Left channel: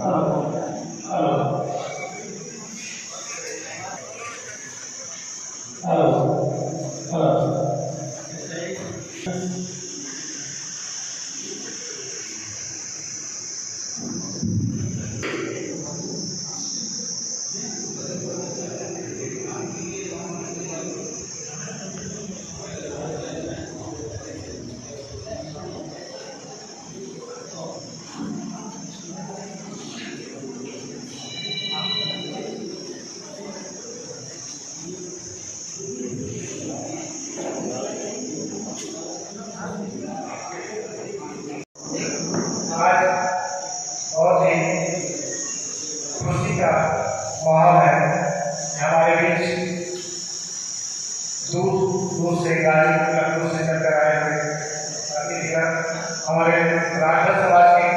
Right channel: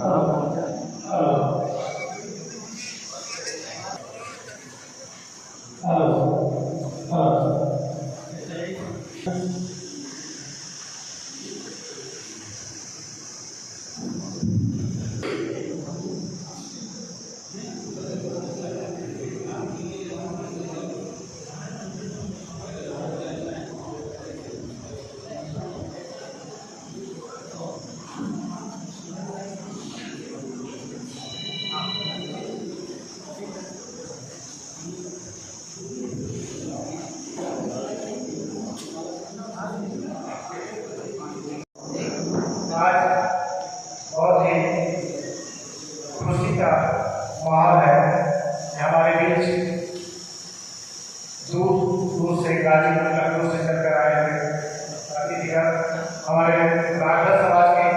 खराब हो गया। बहुत ही खुशी का माहौल है। हमारे बीच दूर दूर से गाजीपुर लखनऊ से चलकर आए हुए अतिथिगण हमारे राघव समाज के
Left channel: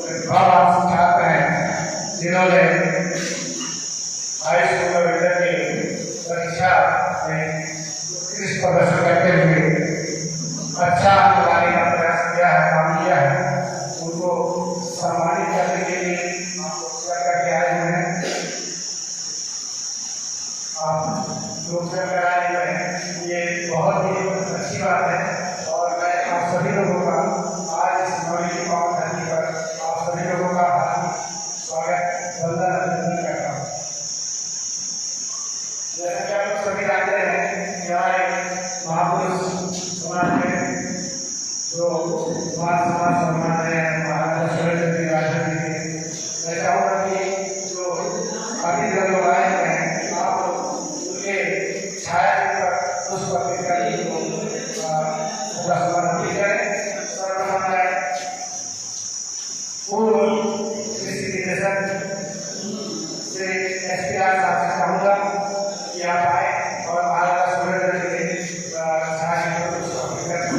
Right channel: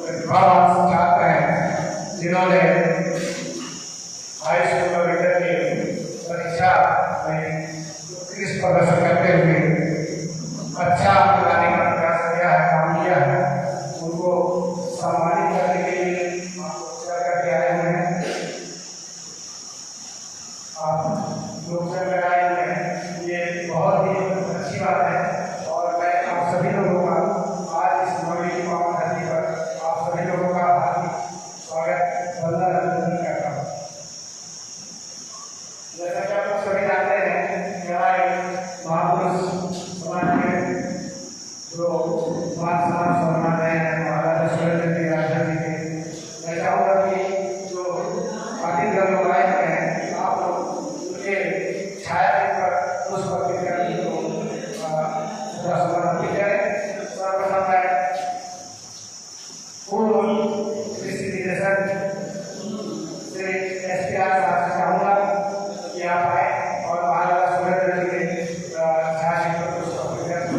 प्रतिभावान छात्र हैं, जिन्होंने हाई स्कूल और इंटर की परीक्षा में उत्कृष्ट प्रदर्शन करते हुए अच्छा अंक लाने का प्रयास किया है, काम किया है। उनको सम्मानित करने के लिए आप करके आए हुए हैं। आप लोग करके आए हुए हैं, ये बहुत ही अच्छी बात है। और मैं आप सभी लोगों का आज इस नवी पावन धरती पर आप सभी लोगों का हार्दिक स्वागत वंदन अभिनंदन करता हूँ। जैसा कि आप लोग सभी जानते हैं कि हमारे महापुरुष समाज में जो मान सम्मान है महाराजा सूर्यचंद्र जी राजन जी के, मैं चाहूँगा कि जो अतिथि लोग आए हुए हैं आप लोग उनके छाया पर पुष्प अर्पित करके पूरा समर्पित करें। सर्वप्रथम मैं पूर्व कृषि निदेशक श्री SPR साहब से चाहूँगा कि आप आए और महाराजा सूर्यचंद्र जी के छाया पर पुष्प अर्पित करें।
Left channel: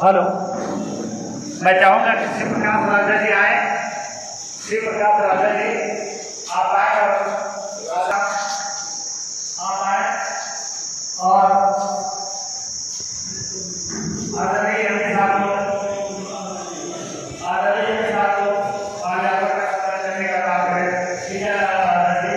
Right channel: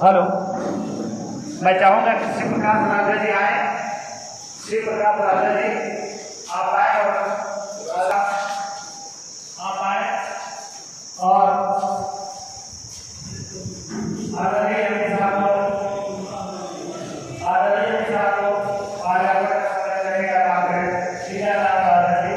हेलो, मैं चाहूँगा कि शिव प्रकाश राजा जी आए। शिव प्रकाश राजा जी आप आए और आप आए और आदरणीय के साथ आगे करने का काम करें। ठीक है राजा जी।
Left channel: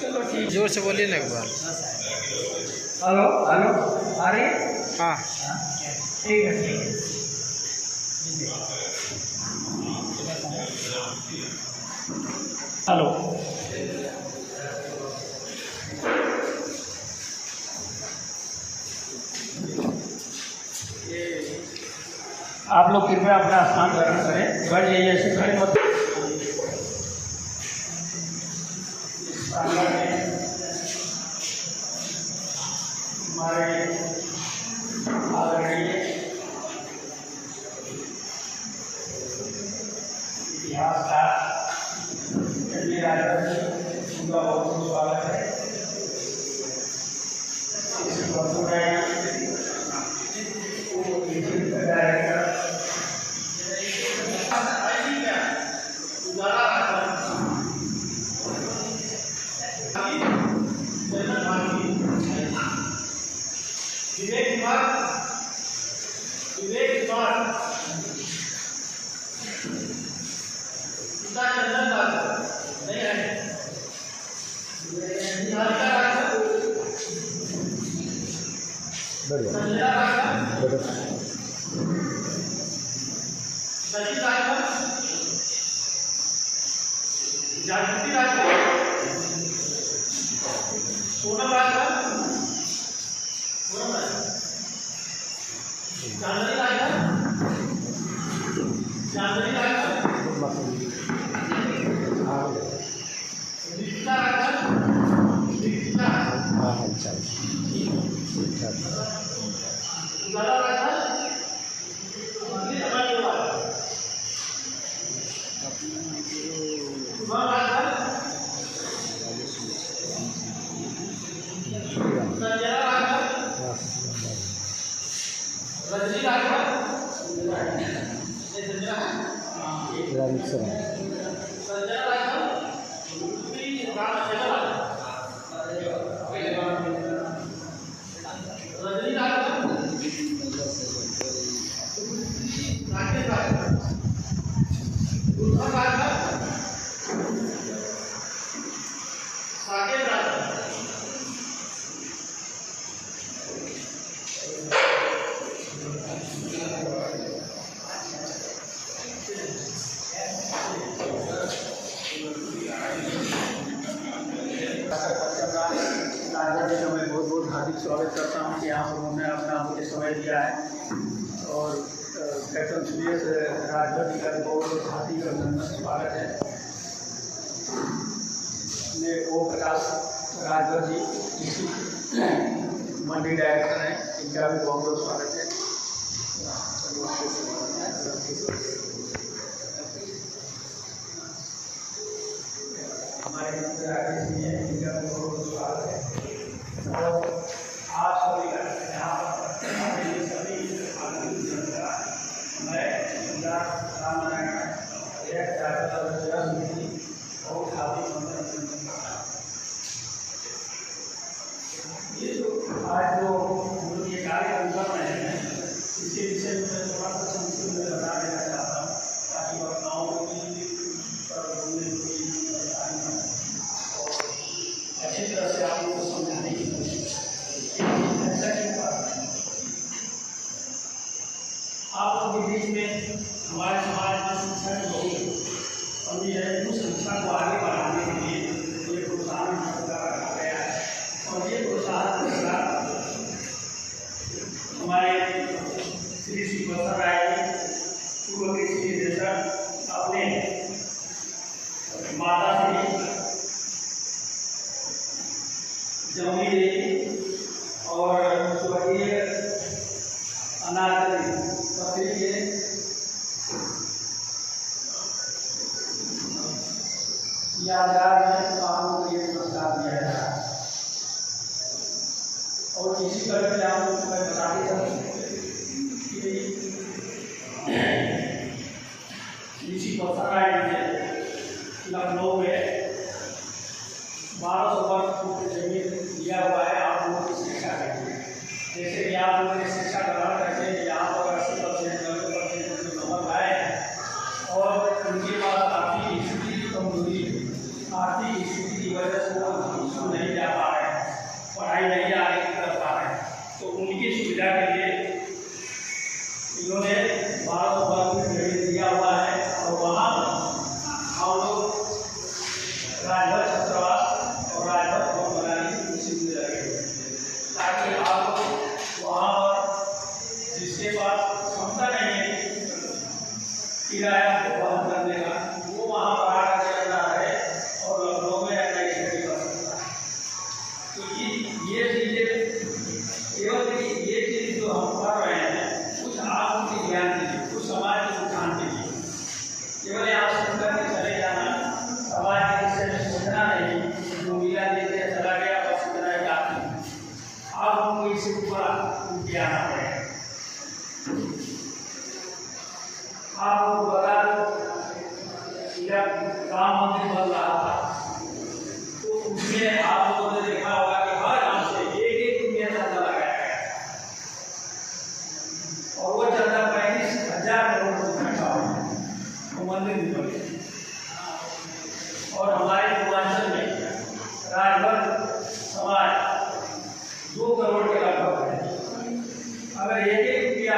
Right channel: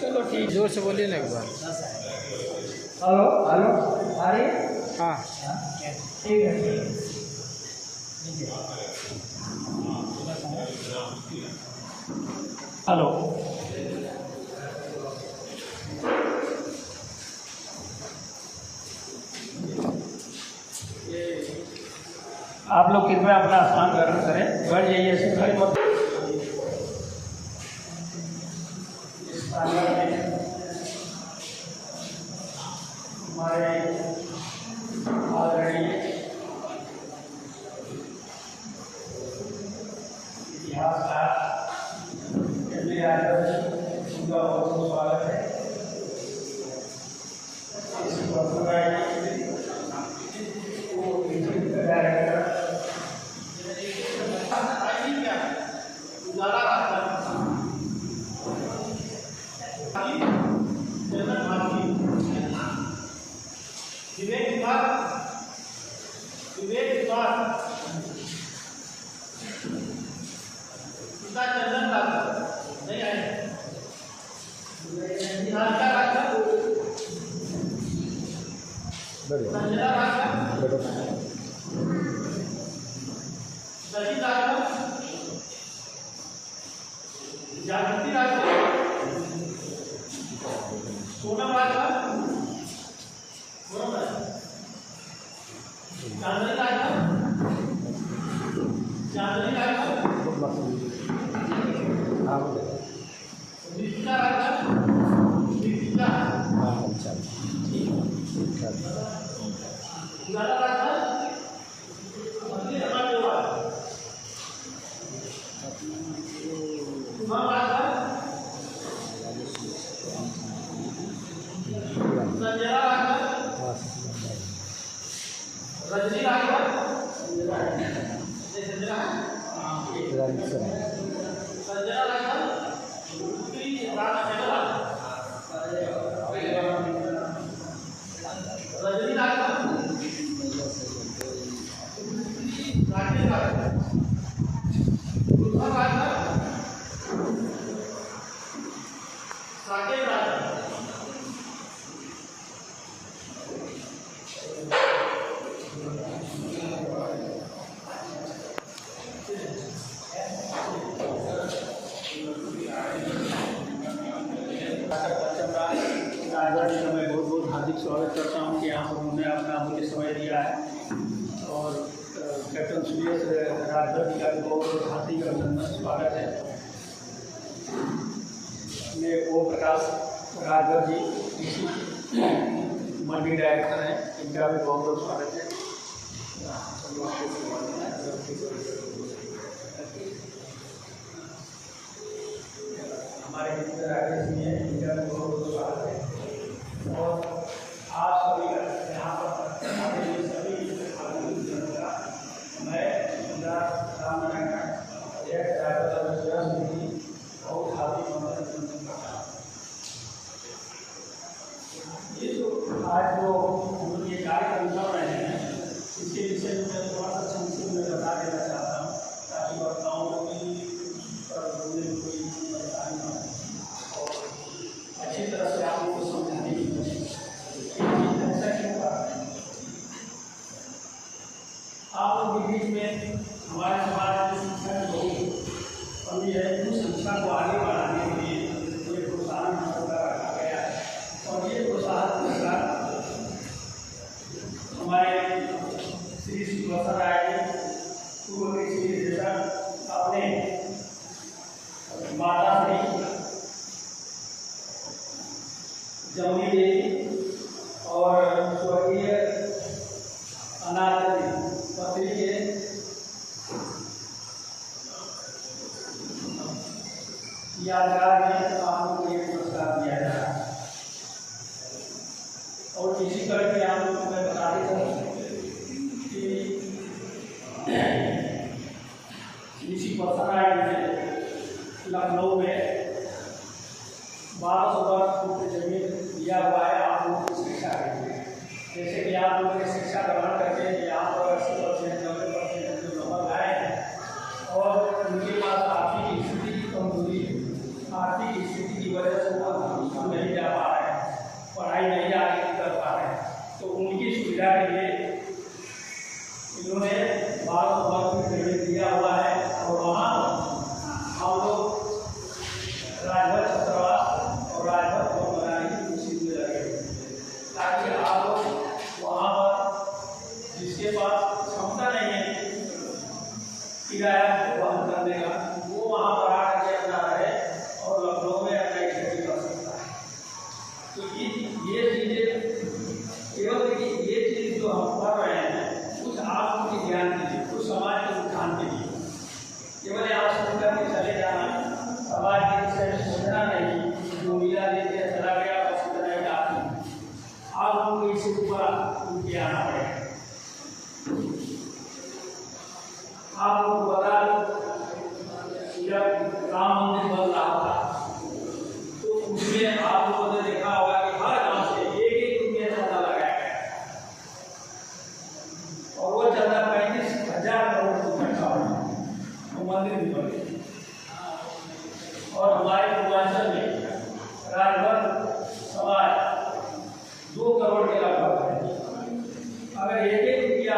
चलो ठीक, जोर से बोलिए ना एक बार। हेलो हेलो, आ रही? हाँ ठीक है ठीक है। हेलो, आप लोग कृपया अपना स्थान ग्रहण करें। बैठ जाइए, ऐसे खड़े मत। हमारे आदरणीय इतिहासकार उनका बहुत बहुत स्वागत है। स्वागत करता हूँ कि यहाँ पर उन्होंने अपना मुझे समय दिया है। और कैप्टन सुरेश राजभर जी का भी बहुत हार्दिक अभिनंदन स्वागत है। मैं ओम प्रकाश राजभर जी इसी मंडी डायरेक्टर हैं, इनका भी बहुत बहुत स्वागत है। हमारे राजेश जी हैं, इनका भी बहुत बहुत स्वागत है। और आप सभी का यहाँ पर सभी मैं बहुत हार्दिक अभिनंदन करता हूँ। ये जो आज जो ये कार्यक्रम कर रहे हैं मैं थोड़ा सा संक्षेप में बता देना चाहता हूँ ताकि वक्ताओं को भी बोलने में कोई परेशानी ना हो और अच्छी तरह से आप लोगों को समझाने की कोशिश करें। ऐसा क्यों बात है, आप लोग के बीच में हमारे समाज में शिक्षा की बहुत कमी है। उस शिक्षा को आगे बढ़ाने के लिए ये प्रोत्साहन रखा गया है और ये प्रोत्साहन हमारे श्री श्री बसर राय पूर्व के श्री निदेशक अपने माता श्री जमुनी देवी और स्वर्गीय अनाथ पत्नी के यादगार में आप लोगों को ये पुरस्कार दिया जा रहा है। और इसी तरह के आप लोगों को मैं बताते चलूँ कि इसी पसराय में लखनऊ में 1200 वर्ग फुट जमीन दिया हुआ है आप लोगों की शिक्षा के लिए। जैसे कि आप लोगों ने शिक्षा ग्रहण करके यहाँ पर 80% 90% जो नंबर आए हैं और उनके पास आर्थिक स्थिति की कमजोरी है, आर्थिक स्थिति की वजह से वो स्कूल नहीं जा पा रहे हैं, पढ़ाई नहीं आगे कर पा रहे हैं, तो उनकी सुविधा के लिए इन्होंने 1200 वर्ग जमीन दिया हुआ है। और वहाँ हम लोग राजभर छात्रावास और राजभर भवन बनाने की कोशिश में लगे हुए हैं ताकि आप लोग वहाँ पर जिसके पास क्षमता नहीं है किराया वहन करने का, वो वहाँ पर आकर के अपना रहे और लखनऊ में अपना स्टडी कर सकता है। तो ये चीज़ें केवल ये चीज़ जो हम कर रहे हैं कुछ आप उनकी ज्ञान दीजिए, कुछ समाज के उत्थान के लिए। केवल यहाँ सुन करके चले जाना, समाज के विषय में सोचना नहीं, जो मिला दे दिया चला गया बस इतना ही काफी है। आप लोगों को इससे ऊपर ज्ञान आ रहे हैं। आप लोगों को बता दो जब राम मंदिर बन रहा था तो उसमें आप लोगों ने देखा होगा कि हर गांव से एक रुपया चंदा लगाया गया और वो चंदा 35,000 करोड़ इकट्ठा हुआ, वो मंदिर भी बने। और हमारे पूर्वांचल में राजभर समाज 2 करोड़ के लगभग है। अगर एक रुपया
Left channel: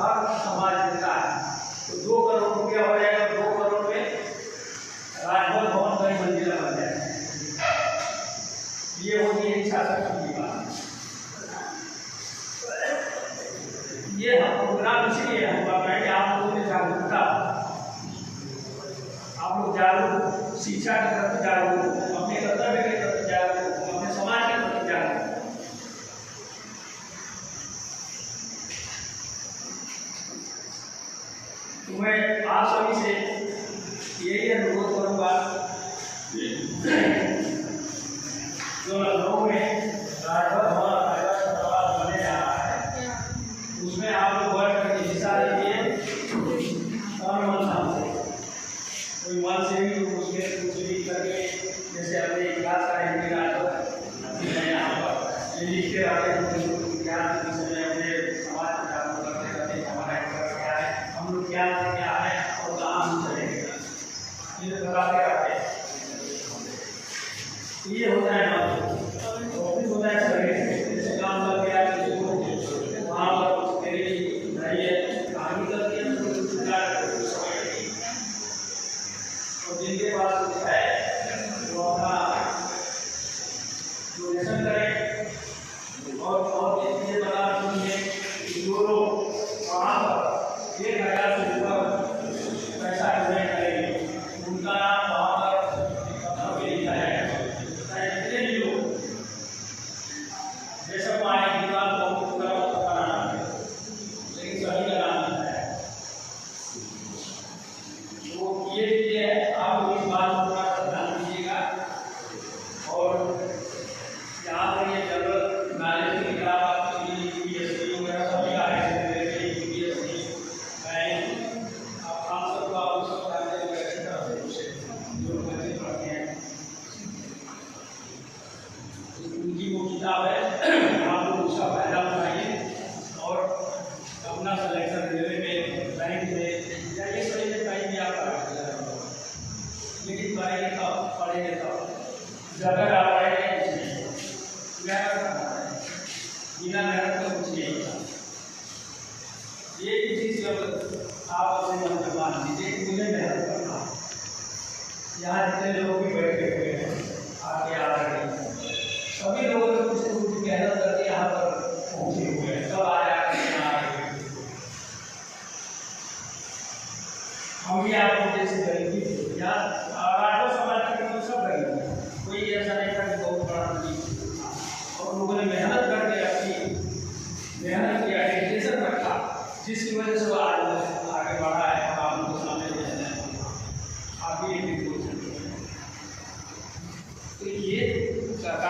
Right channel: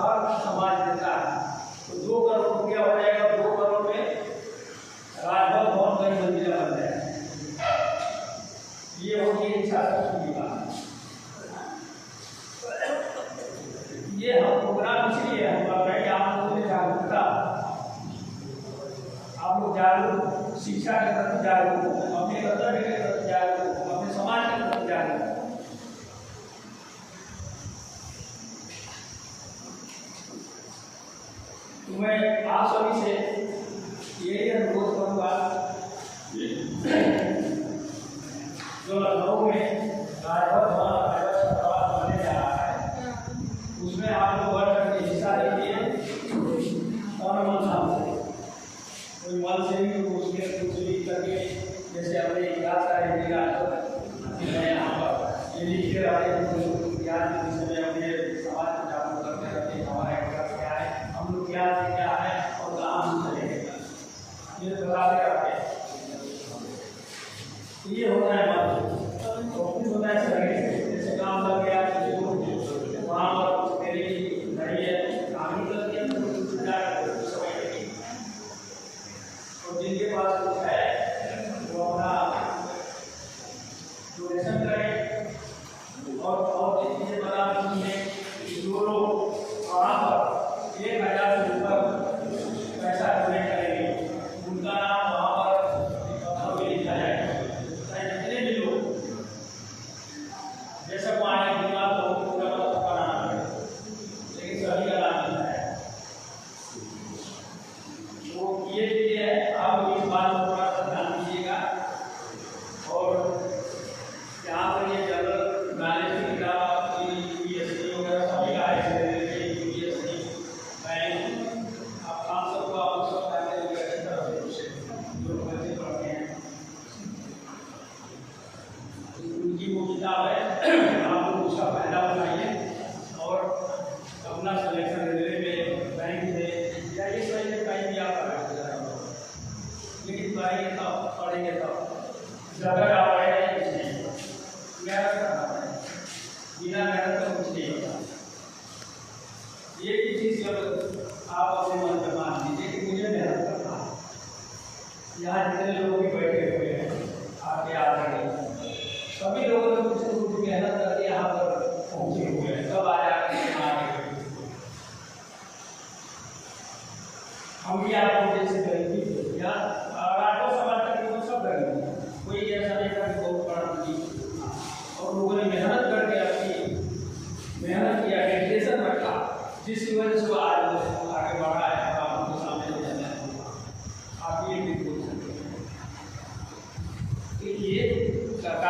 हर समाज देता है तो 2 करोड़ रुपया हो जाएगा। 2 करोड़ में राजभर भवन कई मंजिला बन जाएगा। ये होगी एक शासन की बात। ये हम प्रोग्राम इसलिए हम कर रहे हैं कि आप लोगों में जागरूकता, आप लोग जागरूक, शिक्षा के प्रति जागरूक, अपने कर्तव्य के प्रति जागरूक, अपने समाज के प्रति जागरूक। तो मैं आप सभी से यही अनुरोध करूँगा जो लखनऊ में राजभर भवन छात्रावास बनने जा रहा है उसमें आप लोग बढ़ करके हिस्सा लीजिए और मन से कोई मन से भी तो उसमें कुछ भी करके जैसे अपने इतिहास का एक मैं यहाँ पर लिखते रहते हैं ज्ञान के विषय में अपने समाज को जागरूक करते रहते हैं। हमारा इतिहास क्या है, हम लोग क्या है और कहाँ हम चलेंगे, ये बताते रहते हैं। ये होता है ऑफिस होता है सही जैसे काम लग गया किसी को वहाँ पर उसके लिए नहीं है आगे कर दिया तो कुछ समय और जिनके पास कुछ है वो अपना डोनेशन करें और ये बता सुनिए जो लोग वहाँ पर 1,000 से ऊपर पैसा डोनेट करेंगे उनका नाम वहाँ पर लिखा है।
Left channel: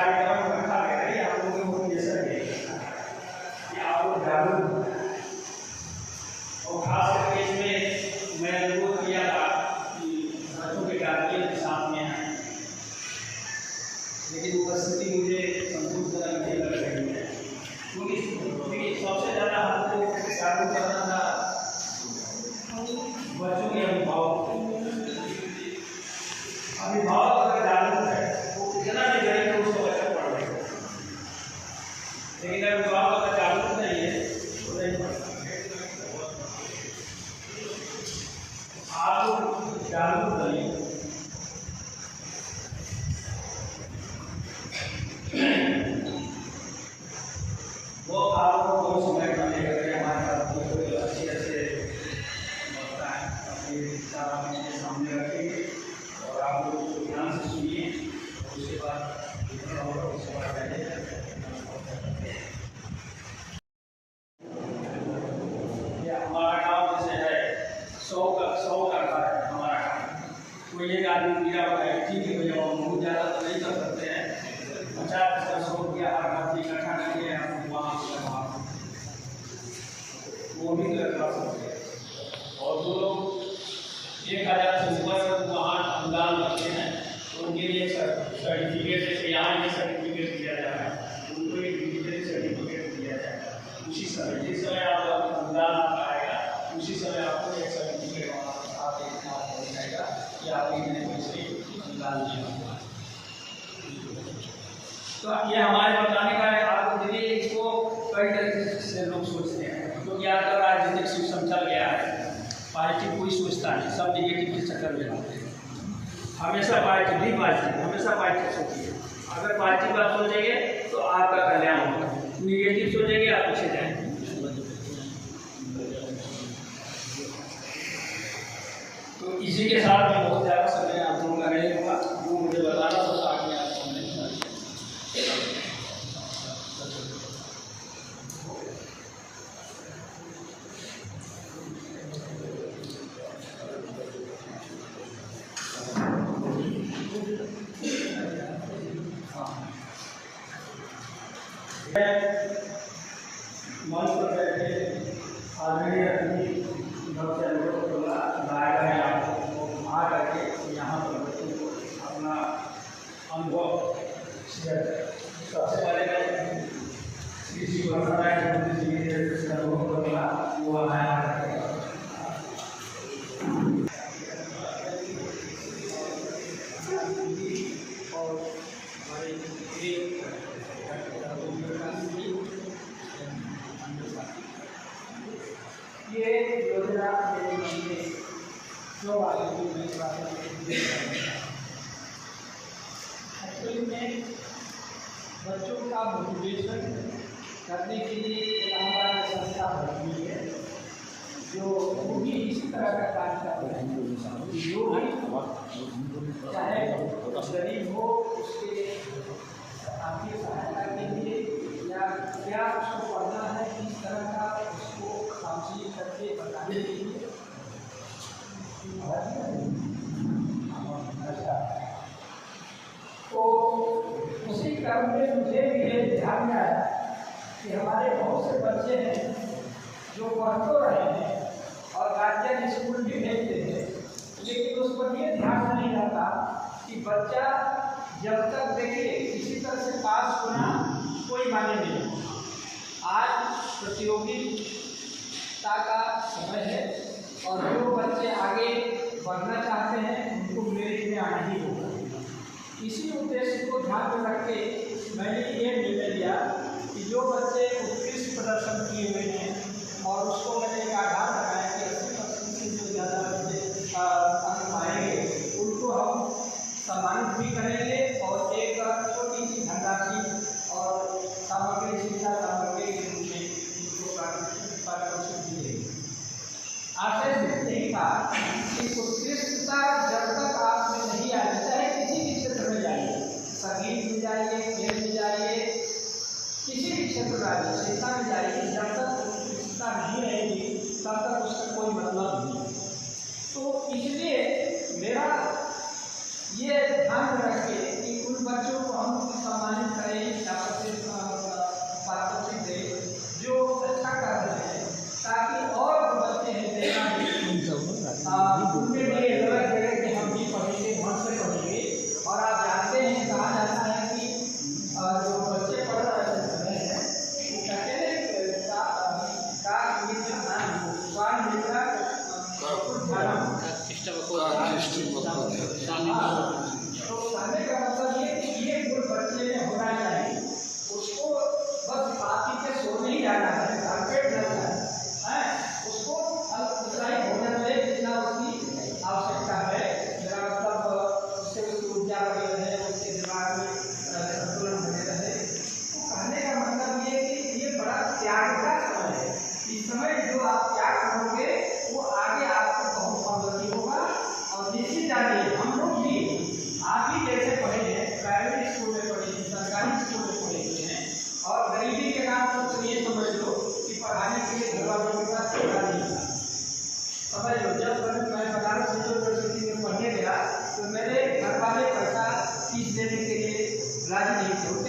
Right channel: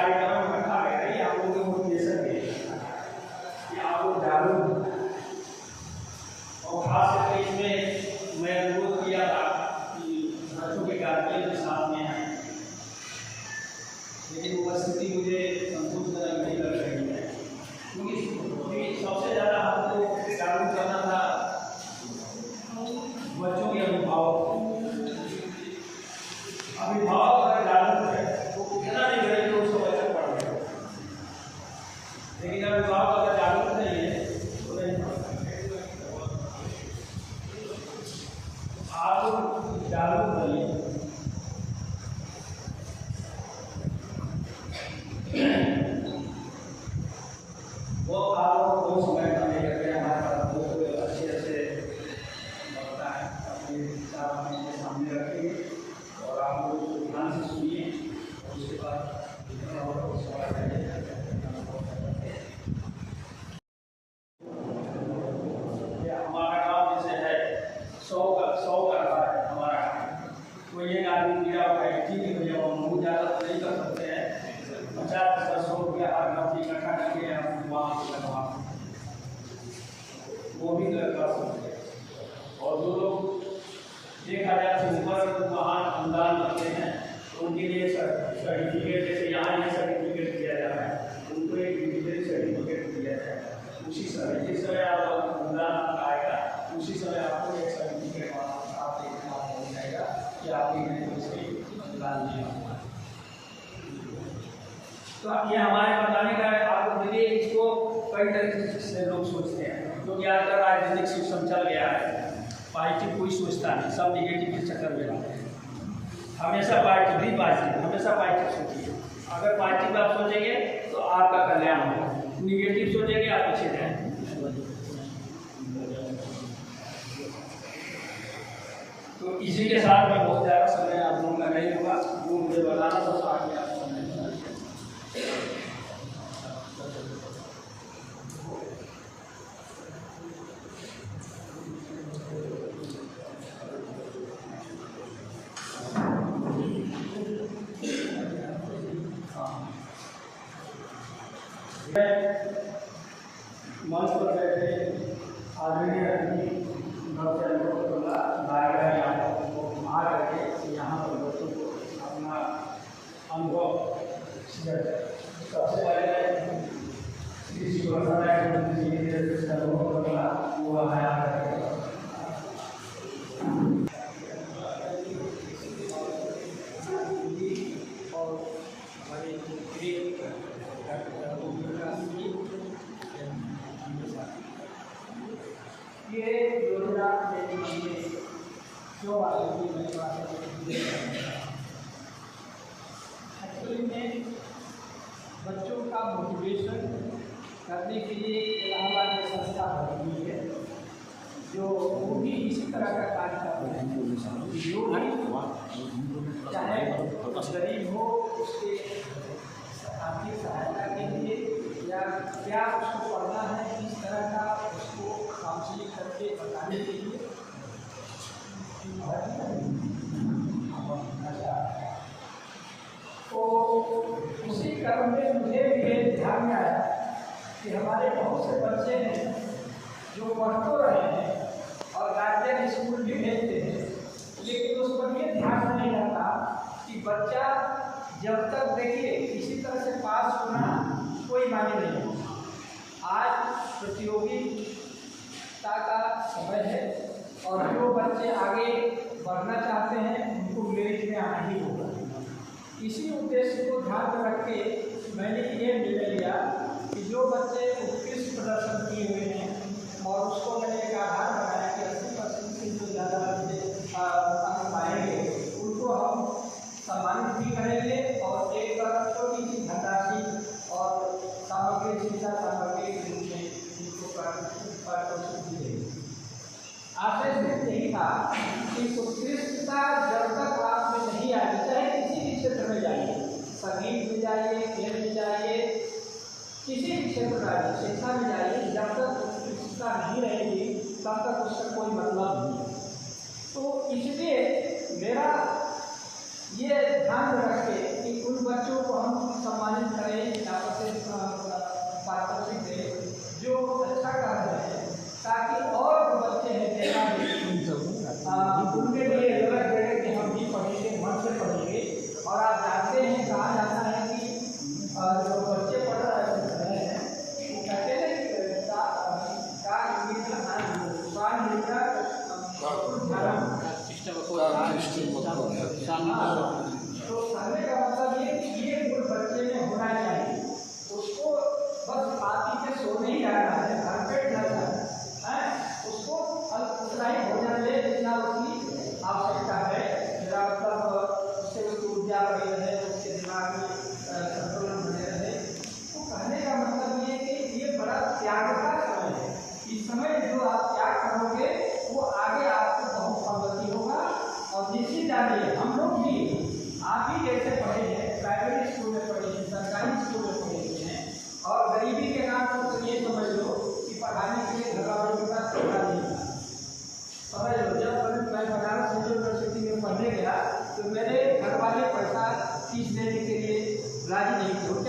कार्यक्रम रखा गया है, ये आप लोगों के मोटिवेशन के लिए कि आप लोग जागरूक, और खास करके इसमें मैं अनुरोध किया था कि बच्चों के गार्जियन के साथ में आए, लेकिन उपस्थिति मुझे संतुष्टजनक नहीं लग रही है, क्योंकि सबसे ज़्यादा हमको जागरूक करना था बच्चों के अभिभावक अगर जागरूक है वो कितना नहीं करेंगे उसको बच्चा पढ़ लेगा, लेकिन अभिभावक अगर जागरूक नहीं है तो नहीं पढ़। आप जागरूक करिए, वो आपको कोई समय का नहीं रखें, हमारे पास कोई अच्छे लगता है अपने विचार अपने सामने रखेंगे और आप लोग उसको ध्यान से सुनिए और उसके बाद हमारा काम जैसे है 100 करता है हमारा काम, कोई एक आदमी दिया हुआ है, ठीक है भैया हम बहुत ज़्यादा तो नहीं कर सकते हैं, 50-100 हर घर इकट्ठा करके आप वहाँ से लगवा वो भी कर सकते हैं। और जो लोग 1000 से ऊपर वहाँ अनुदान करते हैं तो उनके लिए सर्टिफिकेट, जैसे यहाँ ये सर्टिफिकेट दिया जा रहा है, उनको एक डिजिटल सर्टिफिकेट दिया जाएगा। उसी समय जिस समय आप अनुदान आएगा उसी समय आपको एक सर्टिफिकेट आपके हाथ हो जाएगा कि आपने पैसे अनुदान दिया हुआ है। तो ये हमारे बताने का है आपको। देखिए इसको कई तरीके से लोग सोचते हैं, क्योंकि आजकल राजनीतिक सिस्टम चल गया है, पॉजिटिव कोई सोचता नहीं, सब निगेटिव के चक्कर में रहते हैं। हमेशा हमेशा पॉजिटिव सोचिए। अगर पॉजिटिव आप सोचेंगे तो आपका कल्याण होगा, निगेटिव सोचेंगे आप पीछे जाएंगे। तो इसी के साथ मैं बहुत ज़्यादा समय आप लोगों का नहीं होगा, वो मुझे बताना तो साथ में आप समझ। मंच पर बैठे आदमी अपनी घर से अनुरोध करूँगा लाया आपको आ करके यहाँ पर बच्चों को अपना अनुभव शेयर करें। सबसे पहले किसी को अनुभव करूँगा वो आया और हमारे ये योजना जो एक्चुअली में बच्चों का मोटिवेशन करने के लिए इलाहाबाद में संस्था बनी है, जो वो भी इसी तरह का कार्य कर रहे हैं। जो भी चाहे गरीब हो उसके आर्थिक सहायता के लिए या क्या उसको पढ़ना है, इस तरह का उसको काउंसलिंग करके बताने के लिए तो उसी क्रम में मुझे भी ये ध्यान में आया कि हमारे बहुत से बच्चे हैं जो पढ़ तो रहे हैं और गार्जियन स्कूल भी भेजते हैं, लेकिन उस पर ये ध्यान नहीं रहता कि बच्चा जब तक देखिए किसी तरह से पास होना कोई माने नहीं। आज प्रतियोगिता का समय है और जो बच्चे आगे बढ़ना चाहते हैं उनको मेरिट में आना ही होगा। इसी उद्देश्य को ध्यान में रख के मैंने ये निर्णय लिया कि जो बच्चे उत्कृष्ट प्रदर्शन किए हुए हैं और उसको मैंने एक आधार लगाया कि 80% से जो ज़्यादा अंक पाएंगे उनको हम सम्मानित भी करेंगे और एक छोटी सी धनराशि और सामग्री, शिक्षा सामग्री के रूप में उनको पारितोषिक भी देंगे। आशय सिर्फ यही था कि उत्कृष्टता जब तक आप में नहीं आएगी, चाहे किसी भी क्षेत्र में जाइए, संगीत में जाइए,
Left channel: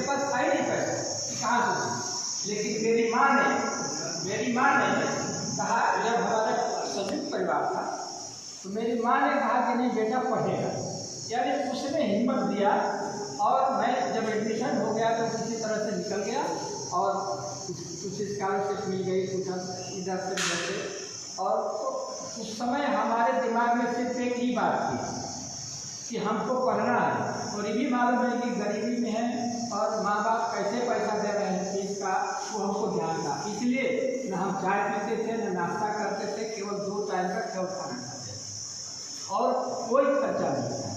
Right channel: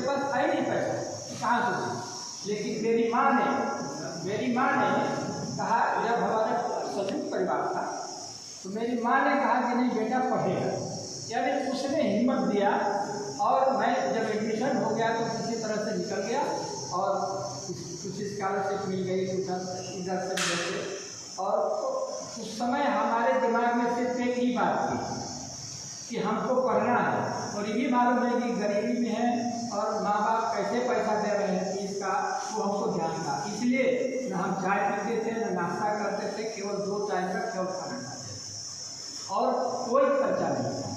पास था ही नहीं पैसा, कहाँ से दूँ। लेकिन मेरी माँ ने कहा, जब हमारा संयुक्त परिवार था तो मेरी माँ ने कहा कि नहीं बेटा पढ़ेगा, यानी उसने हिम्मत दिया। और मैं जब एडमिशन हो गया तो किसी तरह से निकल गया और कुछ स्कॉलरशिप मिल गई, कुछ इधर से उधर से। और उस समय हमारे दिमाग में सिर्फ एक ही बात थी कि हमको पढ़ना है, और ये भी मालूम है कि गरीबी में है और माँ बाप कैसे पैसा दे रहे हैं फीस का, वो हमको ध्यान था। इसलिए न हम चाय पीते थे, न नाश्ता करते थे, केवल 2 टाइम का केवल खाना खाते थे और कोई खर्चा नहीं था।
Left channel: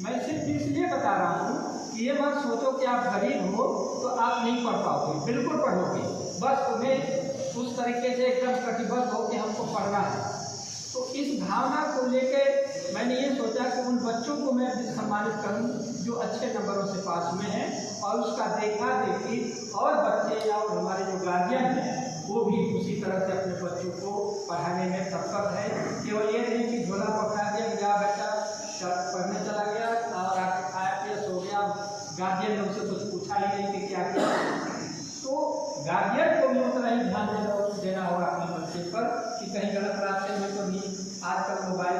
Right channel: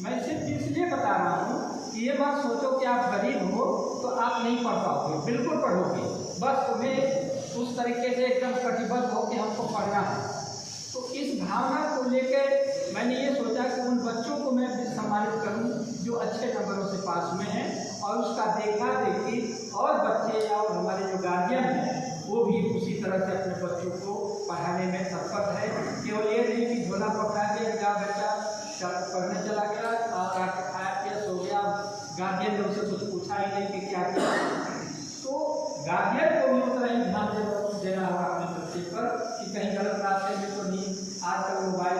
मैं सिर्फ इसलिए बता रहा हूँ कि ये मत सोचो कि आप गरीब हो तो आप नहीं पढ़ पाओगे, बिल्कुल पढ़ोगे, बस तुम्हें उस तरीके से एकदम कटिबद्ध हो कि हमको पढ़ना है। तो इस भावना को लेकर मैंने ये सोचा कि उन बच्चों को मैं भी सम्मानित करूं जो अच्छे नंबरों से पास में हैं, और उसका देखा देखी और बच्चे और हमारे जो गार्जियन हैं वो भी उसी तरह से अपने बच्चों को पढ़ाने में तत्पर है। केवल ये नहीं कि झोला पकड़ा दिया, जा बच्चा पढ़ने चला गया और आके खाया पिया सो गया, गार्जियन ने उसे कुछ पूछा ही नहीं कि क्या किया। तो गार्जियन को भी उतना ही ध्यान देना होगा अपने बच्चे पर कि कहीं गलत रास्ते में तो नहीं। आजकल मोबाइल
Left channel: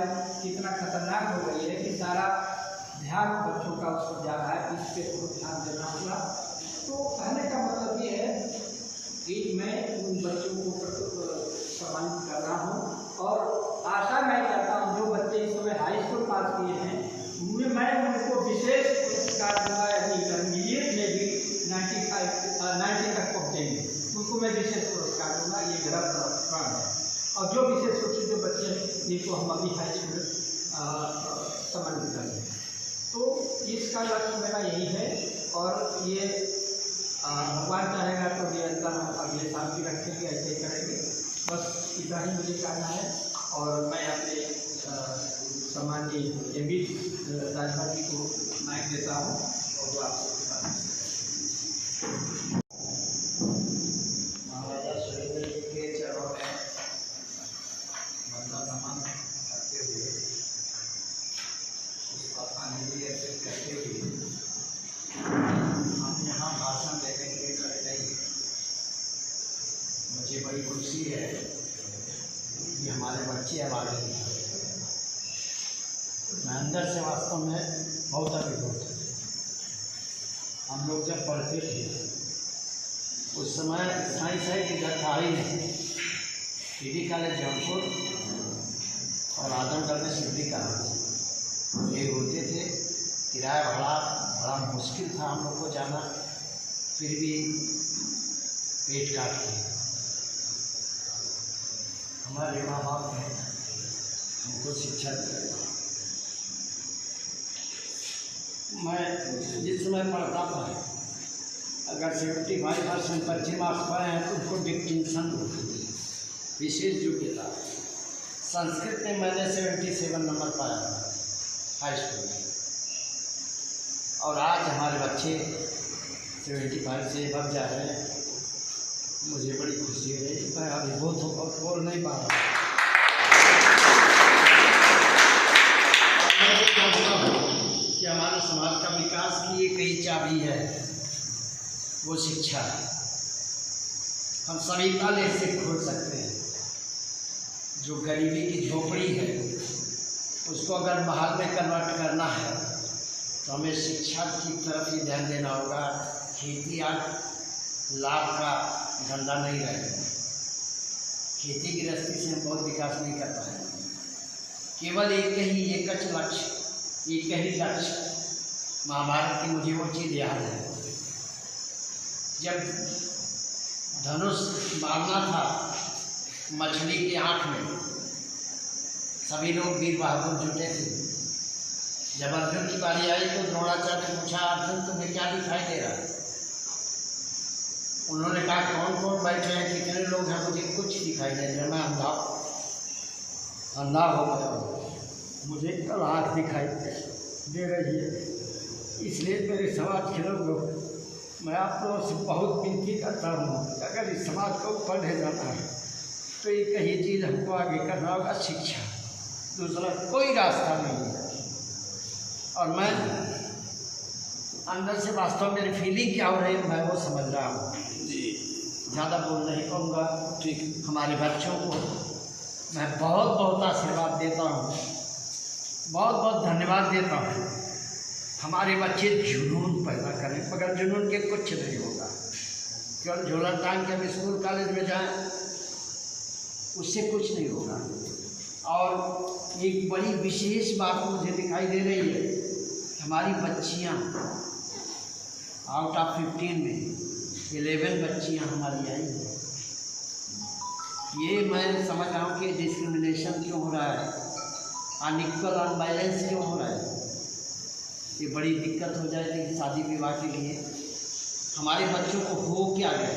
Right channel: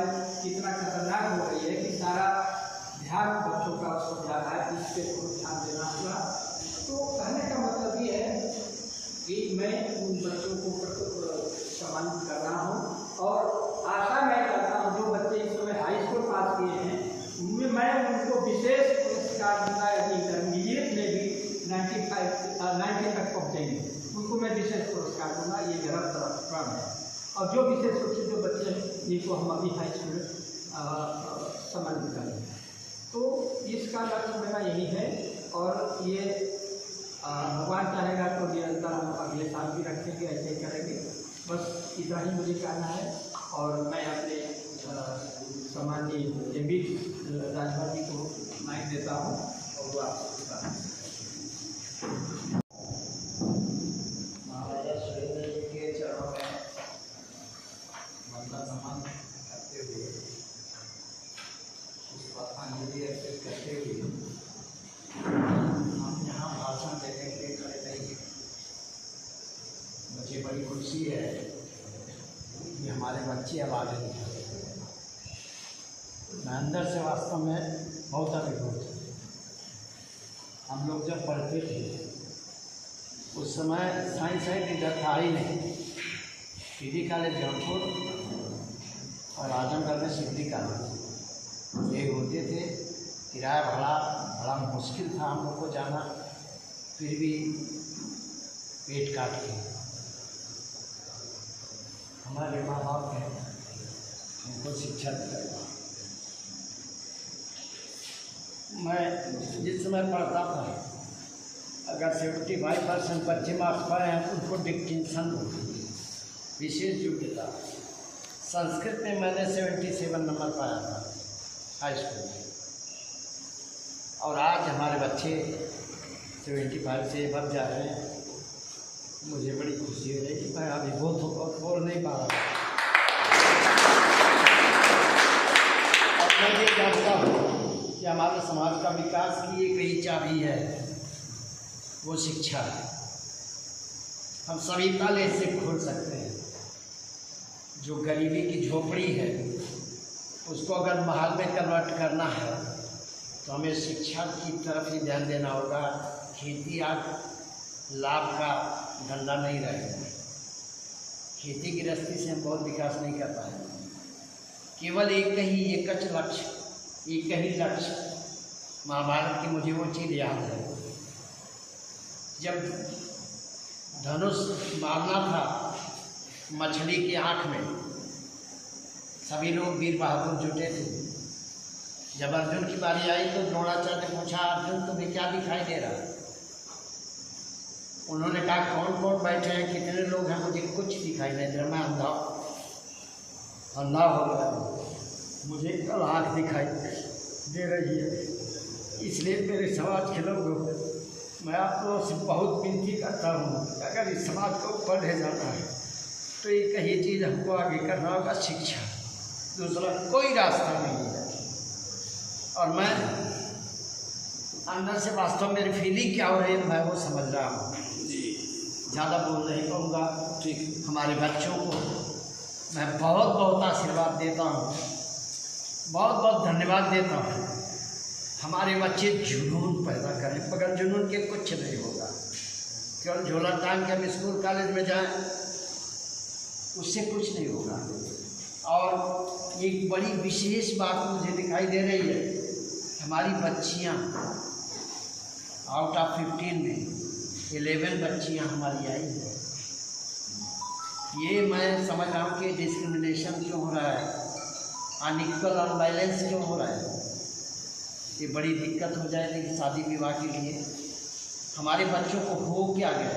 इतना खतरनाक हो गई है कि सारा ध्यान बच्चों का उसको जा रहा है, इस पर ध्यान देना होगा। तो कहने का मतलब ये है कि मैं उन बच्चों को सम्मानित कर रहा हूँ, और आशा मैं करता हूँ जो बच्चे इस समय हाई स्कूल पास किए हैं मैं उनको विशेष पुरस्कार दूँगा। इंटरमीडिएट में भी 90 तक पहुँचेंगे उनको मैं विशेष पुरस्कार दूँगा, ये मेरा प्रण है। और जो विशेष रूप से जो बच्चे हैं जिनको हम अभी हाई स्कूल सम्मानित करेंगे, तो इसका लक्ष्य मेरा यही है। और ये भगवान चाहेगा तो निरंतर हम अगले साल भी रखेंगे, ऐसे ही करेंगे। बस इतना ही मुझे कहना है। और मैं अपने सम्माननीय एमपी राजभर जी को माइक देता हूँ और वो आपको बताना है। महाराजा सुरेंद्र जी के चरणों में वंदन नमन करते हुए, पुष्पांजलि अर्पित करते हुए हम यहाँ भाषण देने के लिए खड़े नहीं। मुझे बड़ी खुशी है कि हमारे बच्चे अब आगे हैं। मैं अंदर से वास्तव में बहुत अभिभूत हूँ। हम लोग जब पढ़ते थे उस समय साइंस है कि घर था ही नहीं। पीडी कॉलेज जौनपुर और आजमगढ़ में सिद्धि कॉलेज ये होते थे। किराया भाड़ा बड़ा मुश्किल था हम लोग को जाना, फिर भी पेट काट के हमारे माँ बाप ने हमको शिक्षा दी। मैं जिस समय पढ़ता था, अगर 75% बच्चे मार्क्स पाए हैं उनको डिस्टिंक्शन होती थी, विशेष योग्यता। संस्कृत में मैंने 77 नंबर पाया था हाई स्कूल में, और आज हमारे बच्चे 75 से अब जा रहे हैं। मुझे बड़ी खुशी हो रही है। मैं अभिभूत हूँ और बोल नहीं पा रहा। मैं ये जानता हूँ कि हमारे समाज का विकास की एक ही चाबी है, वो शिक्षा है। हम सभी ताले से खोल सकते हैं। जो गरीबी की झोपड़ी है उसको अगर महल में कन्वर्ट करना है तो हमें शिक्षा की तरफ ही ध्यान देना होगा। खेती आज लाभ का धंधा नहीं रहेगा। खेती गृहस्थी से हम बहुत विकास नहीं कर पाएंगे। केवल एक ही लक्ष्य। महाभारत की मुझे वो चीज़ याद है, जब धनुष मारना था मछली की आँख में, सभी लोग वीर बहादुर जुटे थे। जब अर्जुन की बारी आई तो द्रोणाचार्य ने पूछा, अर्जुन तुम्हें क्या दिखाई दे रहा है? उन्होंने कहा कौन कौन बैठे हैं, कितने लोग हैं, मुझे कुछ दिखाई नहीं दे रहा। मैं अंधा हो गया हूँ। मुझे कल आँख दिखाई दे रही है। इसलिए मेरे समाज के लोग मैं आप लोगों से बहुत विनती करता हूँ, अगर इस समाज को ऊपर ले जाना है तो एक ही चीज़ हमको आगे करना होगा, शिक्षा। दूसरा कोई रास्ता नहीं है। और मैं अंदर से वास्तव में मेरी फीलिंग क्या हो रही है मैं वो समझ रहा हूँ। ज़्यादा बोल नहीं पाऊँगा। ठीक, हमारे बच्चों को मैं बहुत बहुत आशीर्वाद देता हूँ, बहुत बहुत धन्यवाद देता हूँ। हमारे बच्चे जुनून पैदा करें, मगर जुनून के कुछ नहीं होगा। केवल झोला टांग के हम स्कूल कॉलेज में जाएं उससे कुछ नहीं होगा। और एक बड़ी विशेष बात मुझे दिखाई दे रही है, हमारी बच्चियां आउट ऑफ 15 में 11 बच्चियां हमारी आई हैं। ये मैं समझ रहा हूँ कि डिस्क्रिमिनेशन क्यों हो रहा है, अनइक्वल अनबैलेंस क्यों हो रहा है। ये बड़ी दिक्कत हो जाएगी शादी विवाह के लिए। हमारे बच्चों को हो क्या गया,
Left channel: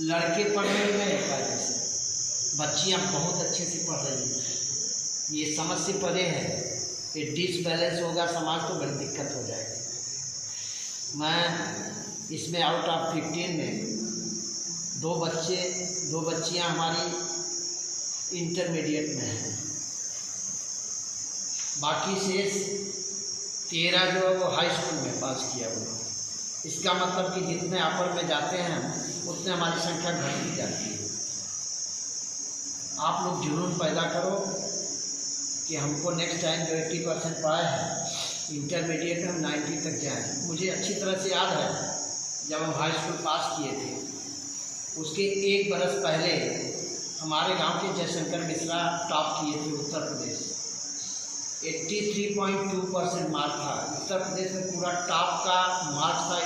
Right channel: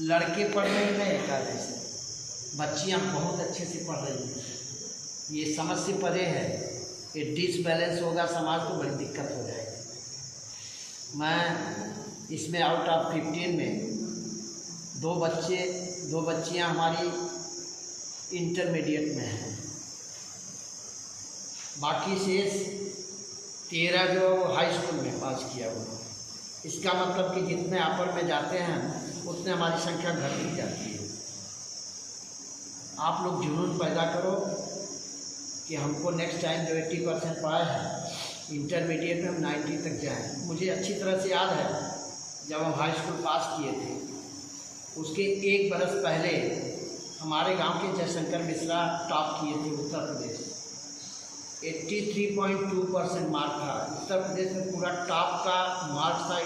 लड़के पढ़ने गए कायदे से, बच्चियाँ बहुत अच्छे से पढ़ रही हैं। ये समझ से परे है, ये डिसबैलेंस होगा समाज तो बड़ी दिक्कत हो जाएगी। मैं इसमें आउट ऑफ 15 में दो बच्चियाँ हमारी इंटरमीडिएट में हैं, बाकी शेष 13 जो वो हाई स्कूल में पास किया हुआ। इसका मतलब कि जितने अपर में जाते हैं उतने हमारी संख्या घटती जाती है। आप लोग जुनून पैदा करो कि हमको नेक्स्ट टाइम जो 80% पाए हैं इंटरमीडिएट हम 90 तक जाएं। मुझे अच्छी तरह से याद है जब हम हाई स्कूल पास किए थे, उसके 1 बरस पहले हमारे गांव के जयशंकर मिश्रा टॉप किए थे उत्तर प्रदेश। 83.2% मार्क था। उत्तर प्रदेश में पूरा टॉप का मार्क था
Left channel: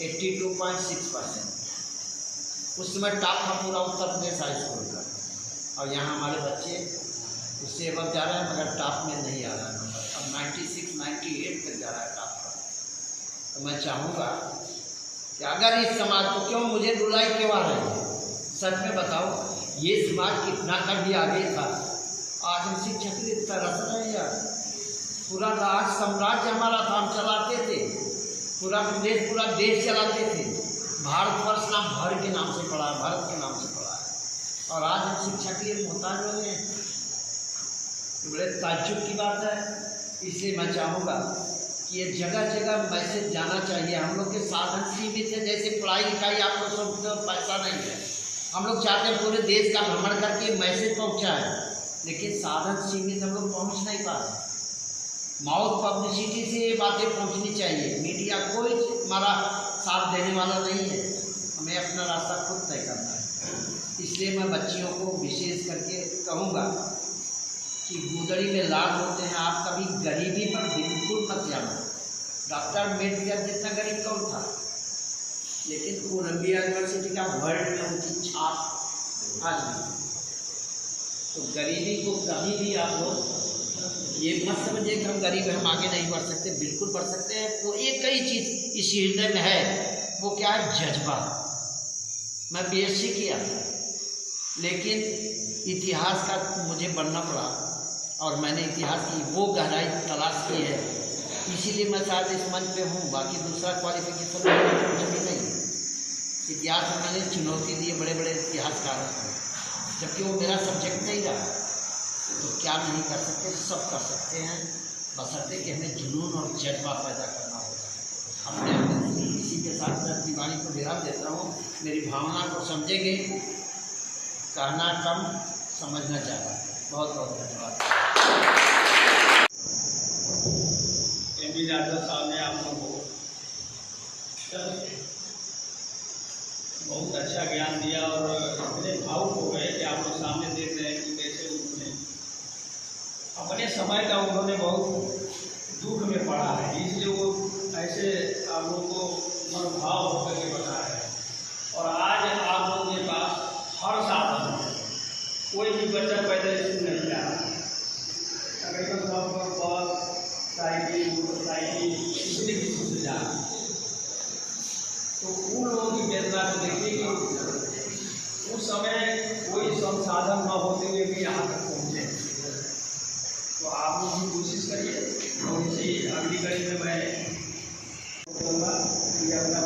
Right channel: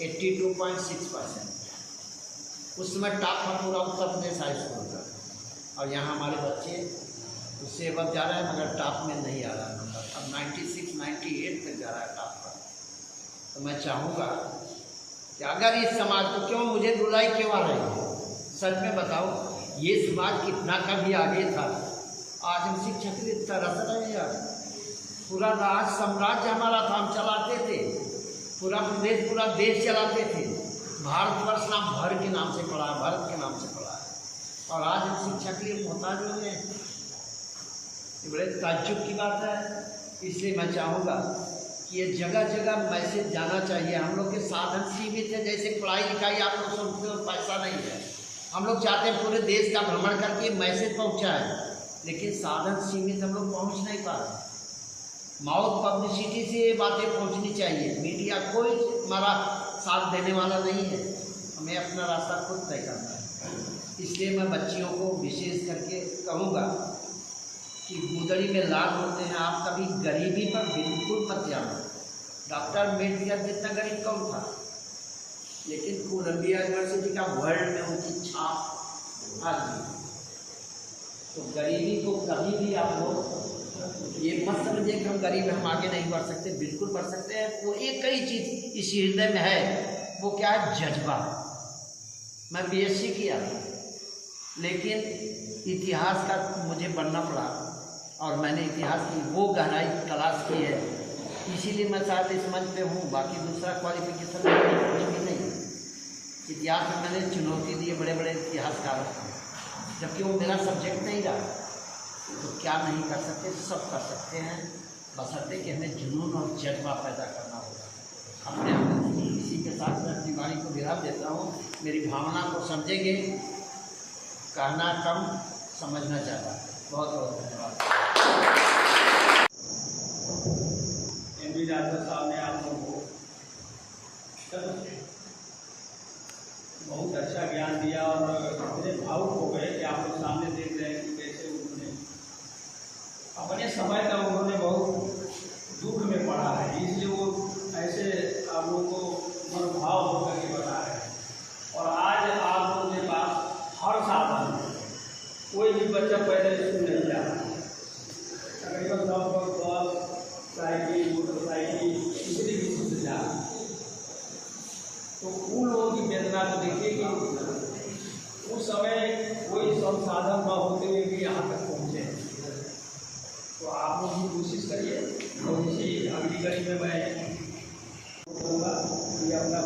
82.6%। उस समय टॉप था पूरा उत्तर प्रदेश हाई स्कूल का। और यहाँ हमारे बच्चे उससे अब जा रहे हैं मगर टॉप में नहीं आ रहा है नंबर। अब 96, 98 तक जा रहा है टॉप का। तो मैं चाहूँगा कि अगर इस समाज को क्यों मुझे रुलाई क्यों आ रही है, सच में बताओ, ये समाज कितना कभी आगे था। आज हम शिक्षक तरस रहे हैं यार। पूरा राज साम्राज्य हमारा था, हम चलाते थे पूरा प्रदेश, पूरा देश चलाते थे। भारतवर्ष नाम भर के नाम से पड़ा, भारत के नाम से पड़ा है। और आज हम शिक्षा के लिए मोहताज हो गए हैं। ये बड़े ताज्जुब की बात है। इसलिए मैं चाहूँगा कि ये जगह जगह मैसेज जाना चाहिए। हम लोग के साधन सीमित है, जैसे पढ़ाई लिखाई आप लोग सोचते हो पैसा नहीं है। हम लोग चाहते हैं पूरे देश का भ्रमण करके मैसेज पहुँचाएँ, लेकिन साधन सीमित, हम लोग पहुँच नहीं पाते। माउथ पब्लिसिटी से ये बातें पहुँचनी चाहिए। मीडिया कोई हमारा साथ देने वाला नहीं है, हमें अपना रास्ता खुद तय करना है। इसलिए मैं बच्चियों को विशेष करके कहूँगा कि गुदड़ी में लाल होते हैं, आप कभी गरीबी पर बिल्कुल मत जाना। डॉक्टर अम्बेडकर जितना गरीब कौन था, लेकिन कोलंबिया यूनिवर्सिटी का वर्ल्ड में उनकी छाप आज भी। तो गरीबी को कभी भी आप लोग ये मत समझिए कि हम गरीब हैं, हम आगे नहीं बढ़ सकते। बिल्कुल बढ़ सकते हैं। वो एक ही चीज़ इस हृदय में है, वो क्या है, जज्बा। मैं बीएससी किया था, लेकिन इतिहास का मुझे बनना पड़ा और मैंने इतिहास की वो गहराई तलाश की है। इसीलिए मैं शायद इस मंच पे हूँ, बाकी दूसरा क्वालिफिकेशन कुछ भी नहीं। इतिहास में मैंने चुनौती दी बड़े बड़े इतिहासकारों को, जबकि वो मेरा सब्जेक्ट नहीं रहा। तो क्या नहीं कर सकते, सब कर सकते हैं, बशर्ते कि हमें जुनून और जज्बा पैदा करना होगा अपने अंदर। इसी के साथ मैं अपनी वाणी को विराम देता हूँ। मेरी भावना को समझेंगे, कहना कम समझना ज़्यादा। बहुत बहुत धन्यवाद। MP राजभर साहब ने आप लोगों को बहुत अच्छा ज्ञान दिया और इतने भावुक हो गए कि आप लोग सामने देख रहे हैं कि कैसे उन्होंने अपने समय का उन्होंने बहुत दुख में पड़ा है, इसलिए वो ऐसे आप लोगों को मनोभाव होकर के बता रहे हैं। और आज आप लोगों के पास हर साधन है, कोई भी बच्चा पैदल स्कूल नहीं जा रहा है। तकरीबन सब बस, साइकिल, मोटरसाइकिल, किसी किसी से जा रहा है। तो उन लोगों की वेदना को देखिए कि उस समय कोई संसाधन न होते हुए भी यहाँ तक पहुँचे। तो आप लोग भी कोशिश करिए। और इसी अगली कड़ी में मैं बोलूँगा कि अपना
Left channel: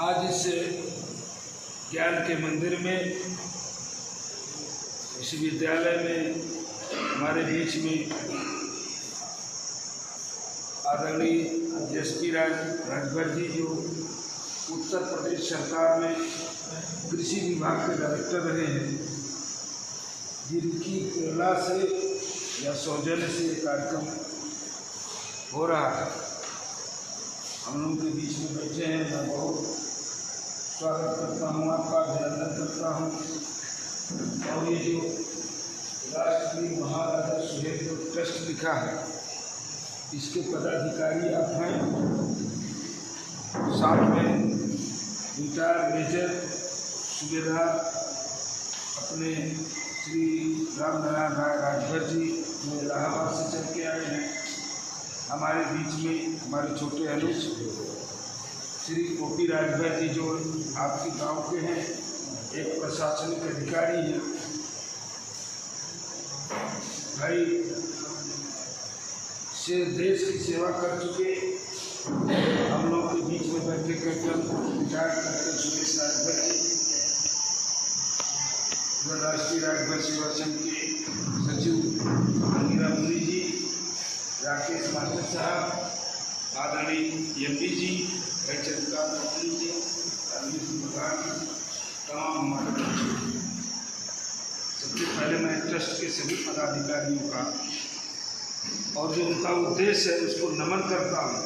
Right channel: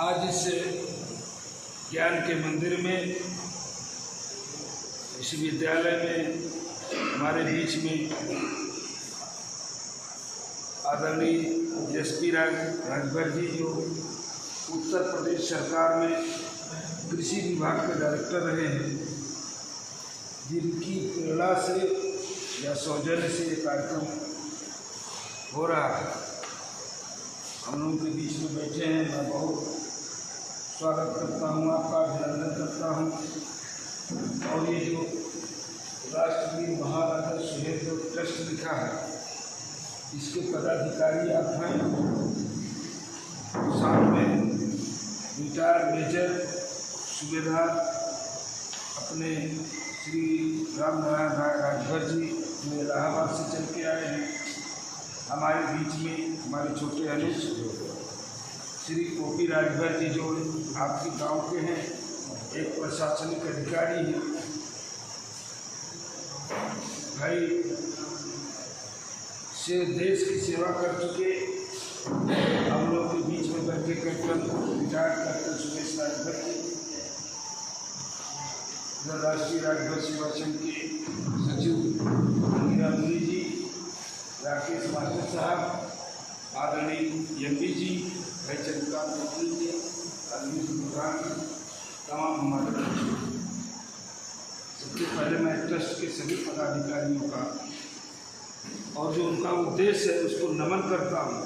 आज इस के मंदिर में, इस विद्यालय में हमारे बीच में आदरणीय एसपी राजभर जी, जो उत्तर प्रदेश सरकार में कृषि विभाग के डायरेक्टर रहे हैं, जिनकी प्रेरणा से या सौजन्य से ये कार्यक्रम हो रहा है। हम लोगों के बीच में बैठे हैं। मैं बहुत स्वागत करता हूँ, आपका अभिनंदन करता हूँ। और ये जो राष्ट्रीय महाराजा सुहेलदेव ट्रस्ट लिखा है, इसके पदाधिकारी आप हैं। साथ में रिटायर मेजर सूबेदार अपने श्री रामनारायण राय राजभर जी, जो इलाहाबाद से चल के आए हैं। हमारे बीच में हमारे छोटे अनुज श्री ओपी राजभर जी, जो आपके गांव के हैं, एक प्रशासनिक अधिकारी हैं। भाई से देश की सेवा कर चुके हम लोग के बीच में बैठे captain retired captain Suresh Rajbhar ji, Rashtriya Rajbhar सेवा संघ के सचिव अंगिरा मुनि जी, राकेश मास्टर साहब, आदरणीय MP जी, चंद्रकांत मंत्री जी, अरविंद प्रधान, तमाम हमारे। सबसे पहले मैं ट्रस्ट के सभी पदाधिकारियों का और जो उनका उद्देश्य है उसको नमन करता हूँ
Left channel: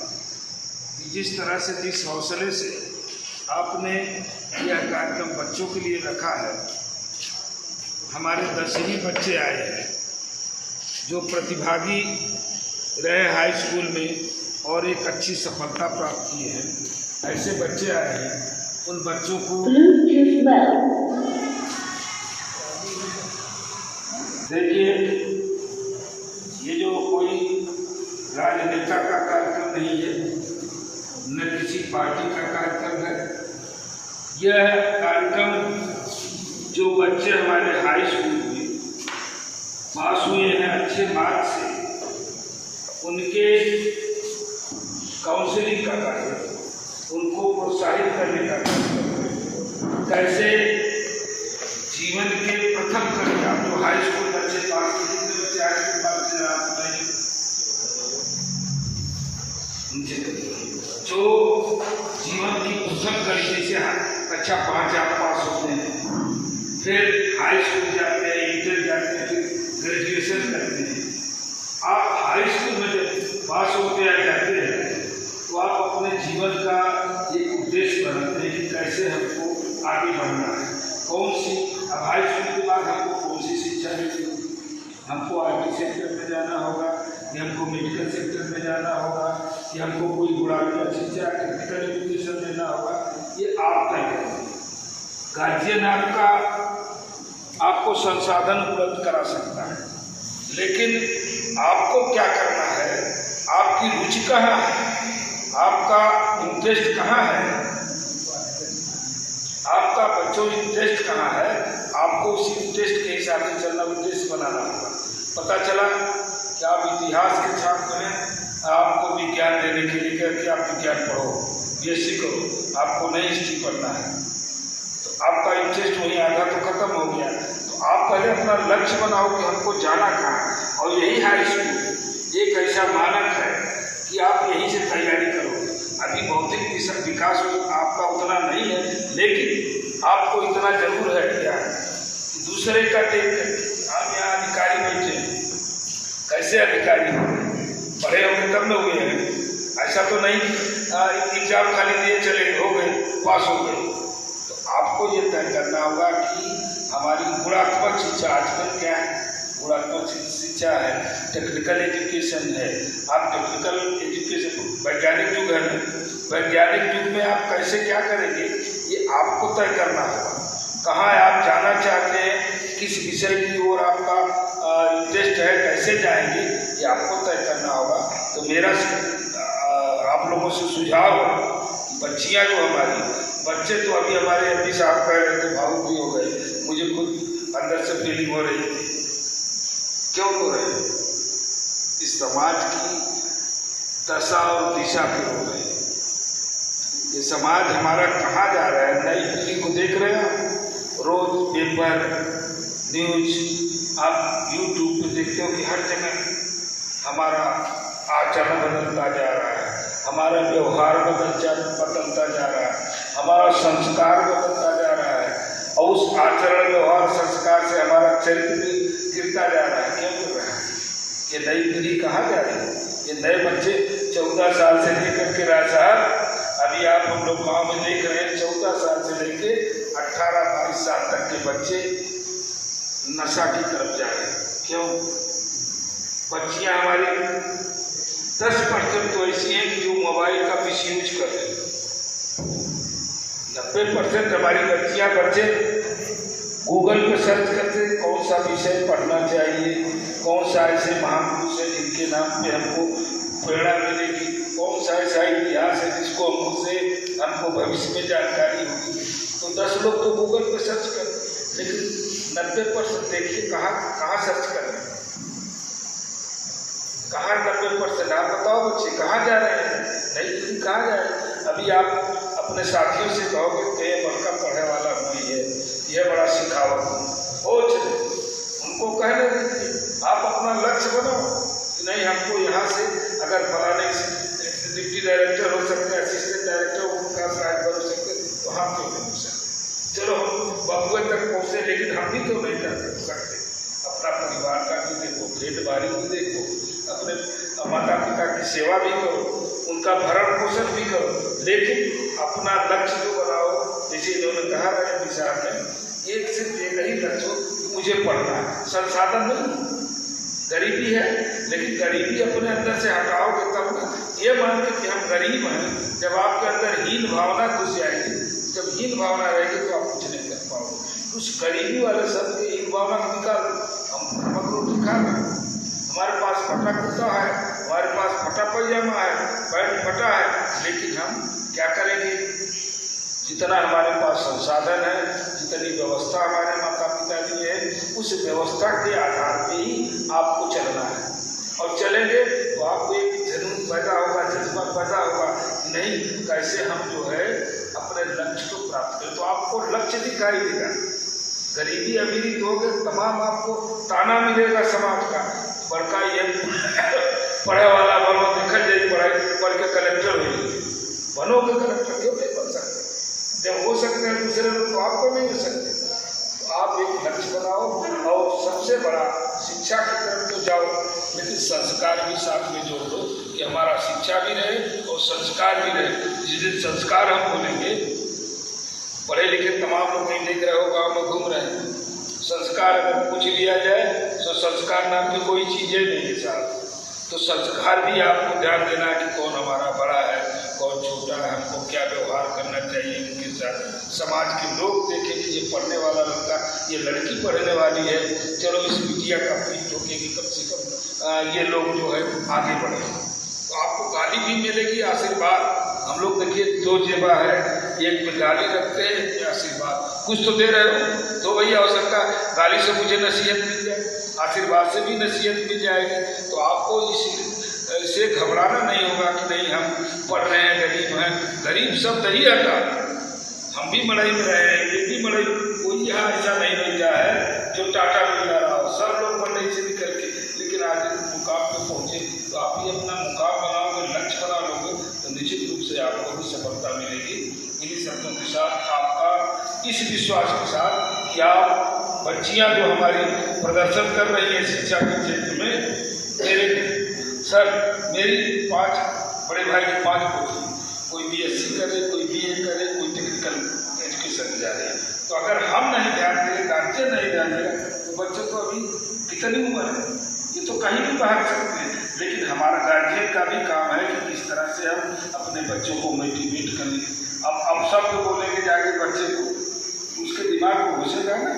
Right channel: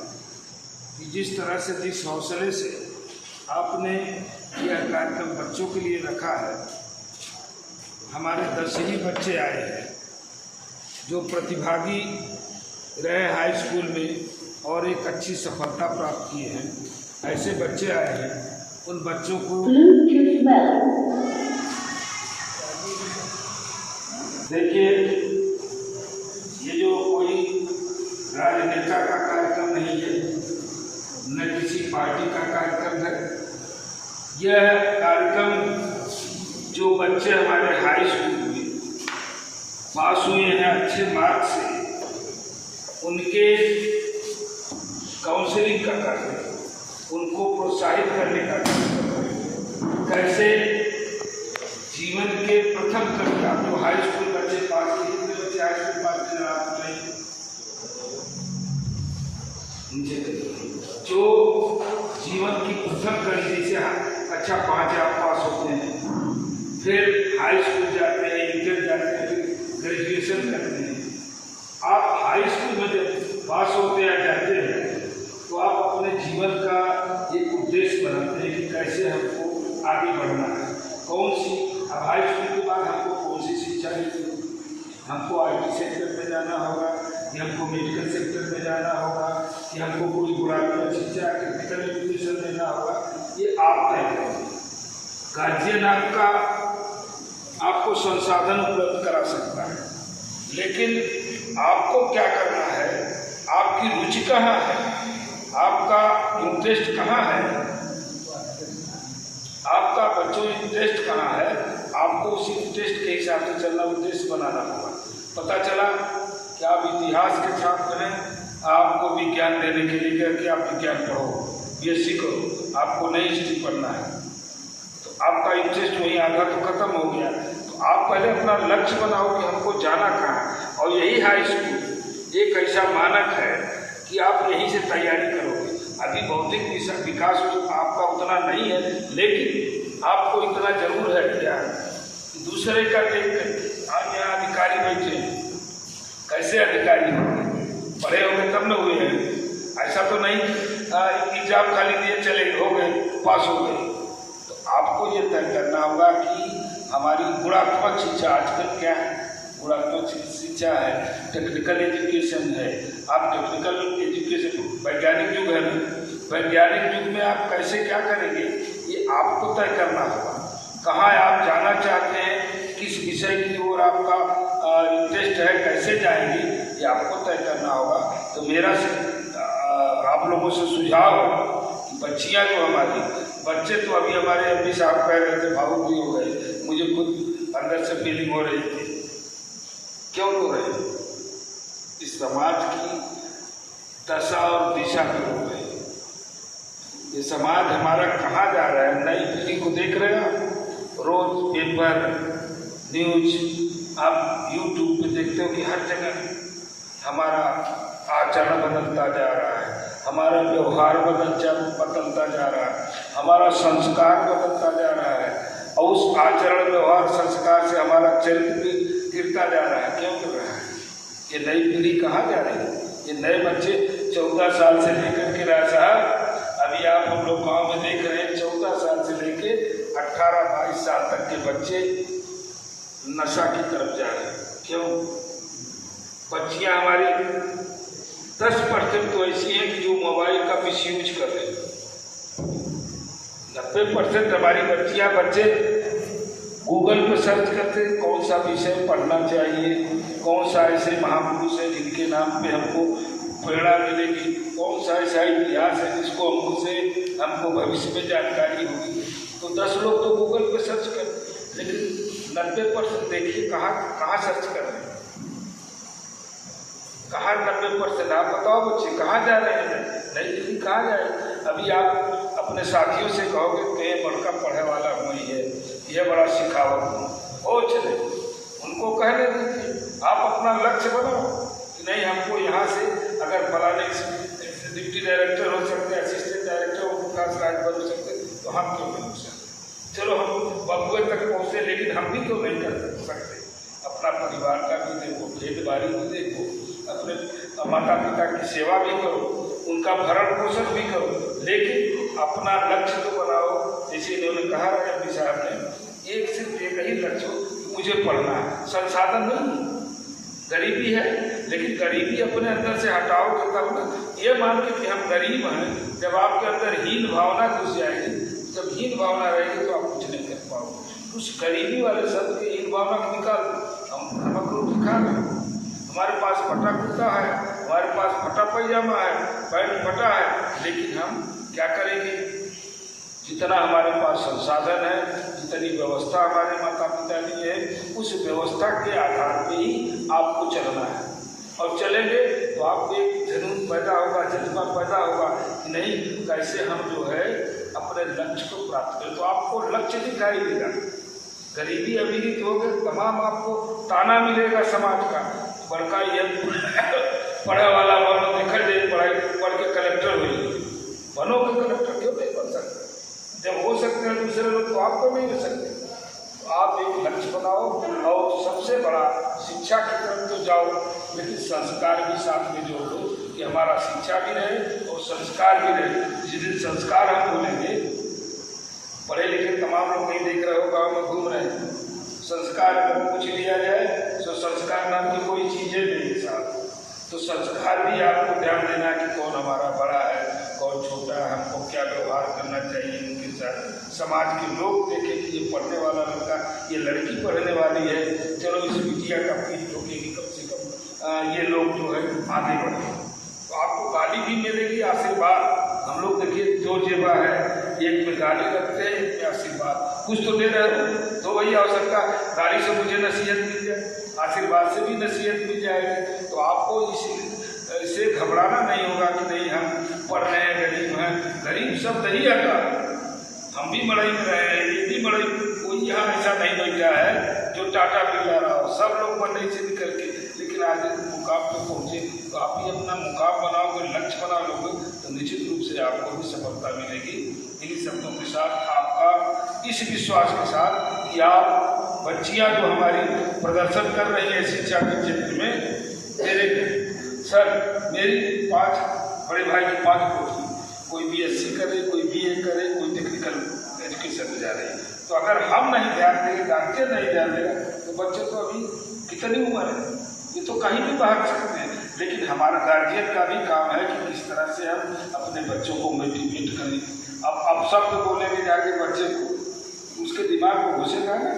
कि जिस तरह से, जिस हौसले से आपने यह कार्यक्रम बच्चों के लिए रखा है। हमारे 10वीं बच्चे आए हैं जो प्रतिभागी रहे हाई स्कूल में और एक अच्छी सफलता प्राप्त किए हैं। ऐसे बच्चे आए हैं, उन बच्चों को देखिए, ये जो कोई राजनेता का कार्यक्रम नहीं है, न किसी पार्टी का कार्यक्रम है। यह कार्यक्रम जो बच्चे हमारे हाई स्कूल में पास हुए हैं अच्छे मार्क्स से, उनके काउंसलिंग का कार्यक्रम, उनको प्रोत्साहित करने का कार्यक्रम, कैसे जीवन के प्रथम कक्षा जो हाई स्कूल बच्चे पास किए, जितने बच्चे हाई स्कूल पास किए जो जीवन की प्रथम कड़ी, जैसे कक्षा 5 आप पास होते हैं, फिर हाई स्कूल जाते हैं, इंटर जाते हैं, फिर ग्रेजुएशन करते हैं। आप हाई स्कूल में जब पास होते या जाते हैं तो आप अपने जीवन का एक उद्देश्य बनाते हैं कि कैसे हमको आगे बढ़ना है, कौन सी। अब हाई स्कूल के बाद हमको कौन सी शिक्षा लेनी होगी, हमको IT सेक्टर में जाना होगा कि हमको मेडिकल सेक्टर में जाना होगा कि हमको कोई गुणात्मक शिक्षा टेक्निकल एजुकेशन लेना होगा, ये आप तय करें। गार्जियन आपको संसाधन उपलब्ध करा सकता है, लेकिन आपको क्या करना है, आपकी रुचि कहाँ है, आपका इंटरेस्ट कहाँ है, आपका बच्चों इंटरेस्ट कहाँ है, आपको उसी इंटरेस्ट के हिसाब से चलना, उद्देश्य बनाना होगा। पता चला कि आप इतिहास के छात्र हैं, आपको विज्ञान देने के लिए कि आप विज्ञान पढ़ो, BSc करो, आपको नई हिस्ट्री पढ़ना है, तो आपका इंटरेस्ट वहीं आधा तो खत्म हो गया। तो आप पहले अपना लक्ष्य बनाओ कि हमको जाना कहाँ है, और यही हाई स्कूल एक ऐसा मानक है कि आप यहीं से तैयारी करोगे। अभी भौतिक विकास आपका उतना नहीं है, लेकिन आपको इतना जरूर है क्या कि दूसरे का देख कर आप यहाँ अधिकारी बैठे हैं, कैसे अधिकारी होंगे, पढ़े होंगे तब न हुए हैं। ऐसा तो नहीं एग्जाम खाली दिए चले हो गए, पास हो गए। तो आपको ये तय करना होगा कि हमारी गुणात्मक शिक्षा आजकल क्या है, गुणात्मक शिक्षा है, टेक्निकल एजुकेशन है। आप टेक्निकल एजुकेशन, वैज्ञानिक युग है, वैज्ञानिक युग में आप कैसे क्या करेंगे, ये आपको तय करना होगा। कहाँ आप जाना चाहते हैं, किस विषय की ओर आपका इंटरेस्ट है, कैसे जाएंगे, ये आपको तय करना होगा। तो मेरा आप लोगों से सुझाव है, बच्चियाँ जो हमारी, बच्चे तो अभी हमारे MP साहब कह रहे थे, भावुक भी हो गए, मुझे खुद अंदर से फीलिंग हो रही थी। क्यों हो रही है? इस समाज की दशा और दिशा पे हो रही है। ये समाज हमारा कहाँ जा रहा है, नई पीढ़ी को देख रहे हैं। रोज पेपर न्यूज आप यूट्यूब पे देखते हो कि हर जगह हमारा आचरण बदलता जा रहा है, हमारा व्यवहार बदलता जा रहा है, हमारा संस्कार बदलता जा रहा है और उस आचरण व्यवहार संस्कार से हमारा चरित्र भी गिरता जा रहा है। क्यों गिर रहा है? ये नई पीढ़ी कहाँ जा रही है? ये नए बच्चे 14 साल से लेकर के राय साहब, अभी आप हम लोग गाँव में देख रहे हैं 14 साल से लेके 18-22 साल तक के बच्चे नशा की तरफ जा रहे हैं। क्यों? बच्चियां हमारी 10% तो ऐसी हैं कि जो मोबाइल का मिसयूज कर रहे हैं। 90% हमारी बच्चे गूगल पर सर्च करते कौन सा विषय पढ़ना चाहिए, कौन सा ऐसे महापुरुष है जिनके नाम पे हमको प्रेरणा मिलेगी, कौन सा ऐसा इतिहास है जिसको हमको भविष्य में जानकारी होगी। तो 10 लोग तो गूगल पर सर्च करते, लेकिन 90% देखिए कहाँ सर्च कर रहे हैं, कहाँ 90%? आप बताओ बच्चे कहाँ जा रहे हैं? नहीं कहाँ जाए? अभी आप अपने साथियों से कहोगे कि ये बड़का पढ़ने वाला हुई है, ये बड़ा सिखावत हो चले, उनको कहने दीजिए, आप अपना लक्ष्य बनाओ कि नहीं हमको यहाँ से अगर फलाने डिप्टी डायरेक्टर हो सकते, असिस्टेंट डायरेक्टर उनका शायद बन सकते, तो हम क्यों नहीं हो सकते? चलो हम बबुए तक पहुँचे, लेकिन हम भी क्यों नहीं कर सकते? अपना परिवार का भी देखो, खेत बाड़ी भी देखो, अपने माता पिता की सेवा भी करो, उनका भरण पोषण भी करो, लेकिन अपना लक्ष्य तो बनाओ। जैसे इन्होंने कहा रहे साहब ने, एक सिर्फ एक ही लक्ष्य हो, मुझे पढ़ना है। संसाधन नहीं, गरीबी है, लेकिन गरीबी अपने अंदर से हटाओगे तब ना। ये मान के कि हम गरीब हैं, जब आपके अंदर हीन भावना घुस जाएगी, जब हीन भावना रहेगी तो आप कुछ नहीं कर पाओगे। उस गरीबी वाले शब्द के हीन भावना को निकाल, हम रोटी खा लें, हमारे पास फटा कुर्ता है, हमारे पास फटा पैजामा है, पैंट फटा है, लेकिन हम क्या करेंगे? जितना हमारे पास संसाधन है, जितनी व्यवस्था हमारे माता पिता की है, उस व्यवस्था के आधार पे ही आपको चलना है। और चलेंगे तो आपको एक जुनून पैदा होगा, जज्बा पैदा होगा, नहीं कैसे हम जो है अपने लक्ष्य को प्राप्त करें। तो आपको लक्ष्य दिखाई देगा। गरीबी अमीरी दोगे, तमाम आपको ताना मिलेगा समाज का, बड़का ये पढ़े वाला बनो, देखल जाए पढ़ाई पढ़ के कलेक्टर हुई, बनोगे कलेक्टर, क्यों नहीं बन सकते? जब हो सकते हैं दूसरे लोग, तो आपको नहीं हो सकते। तो आप एक लक्ष्य बनाओ और सबसे बड़ा शिक्षा की तरफ तो जाओ, लेकिन संस्कार भी साथ में जोड़ दो कि हमारा शिक्षा भी रहे और संस्कार भी रहे। जिस दिन संस्कार हम बोलेंगे, पढ़े लिखे तमाम लोग नहीं देख रहे हो, गाँव में घूम रहे हैं, संस्कार अगर पूछ लिया जाए तो संस्कार नाम की कोई चीज़ें नहीं है साहब। तो संस्कार भी आपको ध्यान देना है कि कौन हमारा बड़ा है, कौन छोटा है, हमको क्या व्यवहार करना चाहिए इनके साथ। समाज के लोग देखें कि ये पढ़ने वाला लड़का, ये लड़की पढ़ने वाली है, चलो इस बिटिया का पीठ ठोकेगी, कम से कम ये लोग जो है आगे बढ़े। तो आपको गाली भी मिलेगी, आशीर्वाद। हम लोग देखिए 2 जेबा है, एक में गाली रखते हैं, एक में आशीर्वाद। कुछ तो दे रहे हो तो वही आवश्यकता, गाली से मुझे नसीहत मिल जाए, आशीर्वाद से भी नसीहत मिल जाएगी। तो आपको इससे घबराना नहीं होगा कि नहीं हम पढ़ रहे हैं, गरीब हैं। गरीब शब्द ही हटा, हम भी मड़ई में रहे हैं, ये भी मड़ई, कोई यहाँ ऐसा नहीं बैठा है जो टाटा मिला रहा हो, सब लोग मड़ई से निकल के, लेकिन आज मुकाम पे पहुँचे। तो आप भी अपना मुकाम बनाओगे, लक्ष्य बना लोगे, तो निश्चित रूप से आपको भी सफलता मिलेगी। इन्हीं शब्दों के साथ आपका इस विश्वास के साथ कि आप बच्चियां जो हमारी प्रदर्शन कर रही हैं शिक्षा के क्षेत्र में, मेरे सर मेरी 5 बड़े भाई की 5 पोती, कोई BSc करे, कोई BA करे, कोई टेक्निकल एजुकेशन जा रहे हैं। तो अगर हम नहीं ध्यान देंगे, गार्जियन नहीं ध्यान देगा, तो बच्चे तो अभी कितनी उम्र है, ये तो कहीं भी बाहर सकते हैं। लेकिन हमारा गार्जियन का भी काम है कि किस तरह से हम अपने बच्चों को मोटिवेट करें। अब सब तो बोलेंगे जाके बच्चे को, उसके दिमाग को घुसेगा ना,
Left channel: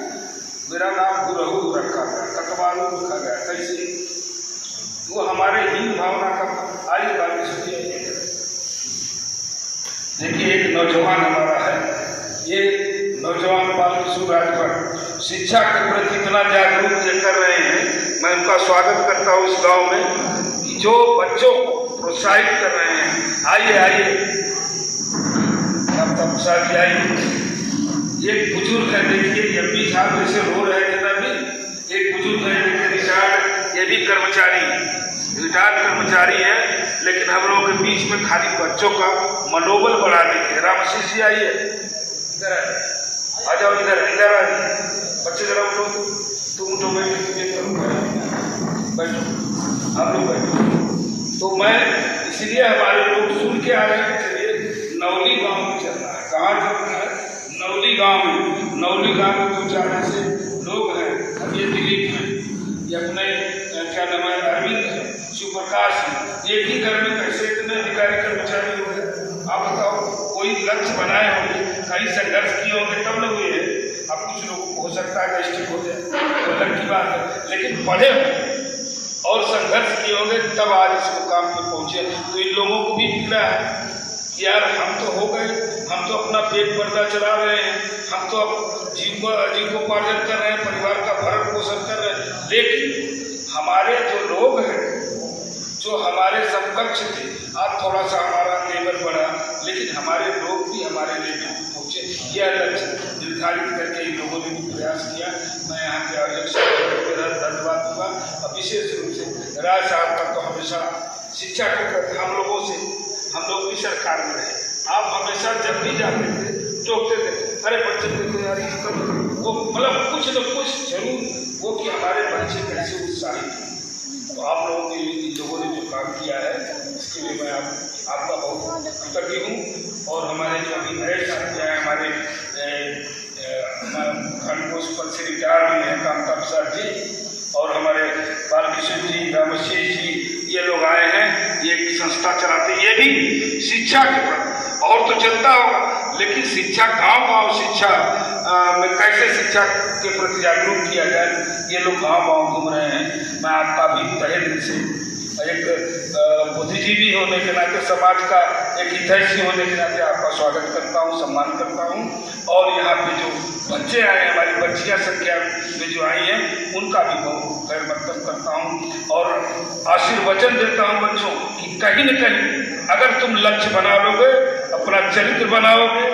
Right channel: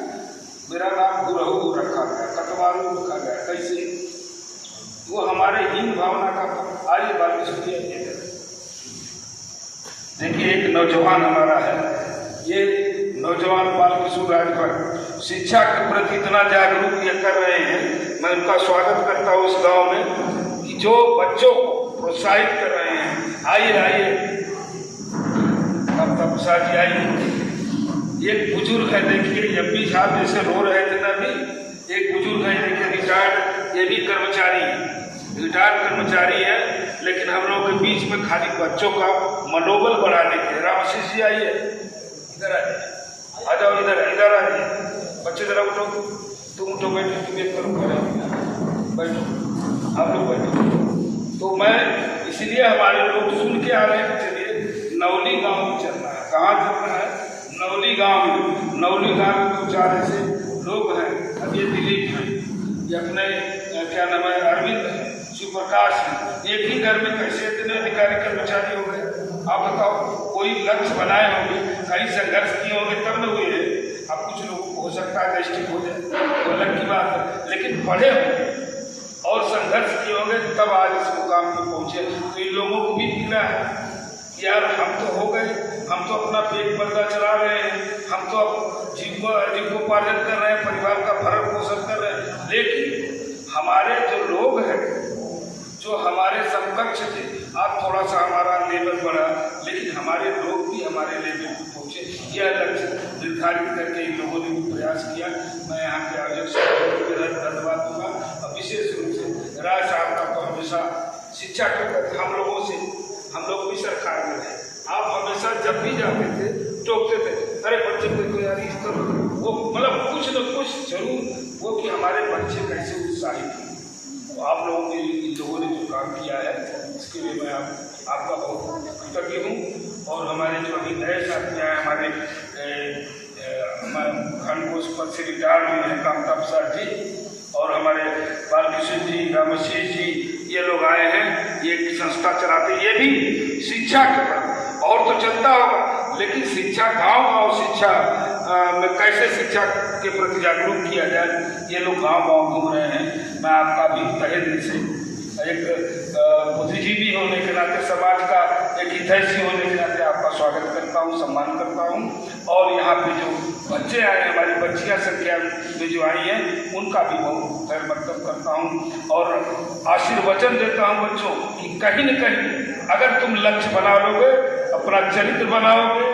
मेरा नाम गुरहू रखा गया, कटवालू रखा गया, कैसे? वो हमारे हीन भावना का। आइए बात सुनिए। देखिए एक नौजवान हमारा है, ये नौजवान बालकिशोर राजभर शिक्षा के प्रति इतना जागरूक ये कर रहे हैं। मैं उनका स्वागत करता हूँ इस गांव में, जो बच्चों को प्रोत्साहित कर रहे हैं। आइए आइए, अब तब साथ आइए। एक बुजुर्ग है, देखिए एमपी साहब जैसे रो रहे थे ना अभी, एक बुजुर्ग है, देखिए रिटायर्ड, ये भी रिटायर्ड कर्मचारी है, लेकिन हम लोगों के बीच में खाली बच्चों का मनोबल बढ़ाने के। रामाशीष जी आइए, इधर आइए, आ जाओ, इधर आइए, बच्चे जरा उठो, तुम उठो, बैठो, आप लोग बैठो। तो मैं इसलिए हमारे लोग सुन के आ रहे हैं, चलिए नवली गांव में चलना है। कहाँ चलना है? नवली गांव में। नवली गांव में 2-4 ऐसे लोग हैं, अब ये दिलीप हैं, ये अपने क्या नाम है, अरविंद है, शिवप्रकाश है, एक ही घर में कैसे इतने अधिकारी कर्मचारी हो गए? आप बताओ, कोई लक्ष्य बनाए होंगे, कहीं संघर्ष किए होंगे तब न हुए। अब कुछ लोगों को हो सकता है गैस्ट्रिक हो जाए, तो अलग की बात है, लेकिन पढ़े और संघर्ष किए होंगे तब आज इस मुकाम पे पहुंचे। तो इन लोगों को भी मिला है यार, हम तो हो गए, हम तो अपना पेट पर्दा चला रहे हैं, हम तो अब जीविकोपार्जन कर रहे हैं, परिवार का भरण पोषण कर रहे हैं, लेकिन हमारे जो लोग हैं, जो हमारे समकक्ष थे, आज थोड़ा सा हमारा लेवल बढ़ा, लेकिन हमारे लोग भी हमारे लेवल पर पहुँचे। यह लक्ष्य निर्धारित करके इन लोगों ने भी प्रयास किया। मैं यहाँ के अध्यक्ष को धन्यवाद दूंगा, और विशेष रूप से राज साहब का तो हमेशा शिक्षा के प्रति हम लोग भी सरकार में रहे। आप हमेशा जब भी जाते थे टोकते थे, अरे बच्चे देखो यार इस तरह, वो मतलब कुछ न कुछ जरूर वो कि हमारे बच्चे कैसे उत्साहित हैं। तो आप लोगों के लोगों ने जो काम किया है, इसके लिए मैं आपका बहुत कृतज्ञ हूँ। और हमारे जो अभी नए साथी हैं, हमारे खंड पोस्ट पर से रिटायर्ड हुए हैं कामता प्रसाद जी, और हमारे बालकिशोर जी, रामशीष जी, ये लोग आए हैं, ये एक संस्था चलाते, ये भी शिक्षा के प्रति, और तो चलता होगा, लेकिन शिक्षा गांव शिक्षा में कैसे शिक्षा के प्रति जागरूक किया जाए, ये लोग गांव घूम रहे हैं। मैं आपका भी तहे दिल से एक बुद्धिजीवी होने के नाते, समाज का एक हितैषी होने के नाते आपका स्वागत करता हूँ, सम्मान करता हूँ। और यहाँ पे जो बच्चे आए हैं, हमारी बच्चियाँ संख्या में जो आई हैं, उनका भी बहुत खैर मकदम करता हूँ, और आशीर्वचन देता हूँ बच्चों कि कहीं न कहीं अगर तुम लक्ष्य बना लोगे, अपना चरित्र बनाओगे,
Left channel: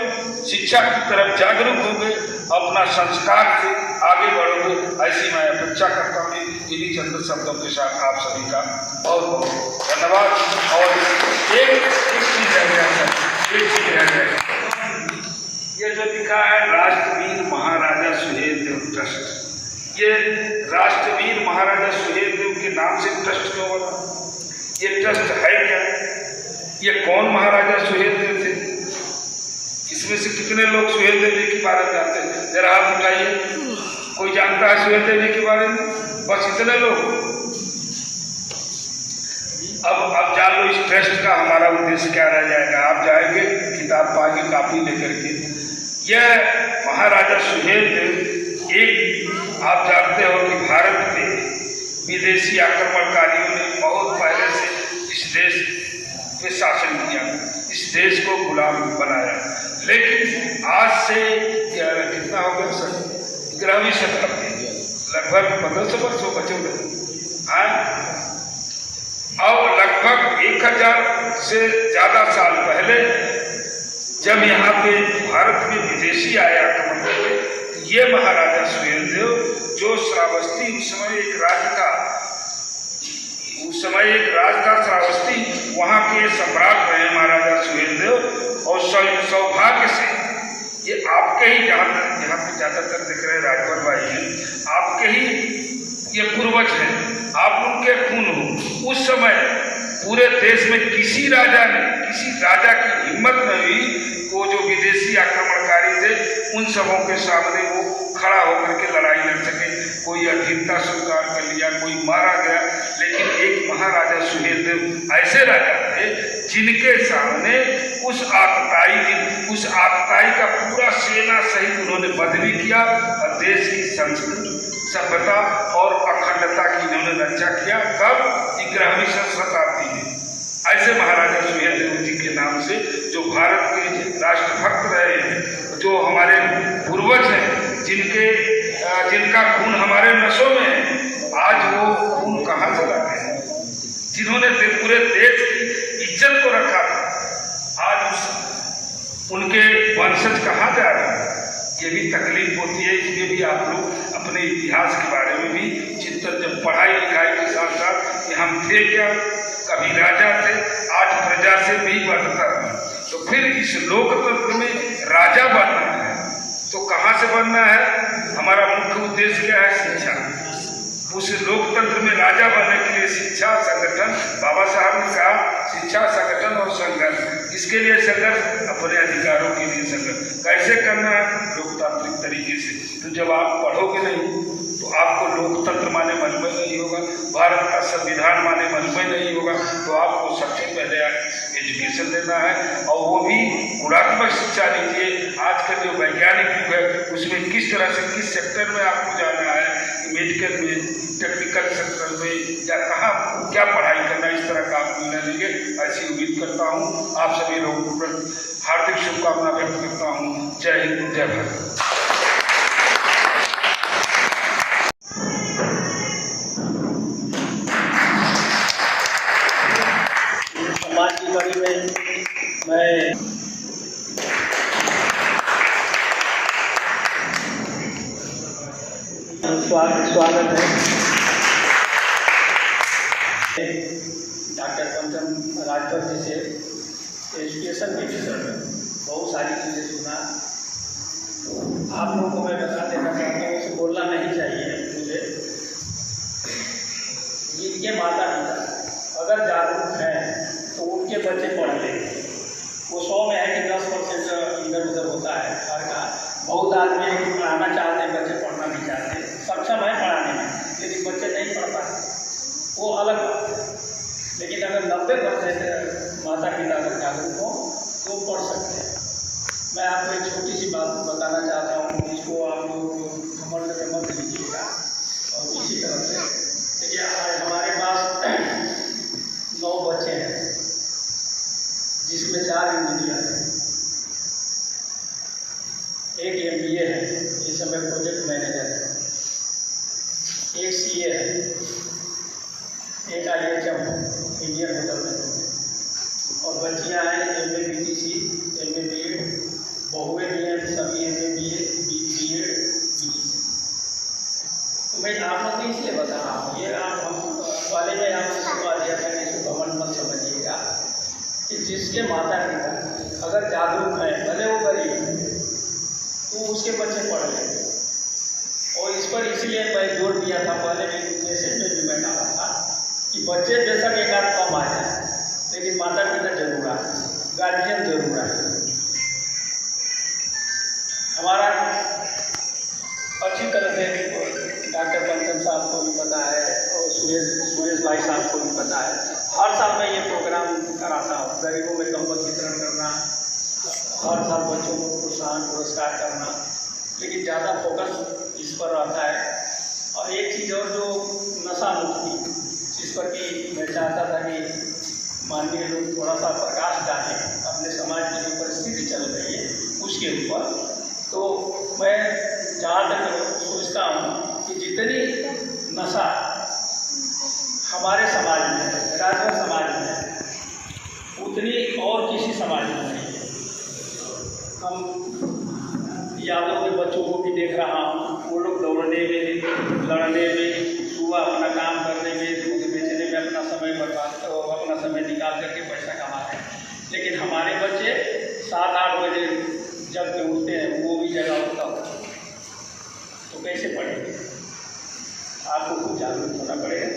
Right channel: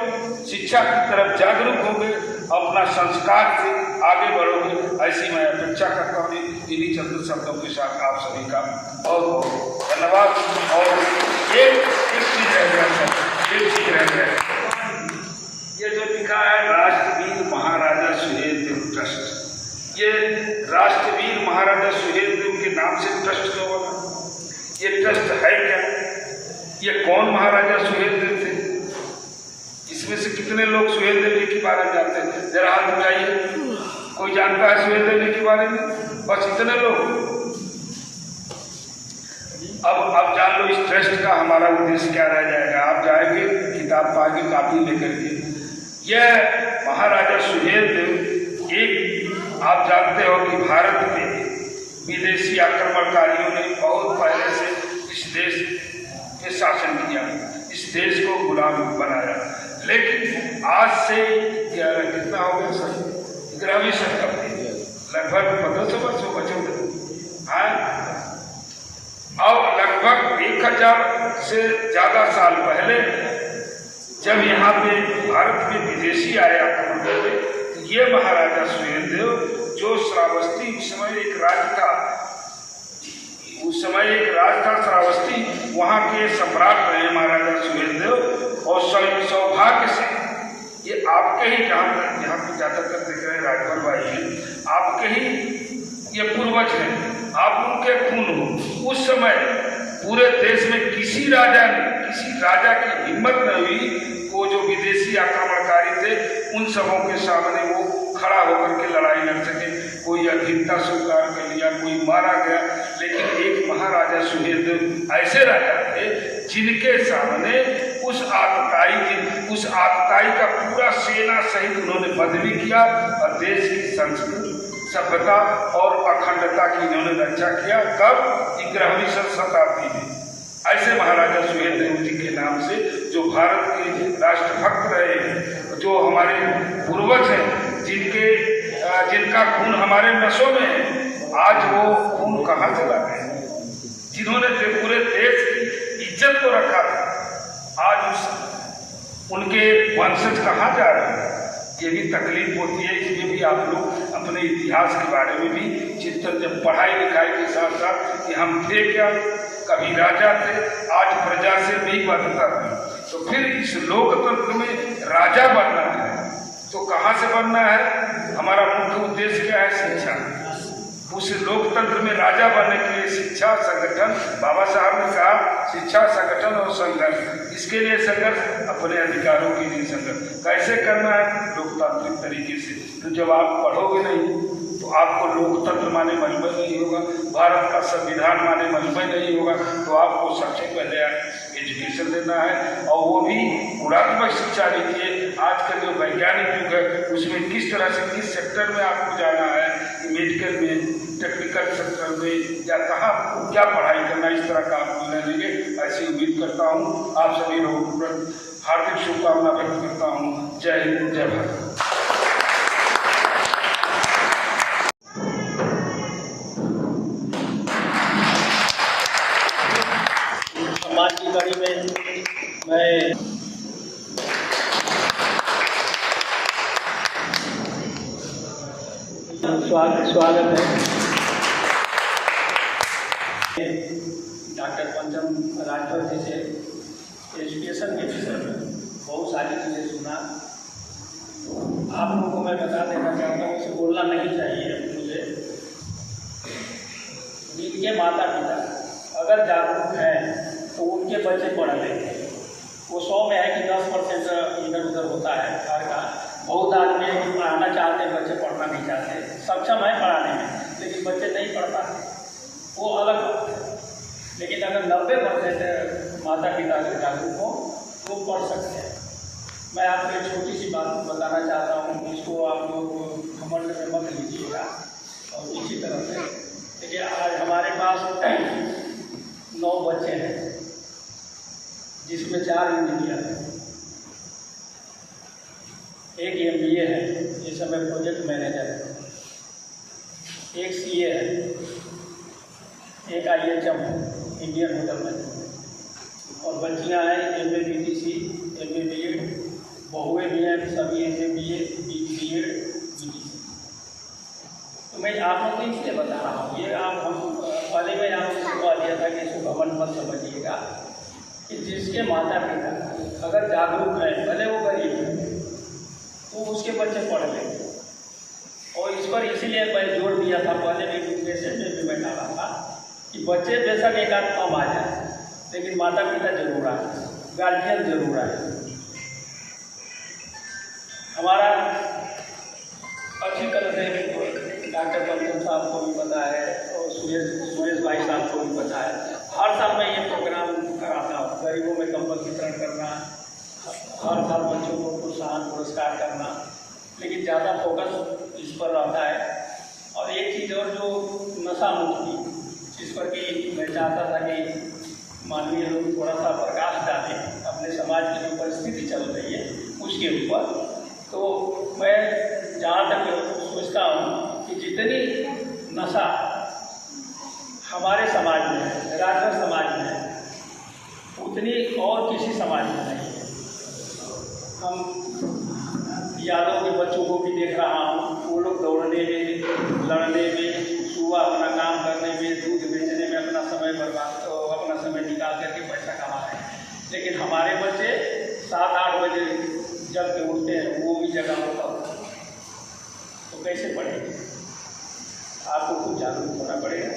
शिक्षा की तरफ जागरूक होगे, अपना संस्कार से आगे बढ़ोगे, ऐसी मैं अपेक्षा करता हूँ। इन्हीं चंद शब्दों के साथ आप सभी का बहुत बहुत धन्यवाद। और एक चीज रह गया सर, एक चीज रह गया, ये जो लिखा है राष्ट्रवीर महाराजा सुहेलदेव ट्रस्ट, ये राष्ट्रवीर महाराजा सुहेलदेव के नाम से ट्रस्ट क्यों बना? ये ट्रस्ट है क्या? ये कौन महाराजा सुहेलदेव थे? इसमें से कितने लोग सुहेलदेव जी के बारे में जानते हैं? जरा हाथ उठाइए, कोई जानता है सुहेलदेव जी के बारे में? बस इतने लोग। अब जान लो इस ट्रस्ट का हमारा उद्देश्य क्या रह जाएगा। आप जाएंगे, किताब पाएंगे, कापी लेकर के। यह महाराजा सुहेलदेव, एक आप जानते हो कि भारत के विदेशी आक्रमणकारियों ने बहुत पहले से इस देश पे शासन किया, इस देश को गुलाम बनाया, लेकिन आज से कितना हो गया सर, 11वीं शताब्दी, लगभग 1500 वर्ष हो गए और लगभग 1000 से ज़्यादा साल पहले जब यहाँ पे भारत में विदेशी आए आक्रमण हुए, तो ये महाराजा सुहेलदेव जो श्रावस्ती उस समय एक राज था श्रावस्ती, वहाँ के सम्राट रहे महाराजा सुहेलदेव। और सौभाग्य से ये आपके ही यहाँ पे ज़्यादातर दिख रहे राजभर भाई हैं, आपके ही ये पूर्वज हैं, आप उनके खून हो। उस समय पूरे देश में किसी राजा की हिम्मत न हुई, वो जो विदेशी आक्रमणकारी थे उन सबों के सामने वो खड़ा होकर के लड़ाई लड़ सके। कोई अधीनता स्वीकार कर लिया, कोई मारा गया, लेकिन एक महाराजा सुहेलदेव ऐसे राजा थे जिनके सामने उस आतताई का पूरा सेना सहित उन्होंने वध भी किया और देश की संस्कृति, सभ्यता और अखंडता की इन्होंने रक्षा किया। तब 11वीं शताब्दी में ऐसे महाराजा सुहेलदेव जी के नाम से जो भारत के राष्ट्रभक्त रहे हैं, जो हमारे पूर्वज हैं, जिनका खून हमारे नसों में है, आज वो खून कहाँ चला गया? जिन्होंने पूरे देश की इज्जत को रखा था, आज उनके वंशज कहाँ जा रहे हैं? ये भी तकलीफ होती है। इसमें भी आप लोग अपने इतिहास के बारे में भी चिंतन, जब पढ़ाई लिखाई के साथ साथ कि हम थे क्या, कभी राजा थे, आज प्रजा से भी बढ़ता है, तो फिर इस लोकतंत्र में राजा बनना है तो कहाँ से बनना है? हमारा मुख्य उद्देश्य क्या है? शिक्षा। उस लोकतंत्र में राजा बनने के लिए शिक्षा, संगठन, बाबा साहब ने कहा शिक्षा, संगठन और संघर्ष। इसके लिए संघर्ष, अपने अधिकारों के लिए संघर्ष। कैसे करना है? लोकतांत्रिक तरीके से। तो जब आप पढ़ोगे नहीं तो आपको लोकतंत्र माने मन में नहीं होगा, भारत का संविधान माने मन में नहीं होगा। तो आपको सबसे पहले एजुकेशन देना है, और वो भी गुणात्मक शिक्षा दीजिए। आजकल जो वैज्ञानिक युग है उसमें किस तरह से, किस सेक्टर में आपको जाना है, मेडिकल में, टेक्निकल सेक्टर में, या कहाँ क्या पढ़ाई करना, इस तरह का आप निर्णय लेंगे, ऐसी उम्मीद करता हूँ। आप सभी लोगों को हार्दिक शुभकामना व्यक्त करता हूँ। जय हिंद, जय भारत। समाज की कड़ी में मैं स्वागत है डॉक्टर पंचम राजभर जी से एजुकेशन के विषय में बहुत सारी चीज़ें सुना। आप लोगों को मैं बता देना चाहता हूँ, इसे बोलना नहीं चाहिए मुझे। ये माता पिता अगर जागरूक हैं तो उनके बच्चे पढ़ लेंगे। वो 100 में है कि 10% इधर उधर होता है हर का। बहुत आदमी है कि पढ़ाना चाहते हैं, बच्चे पढ़ना नहीं चाहते, सक्षम है पढ़ाने में लेकिन बच्चे नहीं पढ़ पाते, वो अलग बात है। लेकिन अगर 90% माता पिता अगर जागरूक हो तो पढ़ सकते हैं। मैं आपको एक छोटी सी बात बताना चाहता हूँ, जिसको आप लोग घमंड में मत लीजिएगा। और इसी तरह से देखिए, आज हमारे पास 9 बच्चे हैं जिसमें 4 इंजीनियर हैं, एक MBA है, इस समय प्रोजेक्ट मैनेजर है, एक CA है, एक IHM है, इंडियन होटल मैनेजमेंट, और बच्चियाँ हैं MA BTC, MA BEd, बहुएँ भी हैं सभी MA BA BEd BTC। तो मैं आप लोग को इसलिए बता रहा हूँ, ये आप हम पहले में आपको बता दिया था कि इसको घमंड मत समझिएगा कि जिसके माता पिता अगर जागरूक है, भले वो गरीब है, तो उसके बच्चे पढ़ लेंगे। और इस पर इसीलिए मैं जोर दिया था, पहले भी मैसेज में भी मैं डाला था कि बच्चे बेशक एक आध कम आ जाए लेकिन माता पिता जरूर आए, गार्जियन जरूर आए। हमारा अच्छी तरह से डॉक्टर पंचम साहब को भी पता है और सुरेश भाई साहब को भी पता है, हर साल मैं ये प्रोग्राम कराता हूँ, गरीबों में कंबल वितरण करना, हर साल बच्चों को प्रोत्साहन पुरस्कार करना, लेकिन ज़्यादा फोकस इस पर रहता है। और एक चीज़ और, जो नशा मुक्ति, जिस पर कि मैं चाहता था कि माननीय लोग थोड़ा सा प्रकाश डालें अपने समाज की जो परिस्थिति चल रही है उसके ऊपर। तो मैं जहाँ तक सोचता हूँ कि जितनी नशा हमारे समाज में, राजभर समाज में, उतनी और किसी समाज में नहीं है। हम यादव के बच्चों को भी देख रहा हूँ, वो लोग दौड़ने में, लड़ने में, सुबह अपना काम करने में, दूध बेचने में अपना समय बर्बाद, अपना समय निकाल करके पैसा कमाते हैं। लेकिन हमारे बच्चे 7-8 बजे जब के उठते हैं, वो भी जगह होता है, तो कैसे पढ़ेंगे? आपको कुछ जागरूक होना पड़ेगा।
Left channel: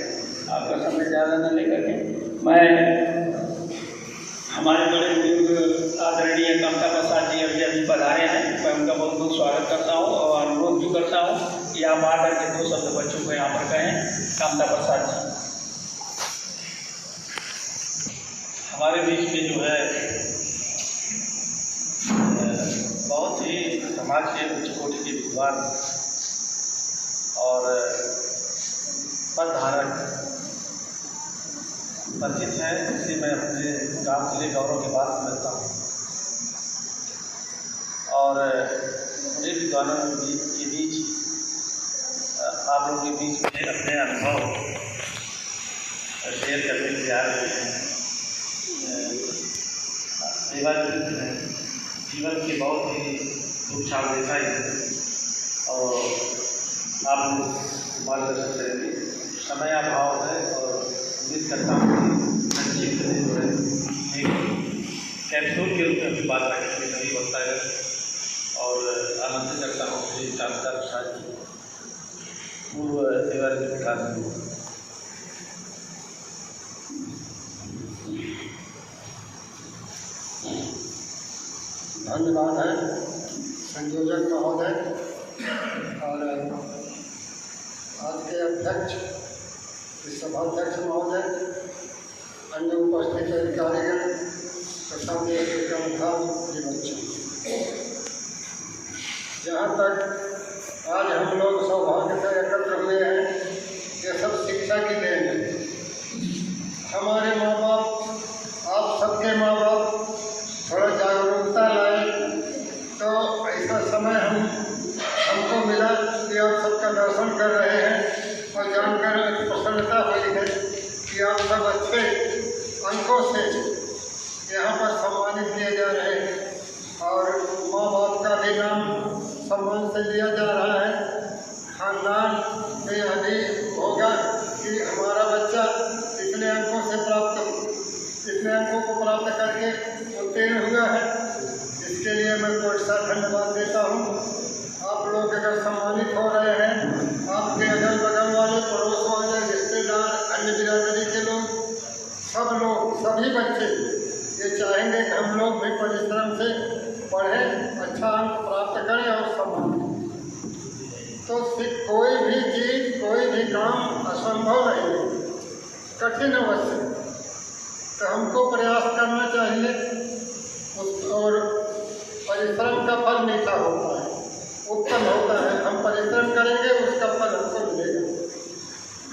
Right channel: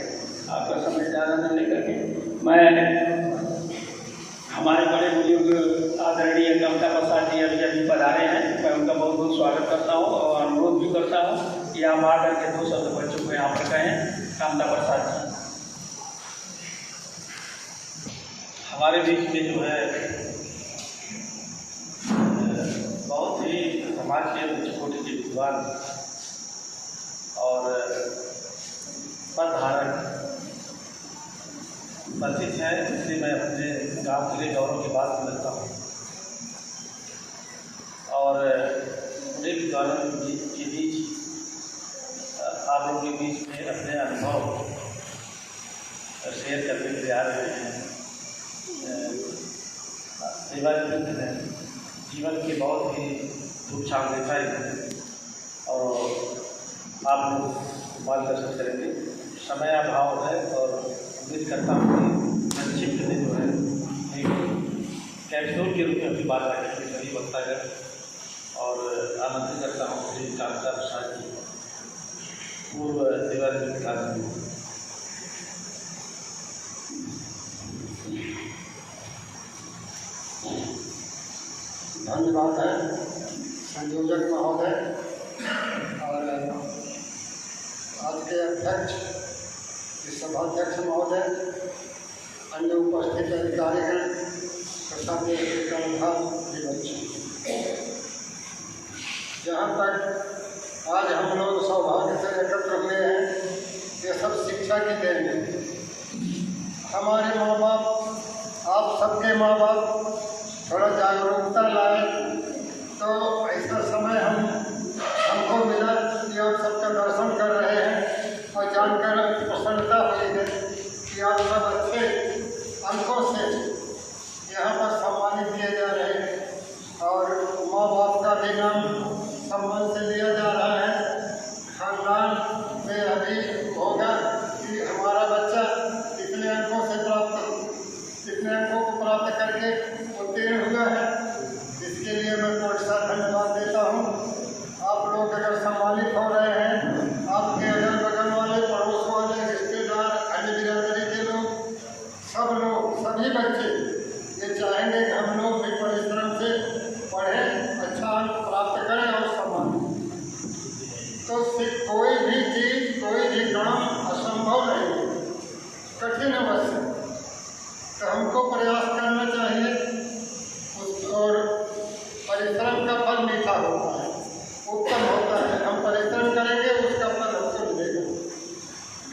आपका समय ज़्यादा न लेकर के मैं हमारे बड़े बुजुर्ग आदरणीय कमता प्रसाद जी अभी पधारे हैं, मैं उनका बहुत बहुत स्वागत करता हूँ और अनुरोध भी करता हूँ कि आप आकर के 2 शब्द बच्चों को यहाँ पर कहें। कमता प्रसाद जी हमारे बीच में जो है बहुत ही समाज के उच्च कोटि के विद्वान और पदधारक परिचित है, इसलिए मैं अपने गाँव जिले गौरव के बाद मिलता हूँ। और बड़े विद्वानों के बीच आप लोगों के बीच में अपने अनुभव शेयर करने के लिए आ रहे हैं। सेवा हैं, जीवन के बहुत ही रूपचान देता ही है और आप मार्गदर्शन करेंगे। समय अभाव है और उम्मीद करता हूँ कि संक्षिप्त में जो है एक कैप्सूल के रूप में बात रखने के सभी वक्तागण और आमंत्रित करता हूँ श्री कांता प्रसाद जी, पूर्व सेवानिवृत्त कार्मिक। धन्यवाद है संयोजक महोदय और आज के अध्यक्ष सभाध्यक्ष महोदय, अन्य उपस्थित अधिकारीगण तथा बच्चों। जहाँ तक आज हम लोग सौभाग्य से एकत्र हुए हैं, ये सब शिक्षा की देन है। हमारे माँ बाप, आप सबके माँ बाप थोड़ा जागरूकता लाए तो ऐसा समय हमको मिला कि आप सबका दर्शन कर रहे हैं और जानकर प्रसन्नता हुई है कि आप सब अच्छे अंकों से यहाँ पर सम्मानित किए जा रहे हैं और माँ बाप का भी नाम सम्मान से लिया जा रहा है। खानदान में अभी होगा कि हमारा बच्चा इतने अंकों को प्राप्त करके उत्तीर्ण हुआ है। इसके लिए मैं बहुत सा धन्यवाद देता हूँ। आप लोग अगर सम्मानित हो रहे हैं, आपके अगल बगल वाले, पड़ोस वाले, रिश्तेदार, अन्य बिरादरी के लोग, सभी बच्चे ये चाहेंगे कि हम लोग भी परिश्रम से पढ़ें, अच्छा अंक प्राप्त करें और सम्मान। तो कोई भी चीज़, कोई भी काम असंभव नहीं है, कठिन अवश्य। तो हमको प्रयास करना चाहिए और परिश्रम का फल मीठा होता है, उत्तम होता है। हम परिश्रम करेंगे, उसका फल हमको मिलेगा।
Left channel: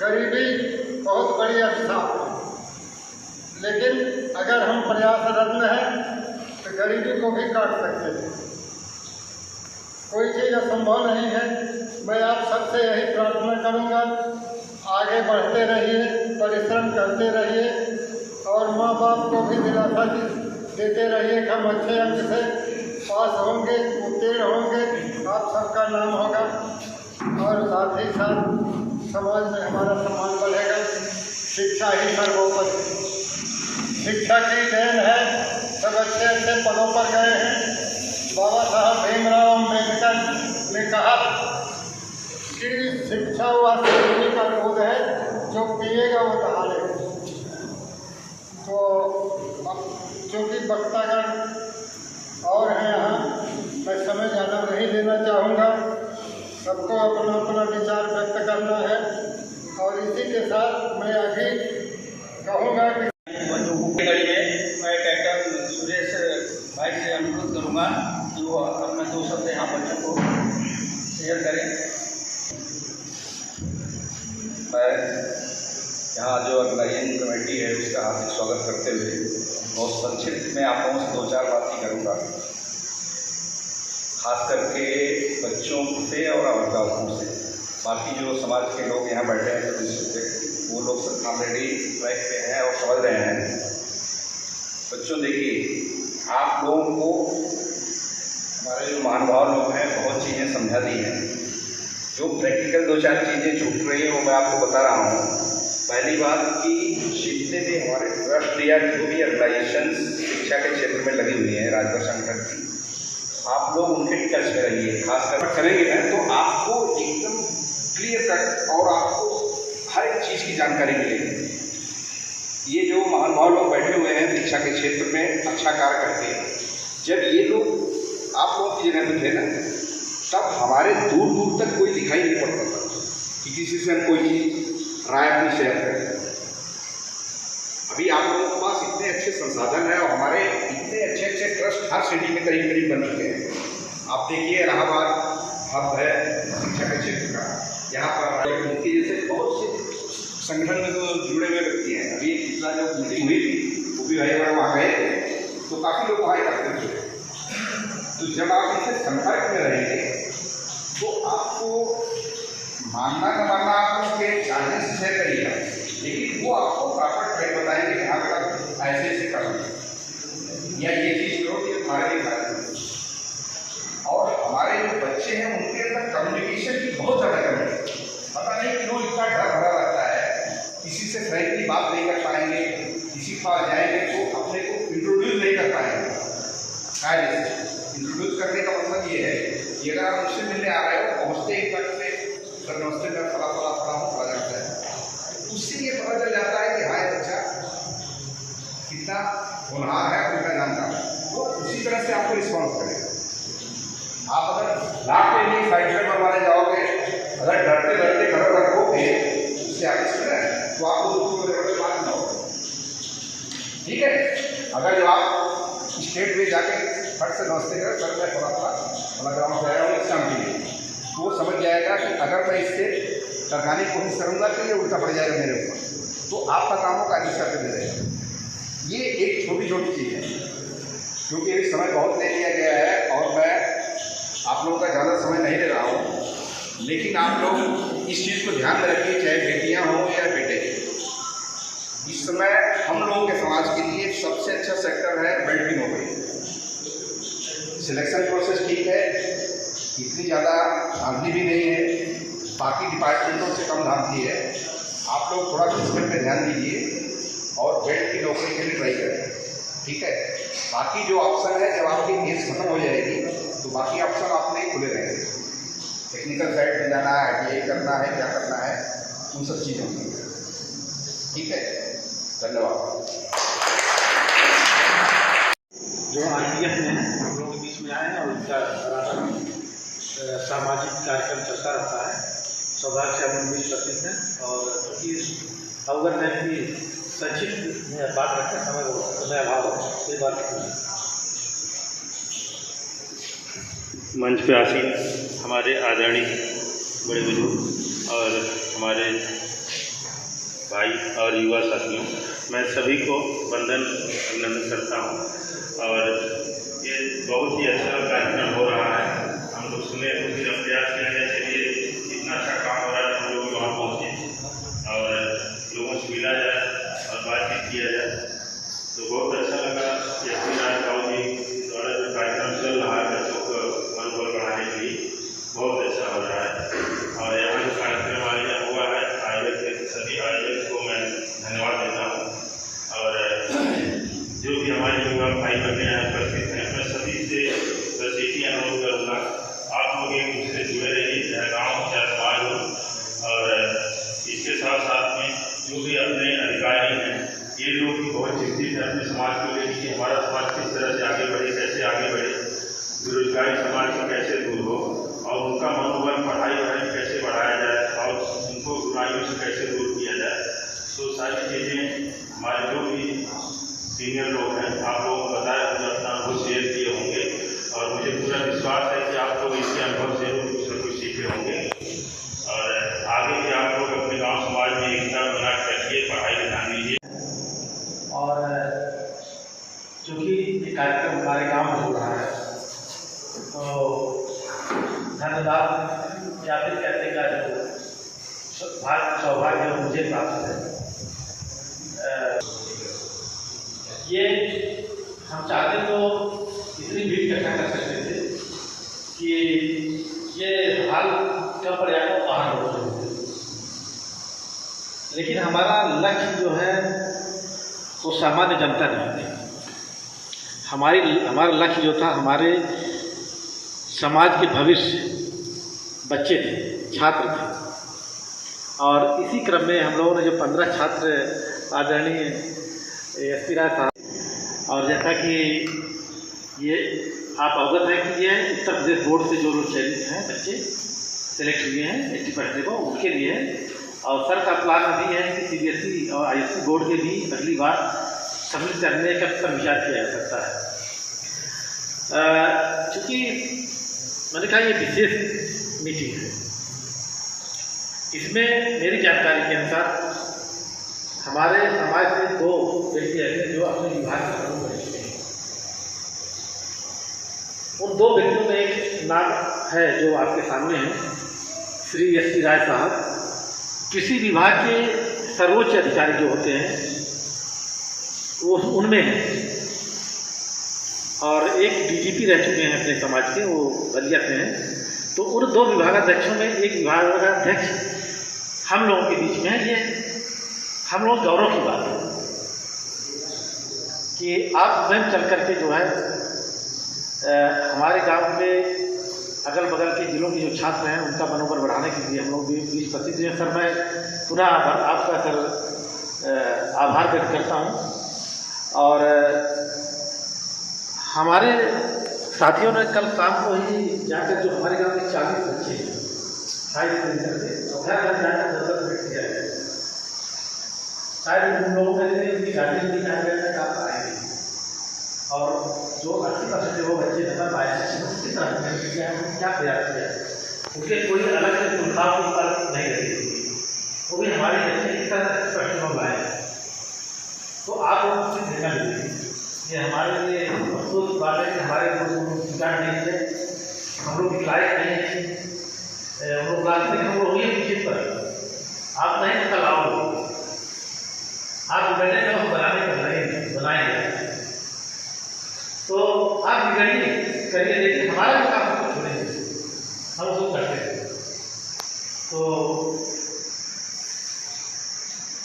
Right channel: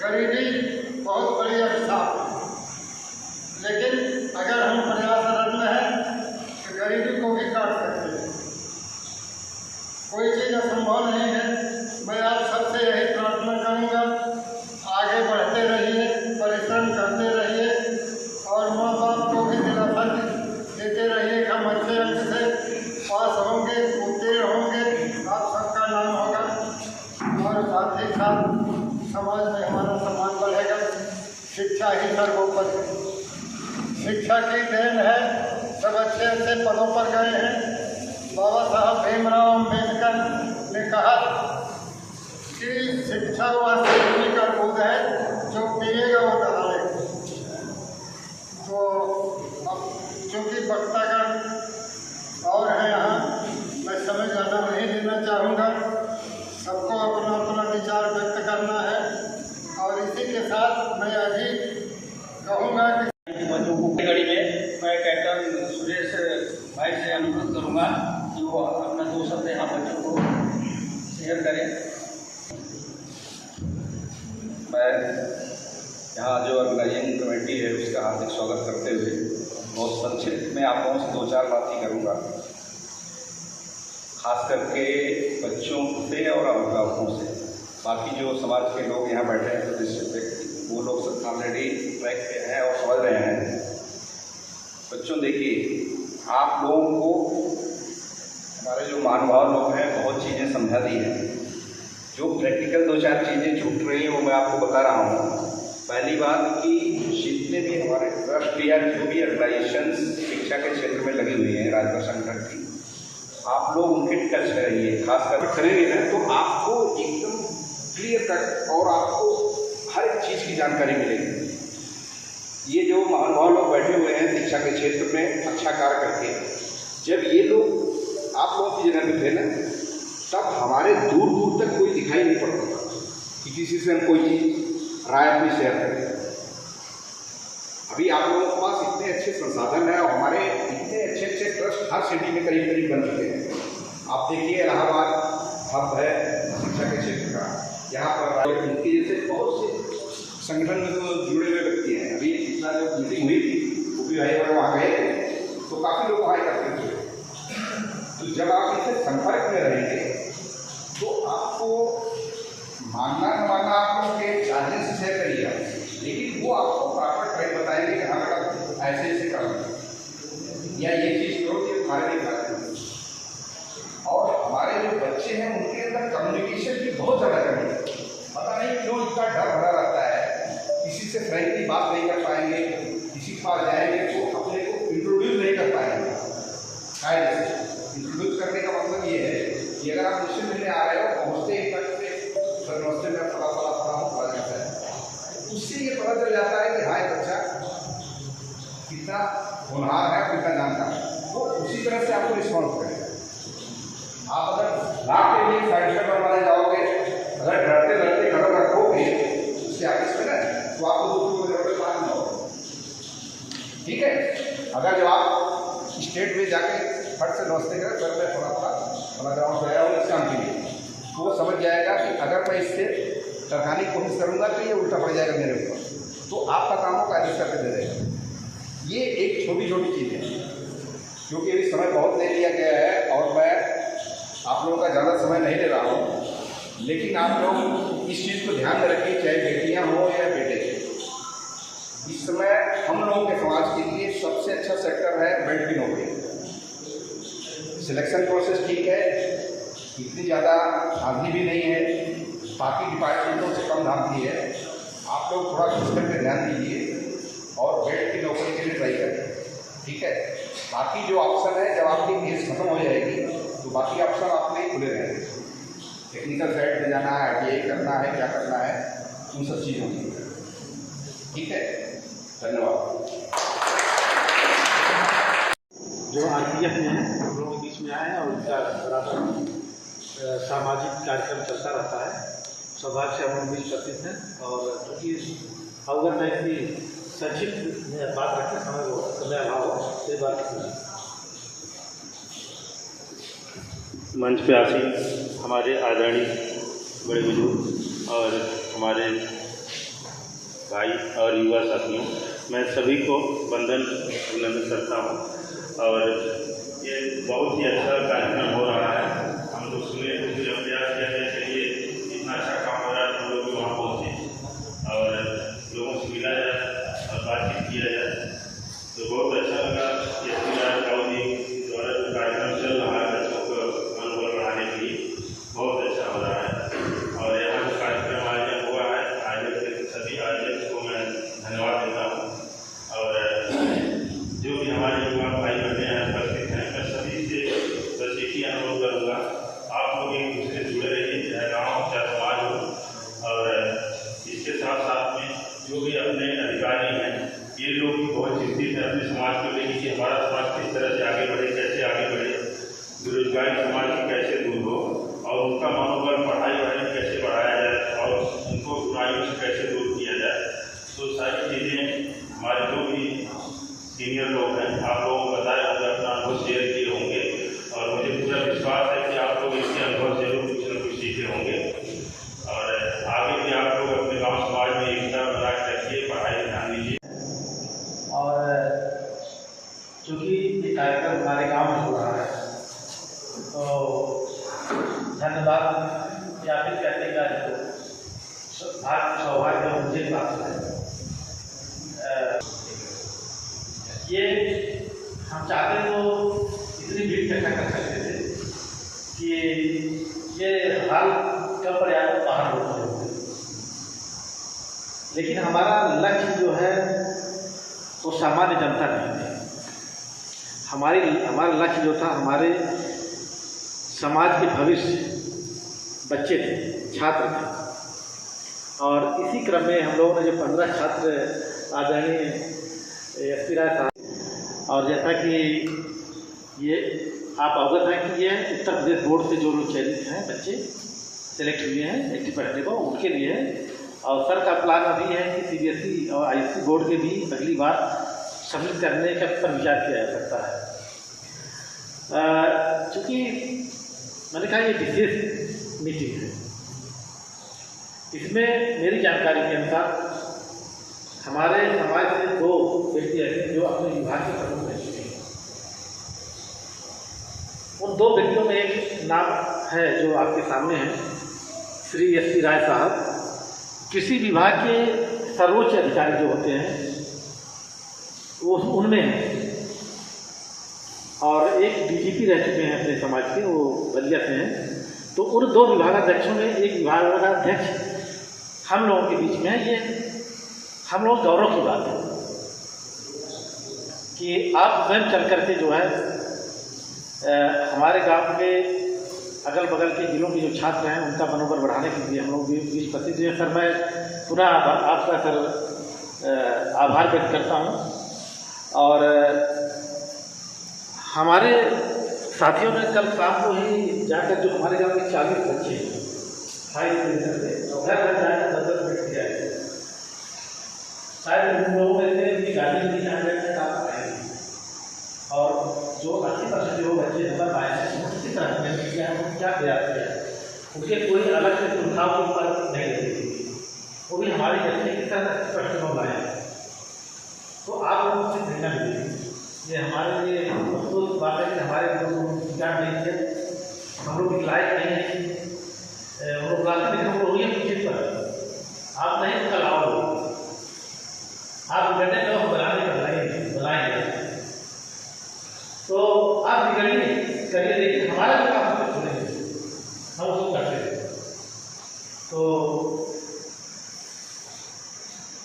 गरीबी बहुत बड़ी अभिशाप है, लेकिन अगर हम प्रयासरत हैं तो गरीबी को भी काट सकते हैं। कोई चीज़ असंभव नहीं है। मैं आप सबसे यही प्रार्थना करूँगा, आगे बढ़ते रहिए, परिश्रम करते रहिए और माँ बाप को भी दिलासा देते रहिए कि हम अच्छे अंक से पास होंगे, उत्तीर्ण होंगे, आप सबका नाम होगा और साथ ही साथ समाज में हमारा सम्मान बढ़ेगा। शिक्षा ही सर्वोपरि, शिक्षा की देन है। सब अच्छे अच्छे पदों पर गए हैं। बाबा साहब भीमराव अम्बेडकर ने कहा कि शिक्षा वह सीखने का दूध है जो पिएगा वो दहाड़ेगा। तो अब चूँकि वक्तागण और हैं यहाँ, मैं समय ज़्यादा नहीं लेना चाहूँगा। सबको अपना अपना विचार व्यक्त करना है और इसी के साथ मैं अभी कहूँगा कि घड़ी में मैं कैप्टन सुरेश भाई से अनुरोध करूँगा कि वो अपने 2 शब्द यहाँ बच्चों को शेयर करें। मैं यहाँ जो ऑर्गेनाइजिंग कमेटी है उसका हार्दिक स्वागत करते हुए बहुत संक्षिप्त में आप लोगों से 2-4 बातें करूँगा, खास करके बच्चों से और अभिभावकों से। बाकी जो समाज के लोग यहाँ बैठे हैं तो वो लोग सब ऑलरेडी ट्रैक पे हैं और समझ रहे हैं। बच्चों देखिए, आप लोगों को हमारे जो महानुभाव लोग हैं बहुत चीज़ें समझा दी हैं। जो प्रैक्टिकल 2-4 चीज़ें छूट रही हैं वो मैं आपको बता रहा हूँ। पहली बात कि जितने भी हमारे ट्रस्ट या जो भी ऑर्गेनाइजेशन शिक्षा के क्षेत्र में लगी हुई हैं, राजभर संगठन की, आप लोग उनके टच में रहिए। खासकर करेंगे ना तो आपको एकदम क्लियर कट और आपको हर एक चीज़ की जानकारी मिलेगी। ये जो महानुभाव लोग बैठे हुए हैं शिक्षा के क्षेत्र में अच्छा कार्य करके, जब ये लोग आप लोगों की जगह पे थे ना, तब हमारे दूर दूर तक कोई दिखाई नहीं पड़ता था कि किसी से हम कोई राय अपनी शेयर करें। अभी आप लोगों के पास इतने अच्छे संसाधन हैं और हमारे इतने अच्छे अच्छे ट्रस्ट हर सिटी में करीब करीब बन चुके हैं। आप देखिए इलाहाबाद हब है शिक्षा के क्षेत्र का, यहाँ पर उनके जैसे बहुत से संगठन में तो जुड़े हुए व्यक्ति हैं। अभी पिछला जो मीटिंग हुई थी वो भी भाई बड़े वहाँ गए थे तो काफ़ी लोग वहाँ एकत्रित हुए। तो जब आप इनसे संपर्क में रहेंगे तो आपको मानना न मानना आप उसके जानने से शेयर करिएगा, लेकिन वो आपको प्रॉपर ट्रेड बताएंगे कि हाँ बेटा ऐसे ऐसे करना या ये चीज़ करो कि हमारे लिए फायदा। और बच्चे हैं उनके अंदर कम्युनिकेशन की बहुत ज़्यादा कमी है। पता नहीं क्यों इतना डर भरा रहता है, किसी से फ्रैंकली बात नहीं कर पाएंगे, किसी के पास जाएंगे तो अपने को इंट्रोड्यूस नहीं कर पाएंगे। इंट्रोड्यूस करने का मतलब ये है कि अगर आप मुझसे मिलने आ रहे हो, पहुँचते ही तक से सर नमस्ते में फला जाता है, उससे ये पता चल जाता है कि हाँ बच्चा कितना होनहार है, कितना जानता है, वो उसी तरह से आपको रिस्पॉन्स करेगा। आप अगर लाख के लिए साइड पर मारे जाओगे, अगर डरते डरते खबर रखोगे उससे आगे चल है तो आपको दूसरी को जरूरत बात ना होगी। ठीक है, अगर जब आप स्टेट में जाके फट से नमस्ते करें, सर मैं फला ग्राउंड से आया हूँ एग्जाम के लिए, तो वो समझ जाएगा कि अगर मैं इससे टरकाने की कोशिश करूँगा तो ये उल्टा पड़ जाएगा मेरे ऊपर, तो आपका काम हो कार्य करते रहेगा। ये एक छोटी छोटी चीज़ है, क्योंकि अभी समय बहुत ले लिया गया है और मैं आप लोगों का ज़्यादा समय नहीं ले रहा हूँ, लेकिन आप लोग इस चीज़ को ध्यान में रखिए, चाहे बेटियाँ हों या बेटे। इस समय हम लोगों के समाज के लिए सबसे अच्छा सेक्टर है बेल्ट की नौकरी। सिलेक्शन प्रोसेस ठीक है, इतनी ज़्यादा धांधली भी नहीं है, बाकी डिपार्टमेंटों से कम धांधली है। आप लोग थोड़ा सिस्टम पे ध्यान दीजिए और बेल्ट की नौकरी के लिए ट्राई करें। ठीक है, बाकी जो ऑप्शन है, जब आपकी एज खत्म हो जाएगी तो बाकी ऑप्शन आपने खुले रहेंगे। टेक्निकल साइड में जाना है, ITI करना है, क्या करना है, उन सब चीज़ों की। ठीक है, धन्यवाद। जो RPF में हम लोगों के बीच में आए हैं और उनका लगातार सामाजिक कार्यक्रम चलता रहता है। सौभाग्य से हम 20-25 हैं और क्योंकि अवगत है कि संक्षिप्त बात रखते समय अभाव है, कोई बात नहीं। मंच पे आसीन हमारे आदरणीय बड़े बुजुर्ग और हमारे भाई और युवा साथियों, मैं सभी को वंदन अभिनंदन करता हूँ। और ये बहुत ही अच्छा कार्यक्रम हो रहा है। हम लोग सुने तो फिर प्रयास करने के लिए इतना अच्छा काम हो रहा है, हम लोग वहाँ पहुँचे और लोगों से मिला जाए और बातचीत किया जाए, तो बहुत अच्छा लगा। राव जी द्वारा जो कार्यक्रम चल रहा है बच्चों को मनोबल बढ़ाने के लिए, बहुत अच्छा हो रहा है। और यहाँ जो कार्यक्रम आयोजन हुआ है, आयोजक सभी आयोजक को मैं धन्यवाद देता हूँ। और जो भी हमारे युवा भाई बहनें यहाँ उपस्थित हैं, मैं सभी से बस एक ही अनुरोध करूँगा, आप लोग एक दूसरे से जुड़े रहिए, चाहे गाँव हो चाहे समाज हो। और इसके साथ साथ में जो भी अपने अधिकारी हैं, ये लोग भी बहुत चिंतित हैं अपने समाज को लेकर कि हमारा समाज किस तरह से आगे बढ़े, कैसे आगे बढ़े, बेरोजगारी समाज से कैसे दूर हो और उनका मनोबल पढ़ाई कैसे बढ़ाया जाए और उनको बुराइयों से कैसे दूर किया जाए। तो सारी चीज़ें हमारे जो भी सीनियर लोग हैं, आप लोगों को बताए होंगे, अपना अनुभव शेयर किए होंगे और मुझे पूरा विश्वास है कि आप लोग इसके अनुभव से कुछ न कुछ सीखे होंगे। और आगे भी आप लोग अपने गाँव समाज में एकता बना के रखिए, पढ़ाई में ध्यान दीजिए। और चूँकि ये कार्यक्रम हमारे गांव में हो रहा है, तो धन्यवाद या फिर कहते का सौभाग्य मुझे प्राप्त है। ये हम चाहते तो इतनी भीड़ इकट्ठा कर सकते थे कि ये हाल कम पर्याप्त बाहर हो रहे थे, लेकिन हमारा लक्ष्य जो है वो सामान्य जनता नहीं थी। हमारा लक्ष्य जो था, हमारे समाज के भविष्य बच्चे थे, छात्र थे। और इसी क्रम में हम लोगों ने जो 15 छात्र आदरणीय SP राय साहब, और जैसा कि ये आप अवगत हैं कि ये उत्तर प्रदेश बोर्ड से जो लोग चयनित हैं, बच्चे सेलेक्ट हुए हैं ST पढ़ने को, उनके लिए है। और सर का प्लान अभी है कि CBSE और ISC बोर्ड के भी अगली बार सम्मिलित करने का पर विचार किया जा सकता है। चूँकि मैंने कहा ये विशेष मीटिंग है, इसमें मेरी जानकारी के अनुसार हमारे समाज से 2 व्यक्ति ऐसे जो अपने विभाग के प्रमुख रह चुके हैं। उन 2 व्यक्तियों में एक नाम है जो आपके सामने है, श्री SP राय साहब। कृषि विभाग के सर्वोच्च अधिकारी जो होते हैं वो उनमें हैं, और एक DGP रह चुके हैं अपने समाज के, वो बलिया से हैं। तो उन 2 विभागाध्यक्षों में एक विभागाध्यक्ष हम लोगों के बीच में है। ये हम लोग गौरव की बात है कि आप स्वयं चल करके जो है हमारे गांव के अगल बगल के जिलों के जो छात्र हैं उनका मनोबल बढ़ाने के लिए हम लोग भी 20-25 दिन। सर मैं पुनः आपका सर आभार व्यक्त करता हूं। और हमारे साथियों ने कल शाम को ही जाकर जो हमारे गांव के 40 बच्चे हाई स्कूल से शायद उन लोगों में से गाड़ी में जाने में काम आएगी और जो 80% जो बच्चे नंबर पाए हैं किस तरह किया है, क्या प्रयास किया है, उनके कोई अलग से सुविधाओं के ऊपर नहीं रही, वो भी हमारे बच्चे किस तरह प्रश्नों लाए हैं। तो आप लोग कुछ देखना चाहिए। ये हमारे लिए अफसोस की बात है कि हमारे शिकार नहीं थे, हम लोग लायक नहीं है, हम लोग रास्ते हम लोग ये निश्चित पर आप नहीं कल आओ, आप बैठे का बनाएंगे तो आप निगरानी करिए, देखिए हमारा जो काम उसको छोड़ेंगे, हम उसको करते हैं। तो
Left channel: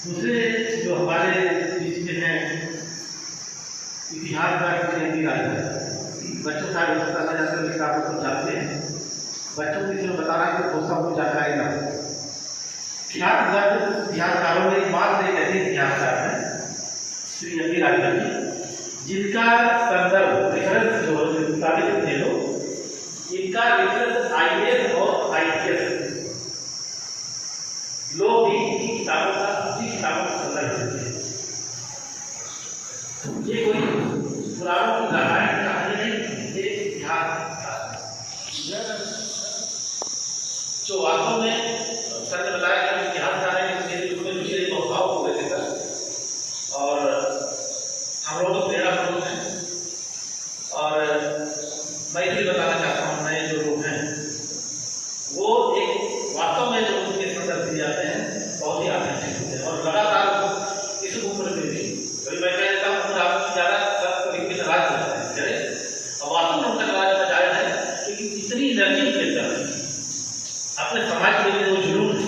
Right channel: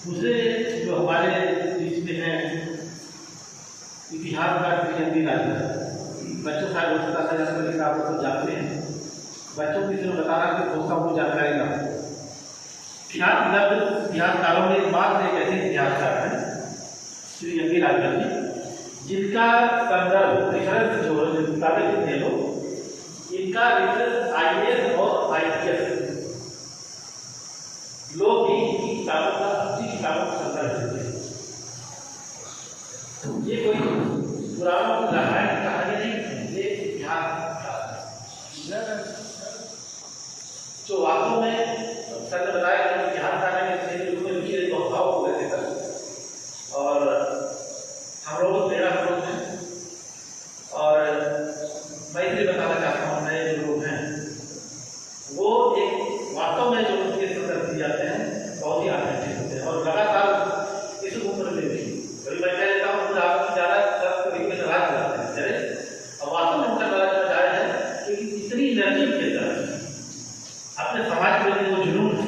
दूसरे जो हमारे बीच में हैं इतिहास का बच्चों का होता था जाकर लेकर आप लोग जानते हैं, बच्चों को किसी ने बता रहा कि दोस्तों को जानकारी ना हो। इतिहासकारों में एक बात एक ऐसे इतिहासकार हैं श्री एम.वी. राजभर जी, जिनका संदर्भ रेफरेंस जो किताबें थे लो, इनका रेफरेंस IAS और IPS लोग भी इनकी किताबों का अपनी किताबों का संदर्भ देते हैं। ये कोई पुराणों की रामायण कहानी नहीं, ये इतिहास जो वास्तव में सर ने बताया कि इतिहासकार है, उसमें रुचि भाव हो गए थे और हम लोग तो प्रेरणा स्रोत हैं। और मैं इसलिए बताना चाहता हूँ नए जो लोग हैं वो एक वास्तव में जो उनके संदर्भ दिए जाते हैं बहुत ही आकर्षित होते हैं और लगातार इस उम्र में भी कभी मैं कह देता हूँ आप ज़्यादा सब तरीके से राज करते हैं चले और वास्तव में उनका राज में जायज है क्योंकि इतनी एनर्जी के अंदर अपने समाज के लिए वो जुनून है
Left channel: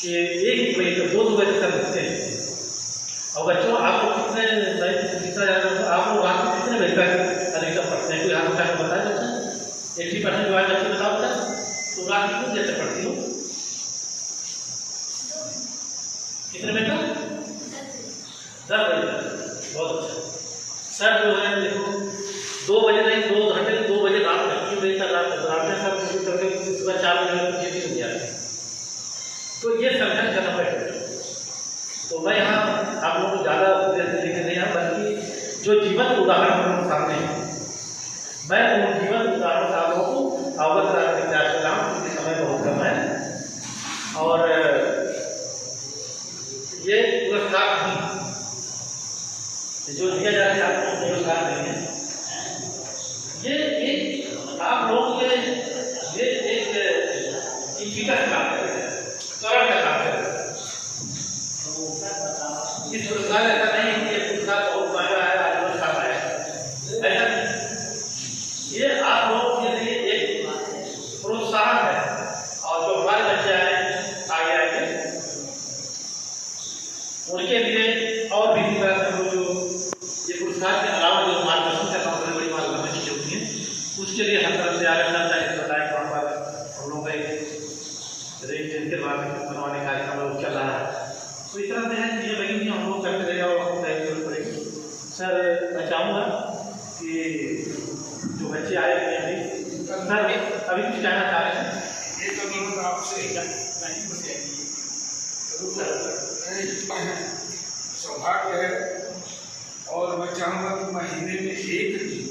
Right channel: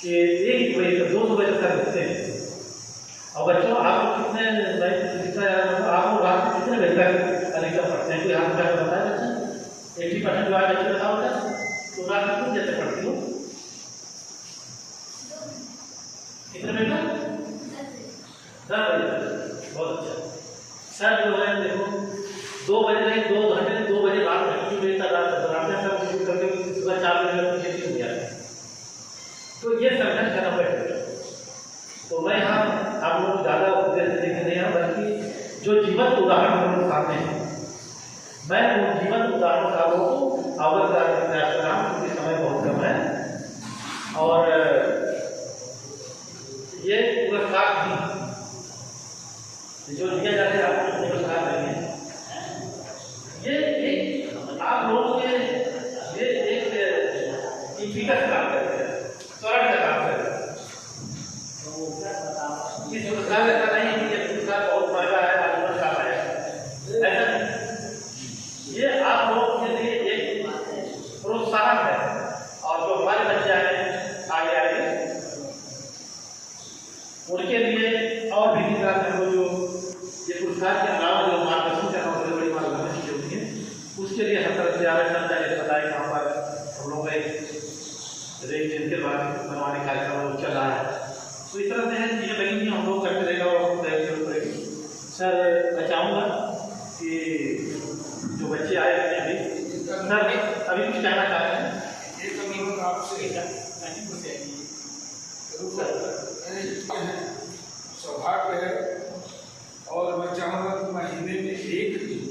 कि एक बजे 2 बजे तक लिखते हैं। और बच्चों आप लोग कितने आप लोग रात में कितने बजे तक अधिकतम पढ़ते हैं? कोई हाथ उठा कर बताया बच्चा 80% जो आज बच्चे बताओ था तो रात कितनी देर तक पढ़ती हो? कितने मिनट तक? 10 बजे तक। बहुत अच्छा। सर जो है देखो 2 बजे नहीं 2 घंटे 2 बजे रात में 2 बजे तक रात में सर शुरू करके सुबह 4 बजे खेती हो गया। तो ये संघर्ष करना पड़ेगा। तो मैं यहाँ आप लोगों को ज़्यादा उपदेश देखे नहीं है, बल्कि जो जीवन उदाहरण हम लोगों के सामने है मैं उन जीवन उदाहरण से आप लोगों को अवगत कराने का प्रयास कर रहा हूँ क्योंकि समय बहुत कम है। और ये पुरस्कार जो दिया जा रहा है आप लोग पुरस्कार नहीं है, ये एक आप लोगों के ये एक विकट काम करेगा, स्वर्ण का काम करेगा। इस पुरस्कार ऐसा नहीं है कि ये पुरस्कार बहुत महंगा है आज काम है, ऐसा नहीं। ये आप लोगों के लिए एक प्रोत्साहन है और जो हमारे बच्चे आगे आएंगे उनके लिए और भी इसी तरह से हम लोग जो ये पुरस्कार के अलावा जो मार्गदर्शन का काम बड़ी मार्गदर्शन चीजें होती हैं उसके लिए हर तरफ से आरक्षण चाहिए बताया कि वहाँ पर हम लोग का एक रेंज जिनके बाद बनवाने का कार्यक्रम चल रहा है। तो इस तरह से है चीज़ें बनी हम लोग करते रहेगा और आपको तैयारी करनी पड़ेगी। सर मैं चाहूँगा कि जो बच्चे आए हैं अभी सर अभी कुछ कहना चाह रहे हैं? सौभाग्य है और मैं चाहूँगा कि महीने में एक दिन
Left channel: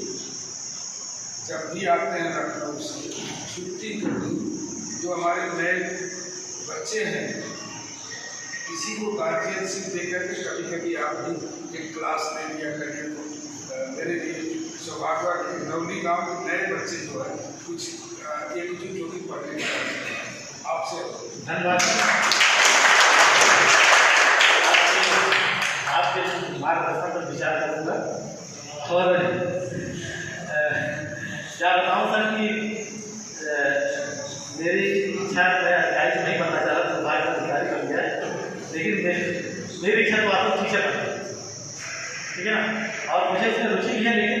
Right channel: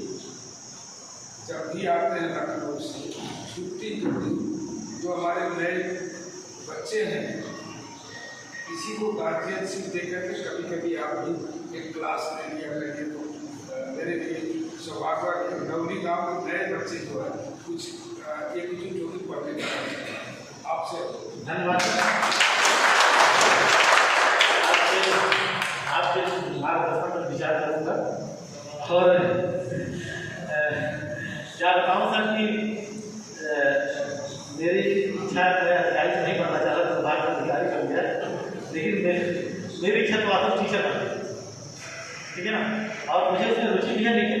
जब भी आते हैं लखनऊ से छुट्टी जो हमारे नए बच्चे हैं किसी को गार्जियनशिप देकर के कभी कभी आप भी एक क्लास ले लिया करें तो मेरे लिए सौभाग्य के नवली गाँव के नए बच्चे जो है कुछ एक जो भी पढ़ने का आपसे धन्यवाद। आपके मार्गदर्शन पर विचार करूँगा और क्या बताऊँ सर कि लेकिन मेरी इच्छा तो आपको टीचर बनना है, ठीक है ना। और मुझे उसमें रुचि भी है, लेकिन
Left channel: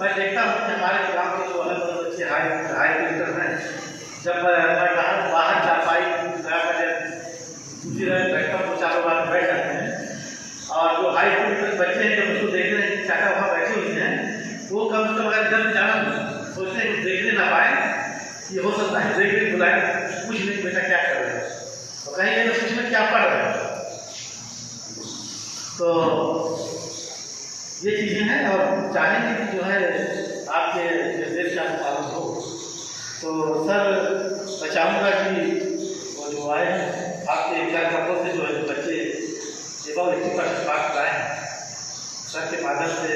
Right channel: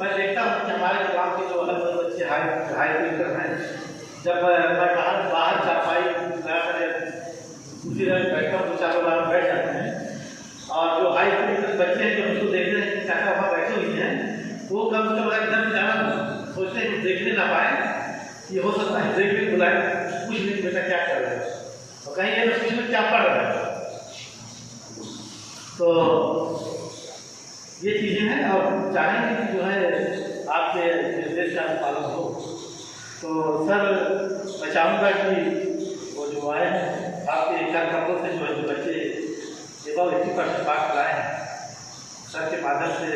मैं देखता हूँ कि हमारे ग्राम के जो अलग अलग बच्चे हाई टीचर हैं, जब मैं बाहर चारपाई दूसरी जगह बैठता हूँ, 2-4 बार बैठ जाते हैं, और जो हाई स्कूल के बच्चे हैं जब उसको देखते हैं कि चाचा वहाँ बैठे हुए हैं, तो वो कम से कम अगर घर में जाना सोचते हैं कि देखने ना पाए, ये हो सकता है देखने बुलाए, पूछ लें बेटा क्या कर रहे हैं, तो कहीं ये पूछ लें क्या पढ़ रहे हैं। तो ये चीज़ें हैं, और चाहेंगे कि जो है आपके निर्देश का पालन हो। तो सर मैं चाहूँगा कि वो जो आए आपके 4 कपड़ों से जो है बच्चे एवं 80% मार्क्स लाए हैं, सर के माध्यम से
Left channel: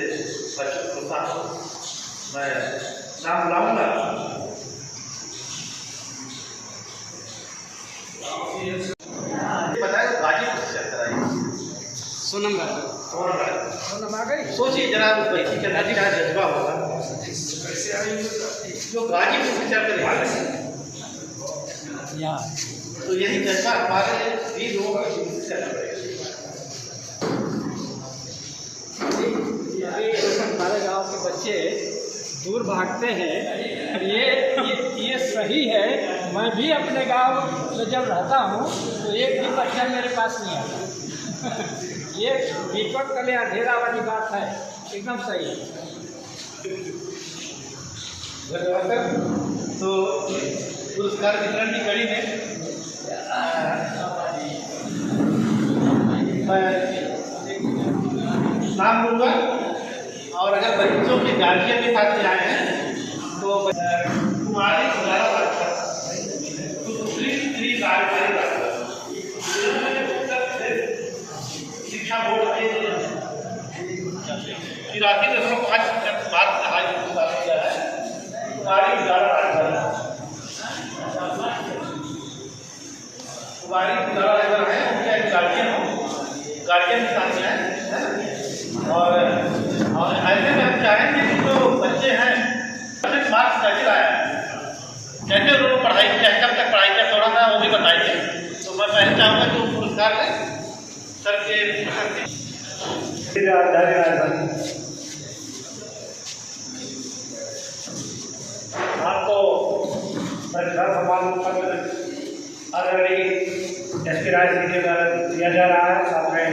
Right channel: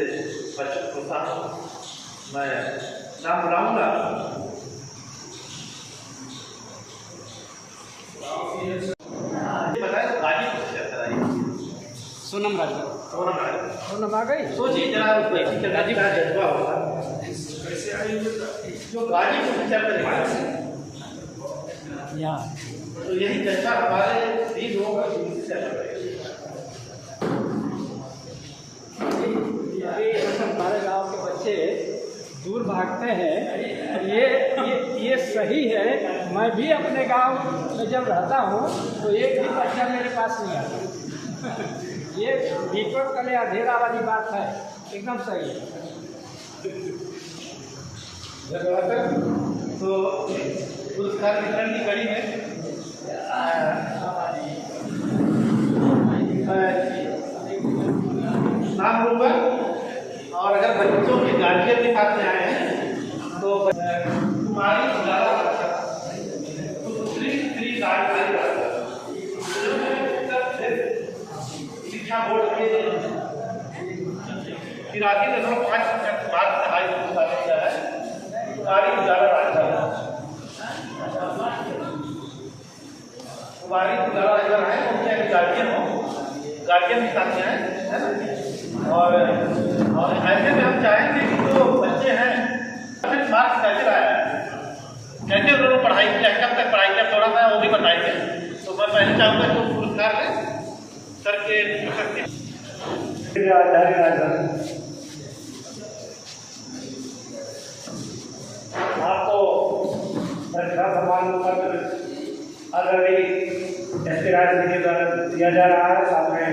बच्चों को प्रोत्साहन हो। मैं नाम बुलाऊँगा। बताए तो गाजीपुर से चल कराइए। सोनम आ गई। सोचिए जरा उस बच्ची के अंदर क्या जज्बा होगा जो गाजीपुर से चल कर तो यही जज्बा हमारे भी लोग हमारे गांव के बच्चे दूर भागते हैं, ये सही है। मैं भी अपने गांव में जब रहता हूँ तो एक भी बच्चा मेरे पास नहीं आता। ये नेटवर्क के लिए अंधेरा वाली बात है, एकदम सही है। तो पुरस्कार वितरण की कड़ी में नाम लूँगा, और अगर बच्चों के गार्जियन के साथ में आए हैं तो कुमारी शिक्षा बोर्ड के 83.5% मार्क्स हाई स्कूल किया है। कुमारी उजाला अगर है उनके गार्जियन हो, गार्जियन के साथ में है। और ऐसे में हम चाहेंगे कि जो बच्चे हैं मार्क्स कैसे लाया है, कैसे उन्होंने पढ़ाई किया है, कब तक पढ़ाई किया, थोड़ा सा वो भी बताइए। तो मैं पहले चाहूँगा कि पुरस्कार में सर के आपको प्रतिभा सम्मान पत्र आदरणीय एस.के. राय जी के द्वारा दिया जा रहा है, साथ में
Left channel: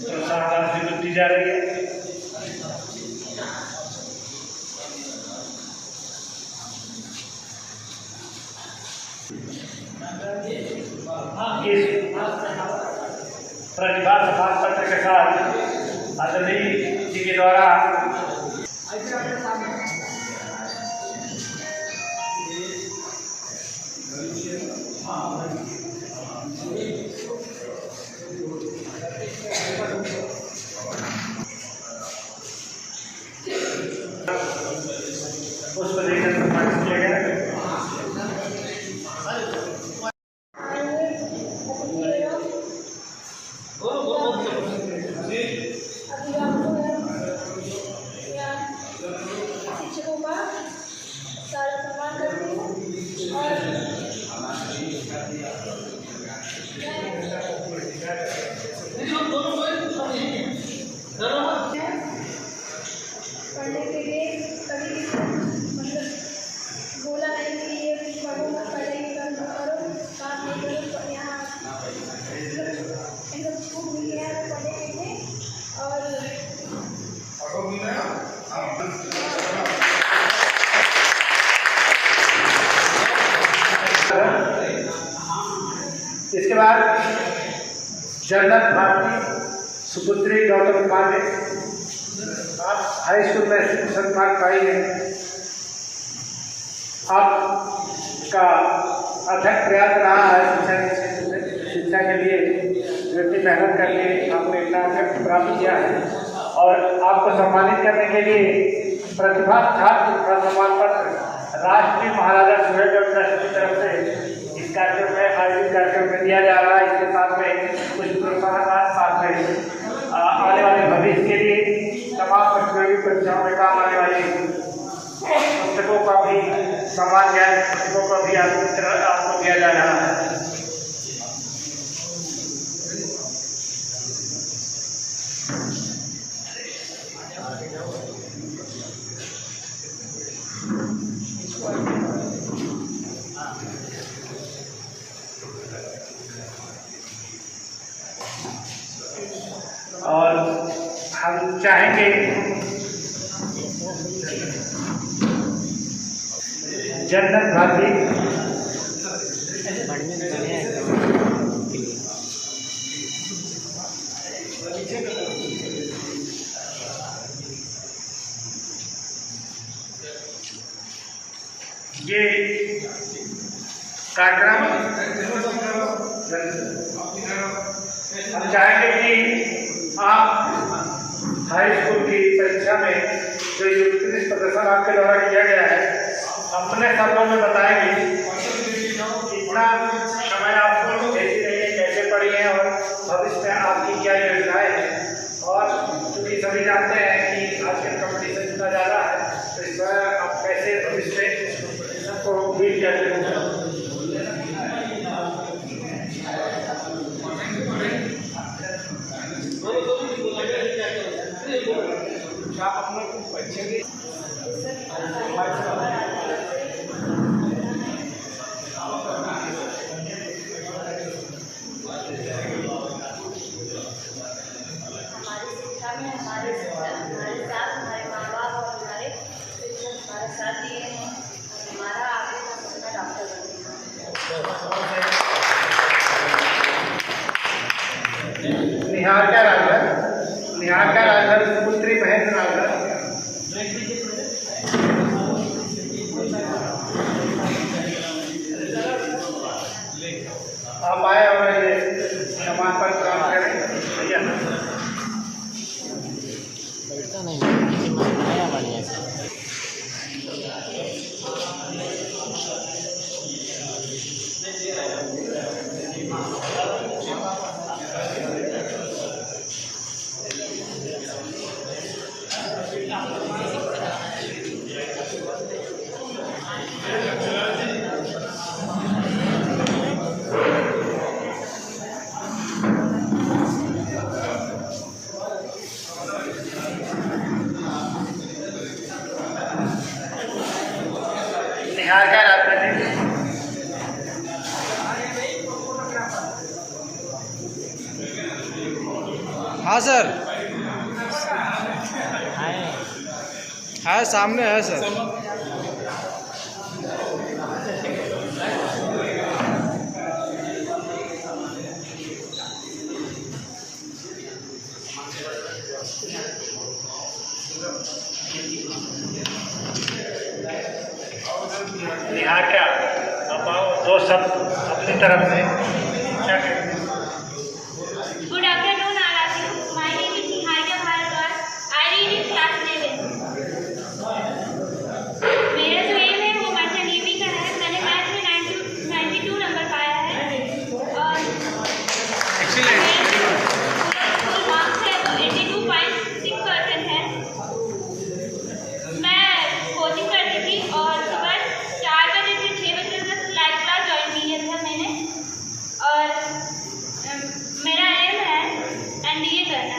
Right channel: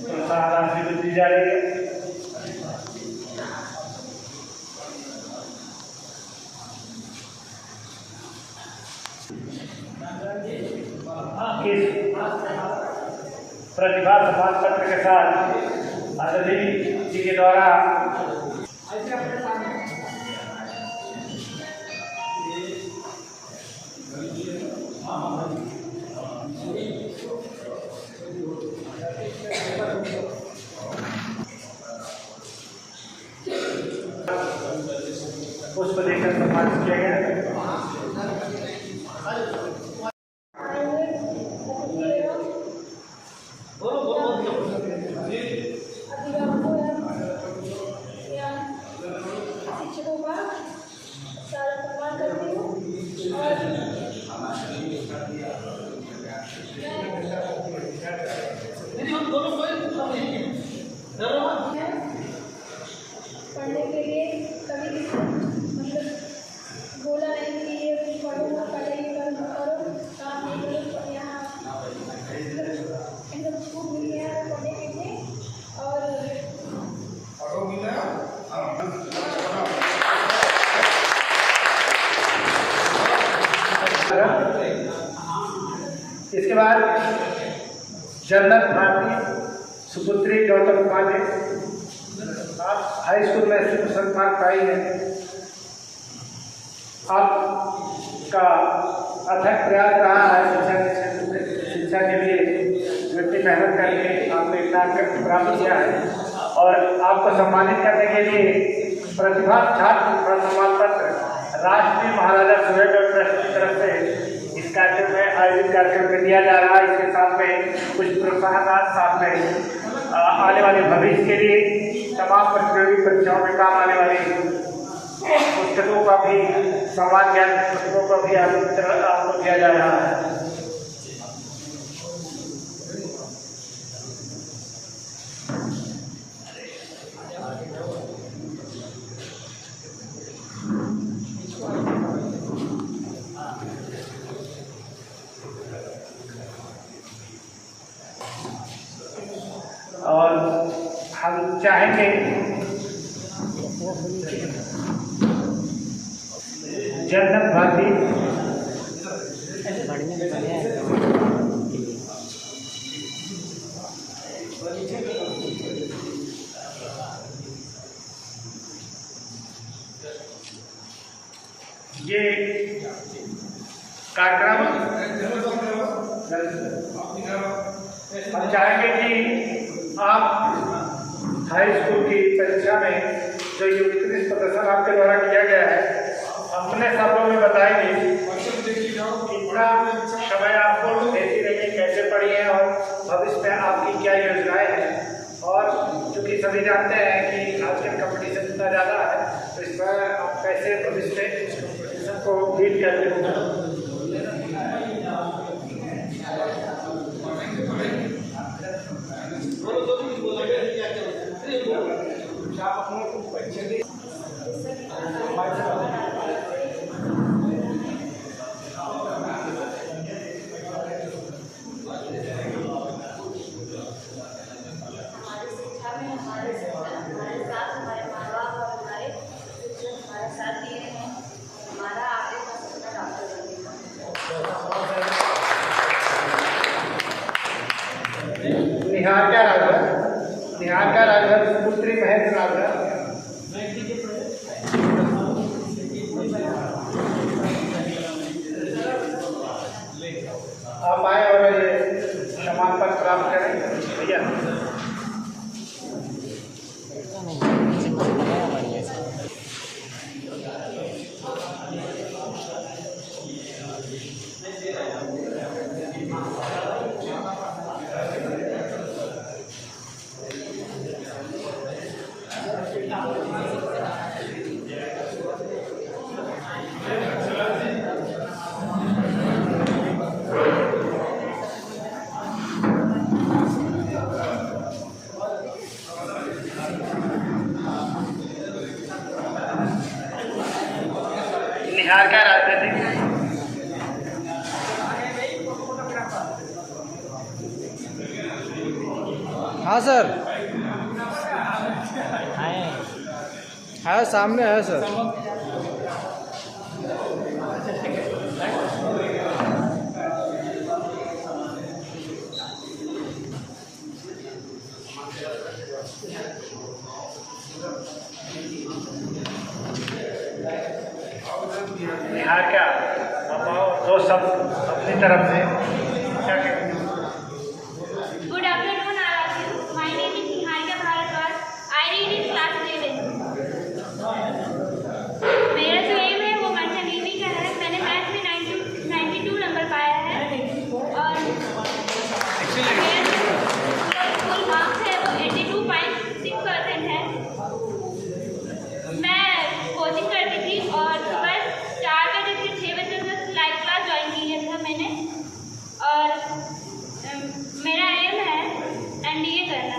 प्रोत्साहन राशि भी दी जा रही है। इस प्रतिभा सम्मान पत्र के साथ आदरणीय जी के द्वारा उसको देखकर सम्मानित किया गया है। शिक्षकों का सारा सम्मान करती हूँ और पढ़ने के लिए कभी मतलब बोला नहीं कि ये पढ़ो ना, पढ़ाई करो, काम नहीं करो, यहाँ एकदम खूब मिल गया है पढ़ने के लिए। और इसके बाद जन्नत भारती सुपुत्री गौतम कुमार ने हाई स्कूल में 80% मार्क पाई है। आपका अथक प्रयास रहा है शिक्षा के क्षेत्र में, शिक्षा के लिए इतनी मेहनत करके आपने इतना अंक प्राप्त किया है, और आपको सम्मानित करने के लिए प्रतिभा छात्र सम्मान पत्र राष्ट्रीय महाराजा सूर्यगढ़ ट्रस्ट की तरफ से इस कार्यक्रम में आयोजित कार्यक्रम में दिया जा रहा है। इसके साथ में कुछ प्रोत्साहन, साथ में आने वाले भविष्य के लिए तमाम प्रतियोगी परीक्षाओं में काम आने वाली पुस्तकों का भी समान ज्ञान पुस्तकों को भी आपको दिया जा रहा है। हम चाहेंगे जन्नत भारती ये कार्यक्रम हम चाहेंगे कि आप हाई स्कूल की परीक्षा में जो उत्कृष्ट प्रदर्शन आपके द्वारा किया गया है अपने शब्दों में बताएंगे कितना समय आपको भेजी रही है, कैसे पढ़ी है और भविष्य में आपकी क्या योजनाएं हैं। और क्योंकि सभी जानते हैं कि आजकल कंपटीशन इतना ज़्यादा है, तो इस पर आप कैसे भविष्य में इस कंपटीशन को बीट करते हैं। निहारिका राजभर पुत्री महेंद्र राजभर। आप आए और ये सम्मान पत्र प्राप्त करें भैया। निहारिका राजभर जी। हाँ सर, है सामने है सर। निहारिका आप आओ, दो शब्द अपनी तरफ से क्या कहें। Good afternoon, all of you. My name is Niharika Bharadwaj. I read in class 11. मेरा जो एम है वो मंथन डीवी का है। मैंने मैथ में 92 नंबर पाया है और फुल मार्क्स है वो 82.6% है। मैं कोचिंग करती थी और सुबह 4 बजे से 6 बजे तक लाइव क्लास ज्वाइन किया था मैंने। और मेरा एम है एनडीए करना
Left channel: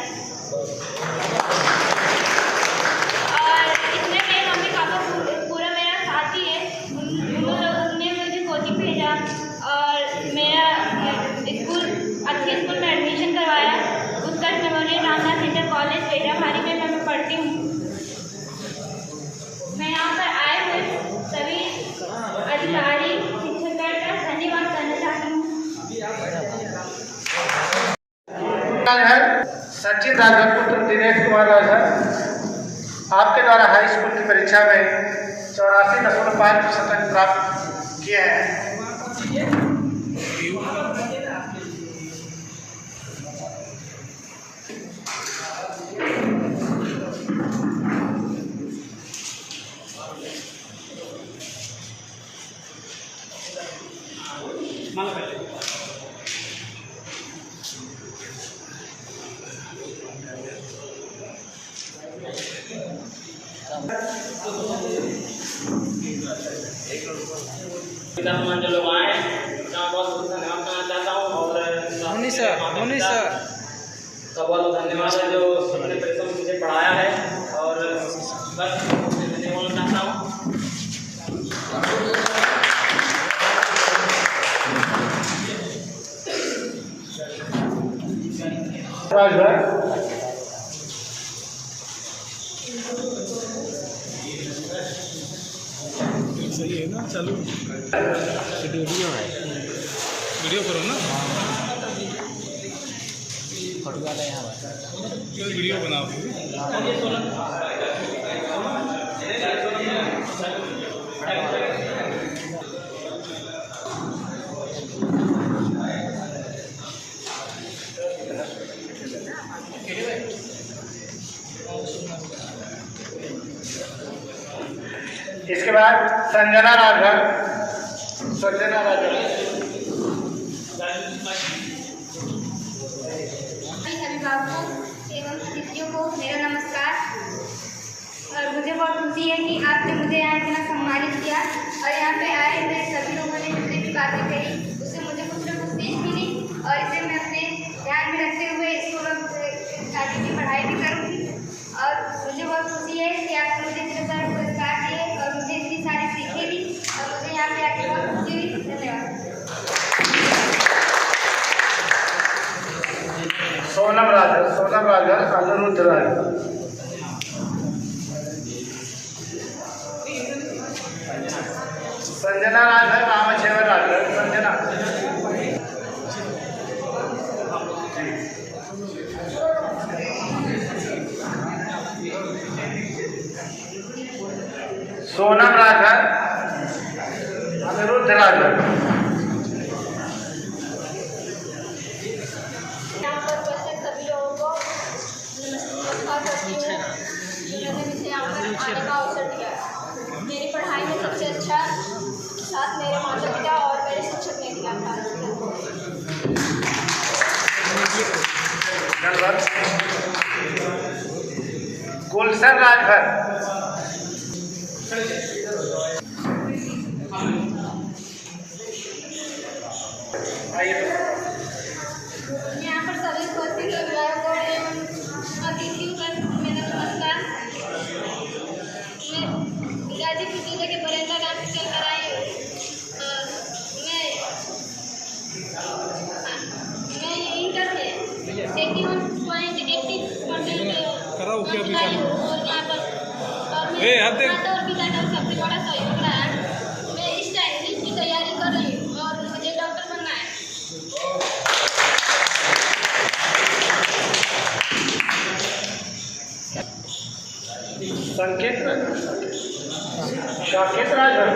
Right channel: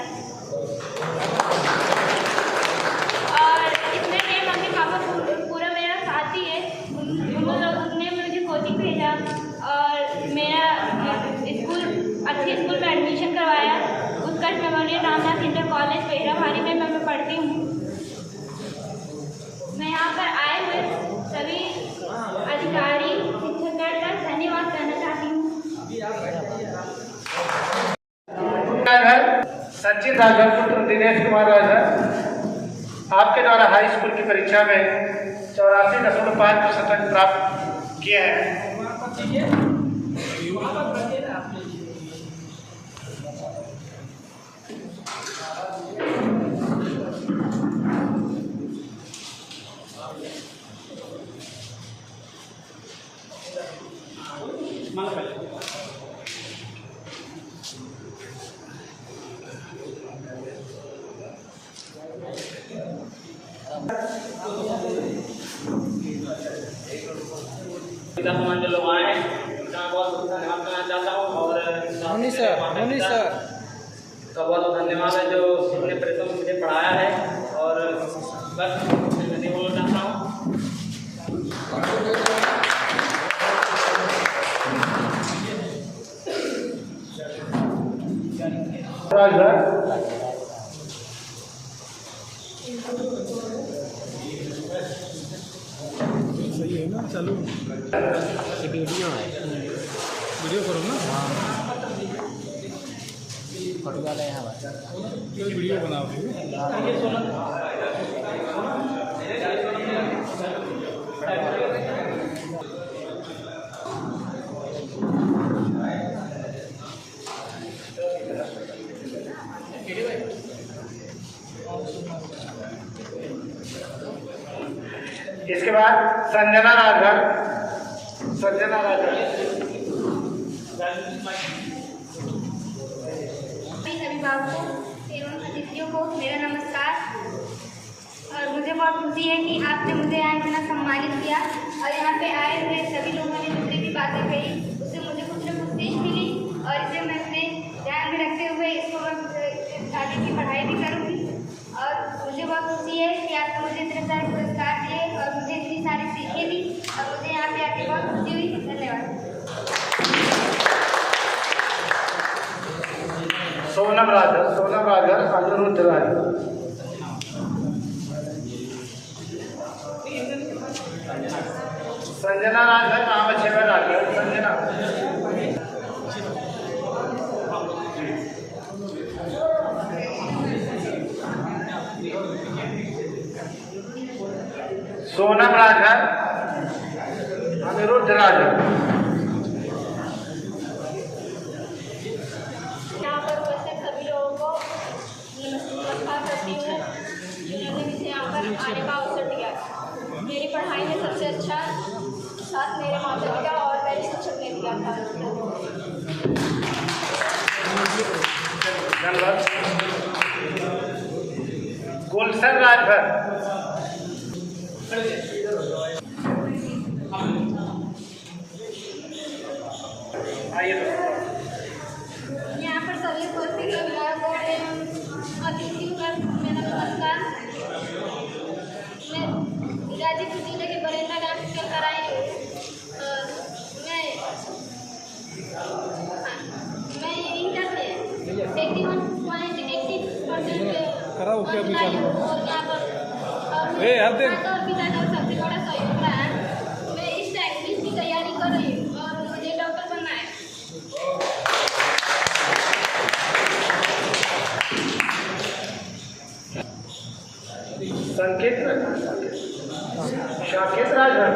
और इसमें मेरे मम्मी पापा पूरा मेरा साथ ही है। उन्होंने मुझे कोचिंग भेजा और मेरा स्कूल अच्छे स्कूल में एडमिशन करवाया। उत्कर्ष मेमोरियल रामनाथ इंटर कॉलेज पेड़ामारी में मैं पढ़ती हूँ। मैं यहाँ पर आए हुए सभी अधिकारी शिक्षकगण का धन्यवाद करना चाहती हूँ। सचिन राजभर पुत्र दिनेश कुमार राजभर आपके द्वारा हाई स्कूल की परीक्षा में 84.5% अंक प्राप्त किए हैं। जो लोग आए उनका बहुत धन्यवाद करना चाहता हूँ और धोनी सर का बहुत धन्यवाद है जो उन्होंने परिश्रम मुझे पढ़ाया है और बस मैं बोलना चाहता हूँ। चालू वीडियो है, वीडियो करो ना। फोटो वाला यहाँ पर वीडियो बनाओ। इसके बाद संजना राजभर। संजना राजभर अभिभावकों एवं अतिथियों को मेरा नमस्कार। और मुझे बहुत खुशी है कि आपने मुझे यहाँ इतना सम्मानित किया और यहाँ पे आए हुए सभी लोगों ने जितने भी बातें कही उससे मुझे कुछ न कुछ सीख मिली और इसे मैं अपने ध्यान में रखते हुए इसको मैं आगे की पढ़ाई भी करूँगी। और मुझे बहुत खुशी है कि आपने मुझे इतने सारे पुरस्कार दिए और मुझे इतनी सारी सीखें दी और मुझे यहाँ पे आके बहुत खुशी हुई। धन्यवाद। सोनम राजभर। सोनम राजभर अनिरुद्ध राजभर। संजना राजभर रामचेवर राजभर। संजना सोनम राजभर अनिरुद्ध राजभर। यहाँ पर उपस्थित सभी लोगों को नमस्कार करती हूँ जिन्होंने मुझे यहाँ पर आने का अवसर दिया। मेरी पढ़ाई में सबसे अच्छा साथ मेरे माता पिता और मेरे शिक्षक ने दिया था। गुलशन राजभर। यहाँ पर सभी उपस्थित अभिभावकों एवं अतिथियों का मेरा नमस्कार। मैं गाजीपुर जिले के बरेंद्र गांव से चलकर आई हूँ। मैं इंटर में 81.86% आई हूँ और यहाँ पर माता और पिता का सबसे बड़ा सहयोग रहा है। मैं इस टाइम की तैयारी कर रही हूँ और मुझे डॉक्टर बनना है। संकेत साकेत राजभर।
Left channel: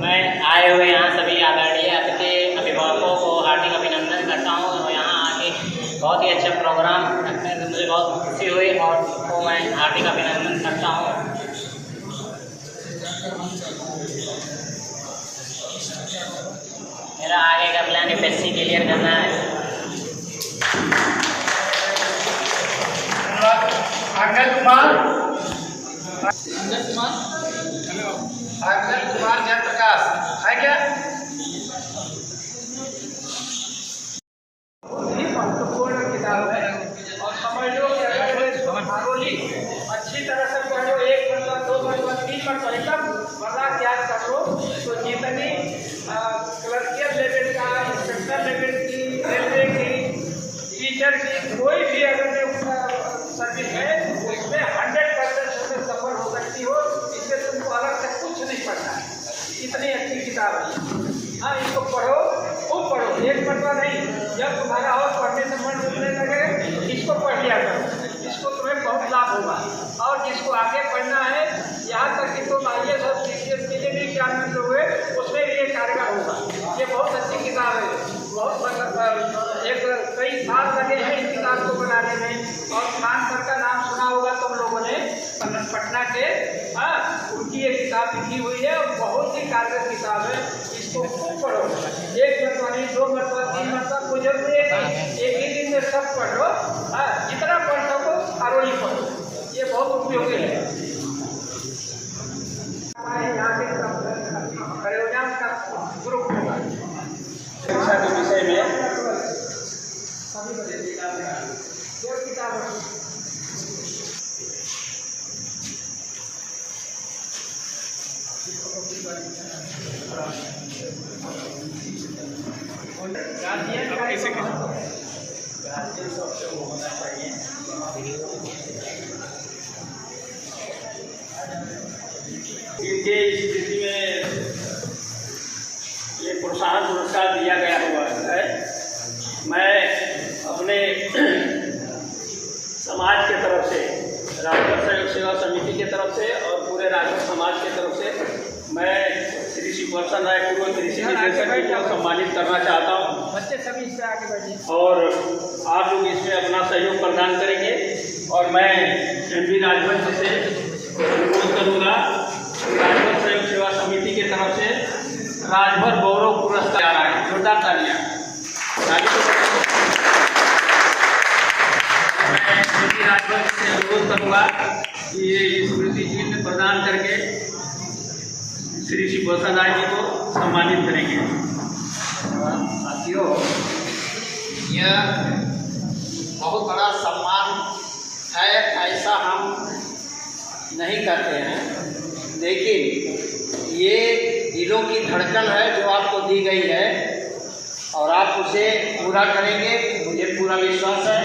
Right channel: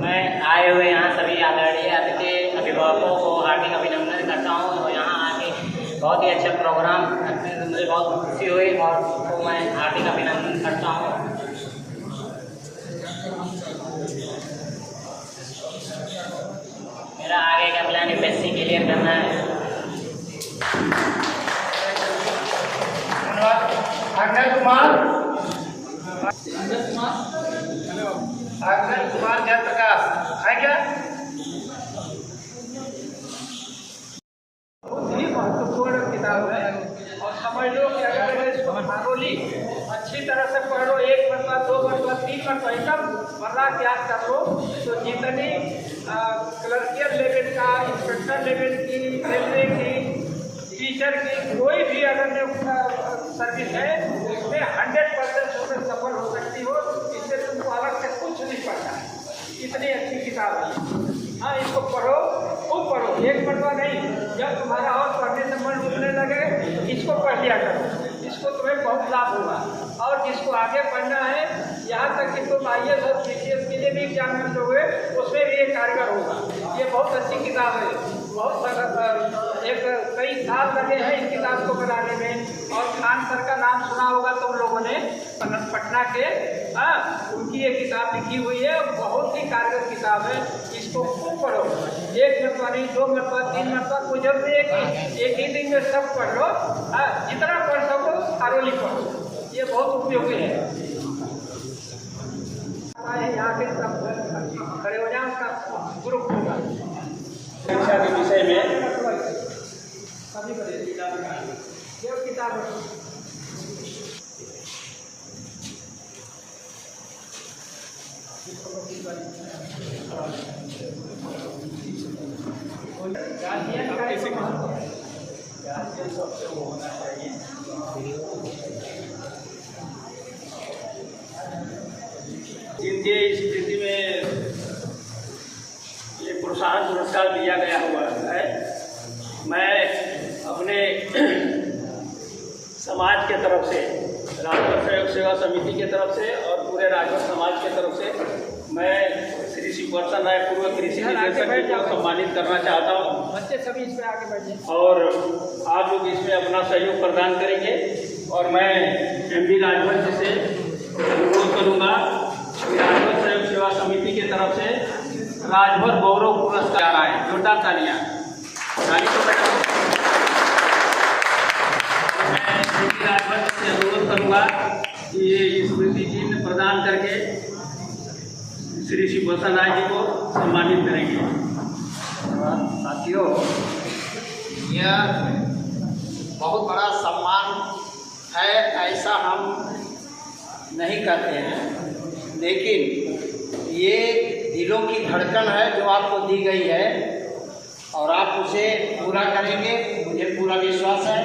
मैं आए हुए यहाँ सभी आदरणीय अतिथि अभिभावकों को हार्दिक अभिनंदन करता हूँ और यहाँ आके बहुत ही अच्छा प्रोग्राम रखने से मुझे बहुत खुशी हुई और तो मैं हार्दिक अभिनंदन करता हूँ। मेरा आगे का प्लान FSC क्लियर करना है। अंगद कुमार। अंगद कुमार जयप्रकाश है क्या? बहुत ही महत्वपूर्ण किताब है और समझ लो कि अगर खारोली अच्छी तरह से पढ़ लो, 1 मरतबा 2 मरतबा 3 मरतबा एकदम वर्रा याद कर लो तो जितनी क्लर्कियल लेवल का, इंस्पेक्टर लेवल की, रेलवे की, टीचर की कोई भी अगर जो सर्विस है उसमें 100% उसमें सफल हो सकती हो। इसमें तुमको अलग से कुछ नहीं पढ़ना है। इतनी अच्छी किताब है। हाँ, इसको पढ़ो, खूब पढ़ो, 1 मरतबा नहीं। जब तुम्हारा और पढ़ने से मन उठने लगे तो इसको पढ़ लिया करो। इसको तुम्हें बहुत लाभ होगा। और जिसको आगे पढ़ना है, यहाँ तक कि तुम IAS और CCS के लिए भी एग्जामिनेशन हुए उसमें भी ये कारगर होगा। ये बहुत अच्छी किताब है। बहुत कई साल लगे हैं इस किताब को बनाने में। और खान सर का नाम सुना होगा तुम लोगों ने, पटना के। हाँ, उनकी ये किताब लिखी हुई है और बहुत ही कारगर किताब है। इसको खूब पढ़ो, 1 मरतबा नहीं, 2 मरतबा 3 मरतबा, कोई जरूरी है कि एक ही दिन में सब पढ़ लो। हाँ, जितना पढ़ सको खारोली पढ़ो, ये बहुत उपयोगी है। यहाँ के खड़े हो जाए उसका ग्रुप होगा शिक्षा के विषय में जो किताब गार्जियन का गार्जियन सबसे वो होना चाहिए। इनके स्थिति में ये प्रोत्साहन पुरस्कार दिया गया हुआ है। मैं अपने समाज के तरफ से, राजभर सहयोग सेवा समिति के तरफ से और पूरे राजभर समाज के तरफ से मैं श्री सुपर्सन राय पूर्व कृषि निदेशक को सम्मानित करना चाहता हूँ। बच्चे सभी इससे आगे बढ़िए और आप लोग इसमें अपना सहयोग प्रदान करेंगे और मैं MB राजभर से अनुरोध करूँगा कि राजभर सहयोग सेवा समिति की तरफ से राजभर गौरव पुरस्कार आ रहा है। जोरदार तालियां। मैं MB राजभर से अनुरोध करूँगा कि ये स्मृति चिन्ह प्रदान करके श्री सुपर्सन राय जी को सम्मानित करेंगे। साथियों, यह बहुत बड़ा सम्मान है, ऐसा हम नहीं करते हैं, लेकिन ये दिलों की धड़कन है जो आपको दी गई है और आप उसे पूरा करेंगे, मुझे पूरा विश्वास है।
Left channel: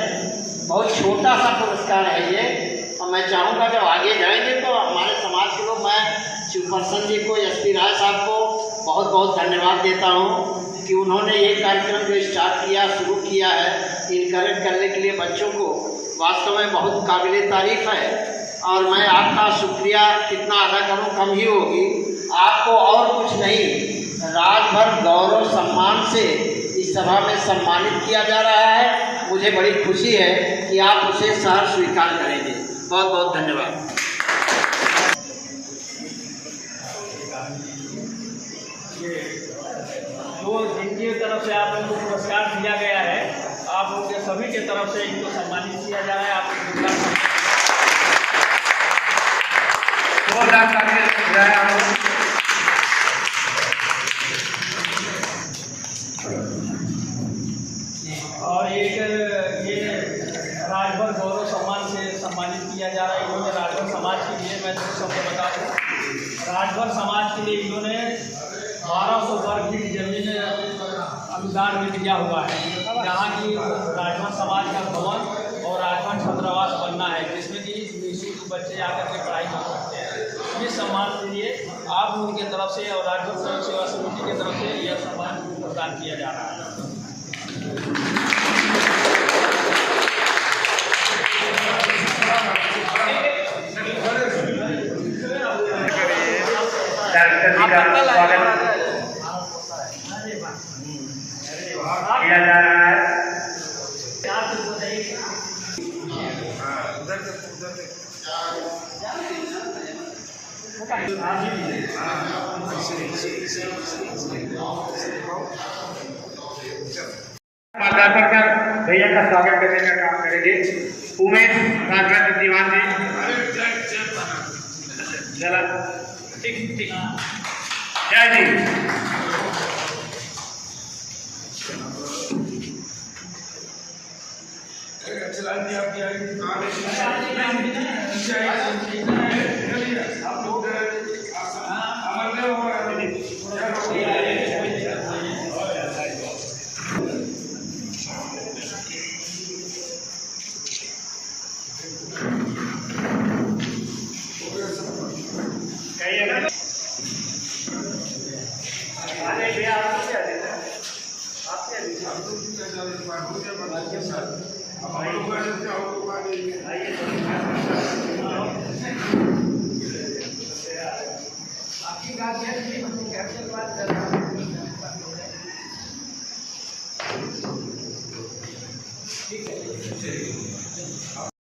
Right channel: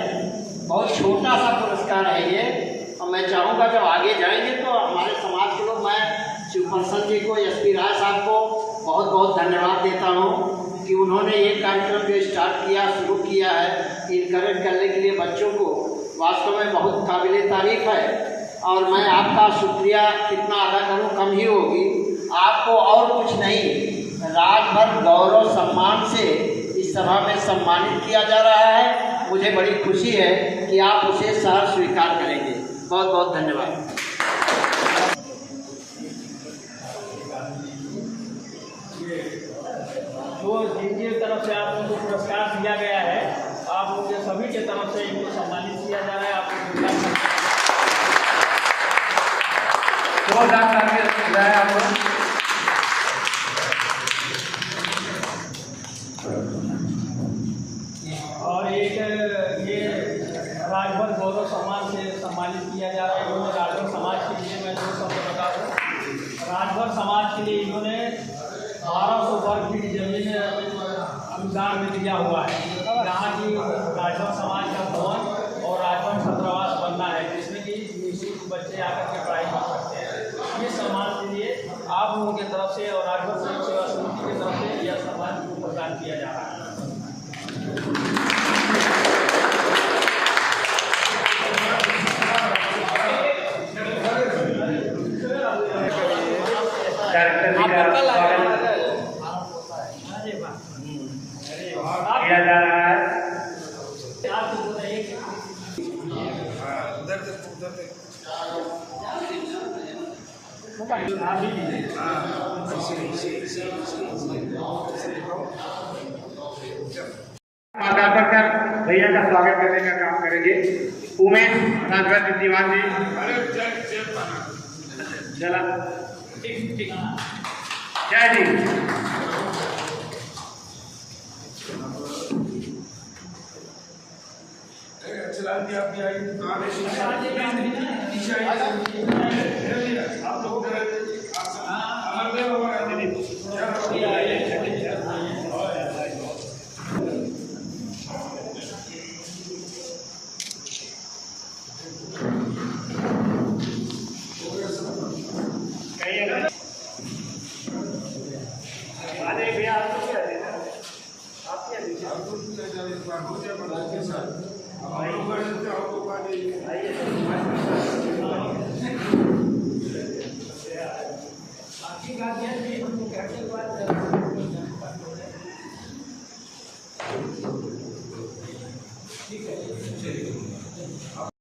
बहुत छोटा सा पुरस्कार है ये, और मैं चाहूँगा जब आगे जाएंगे तो हमारे समाज के लोग, मैं सुपर्सन जी को, SP राय साहब को बहुत बहुत धन्यवाद देता हूँ कि उन्होंने ये कार्यक्रम जो स्टार्ट किया, शुरू किया है, इनकरेज करने के लिए बच्चों को, वास्तव में बहुत काबिल तारीफ है। और मैं आपका शुक्रिया कितना अदा करूँ कम ही होगी। आपको और कुछ नहीं, राजभर गौरव सम्मान से इस सभा में सम्मानित किया जा रहा है। मुझे बड़ी खुशी है कि आप उसे सहर्ष स्वीकार करेंगे। बहुत बहुत धन्यवाद। जो जिनकी तरफ से आप लोगों को पुरस्कार दिया गया है, आप लोगों के सभी के तरफ से इनको सम्मानित किया जा रहा है। आप और एक ये राजभर गौरव सम्मान से सम्मानित किया जा रहा है। इन्होंने राजभर समाज के लिए, मैं 2 शब्द बता दूँ, राजभर समाज के लिए इन्होंने 1200 वर्ग फीट जमीन अनुदान में दिया हुआ है, जहाँ की राजभर समाज का भवन और राजभर छात्रावास बनना है, जिसमें कि निःशुल्क बच्चे आकर के पढ़ाई कर सकते हैं। ये सम्मान के लिए आप लोगों की तरफ से और राजभर सहयोग सेवा समिति की तरफ से यह सम्मान प्रदान किया जा रहा है। किया जा रहा है। भैया का स्वागत करने का काम करेंगे। उमेश राजभर दीवान जी, जय जी। आपकी गार्जियन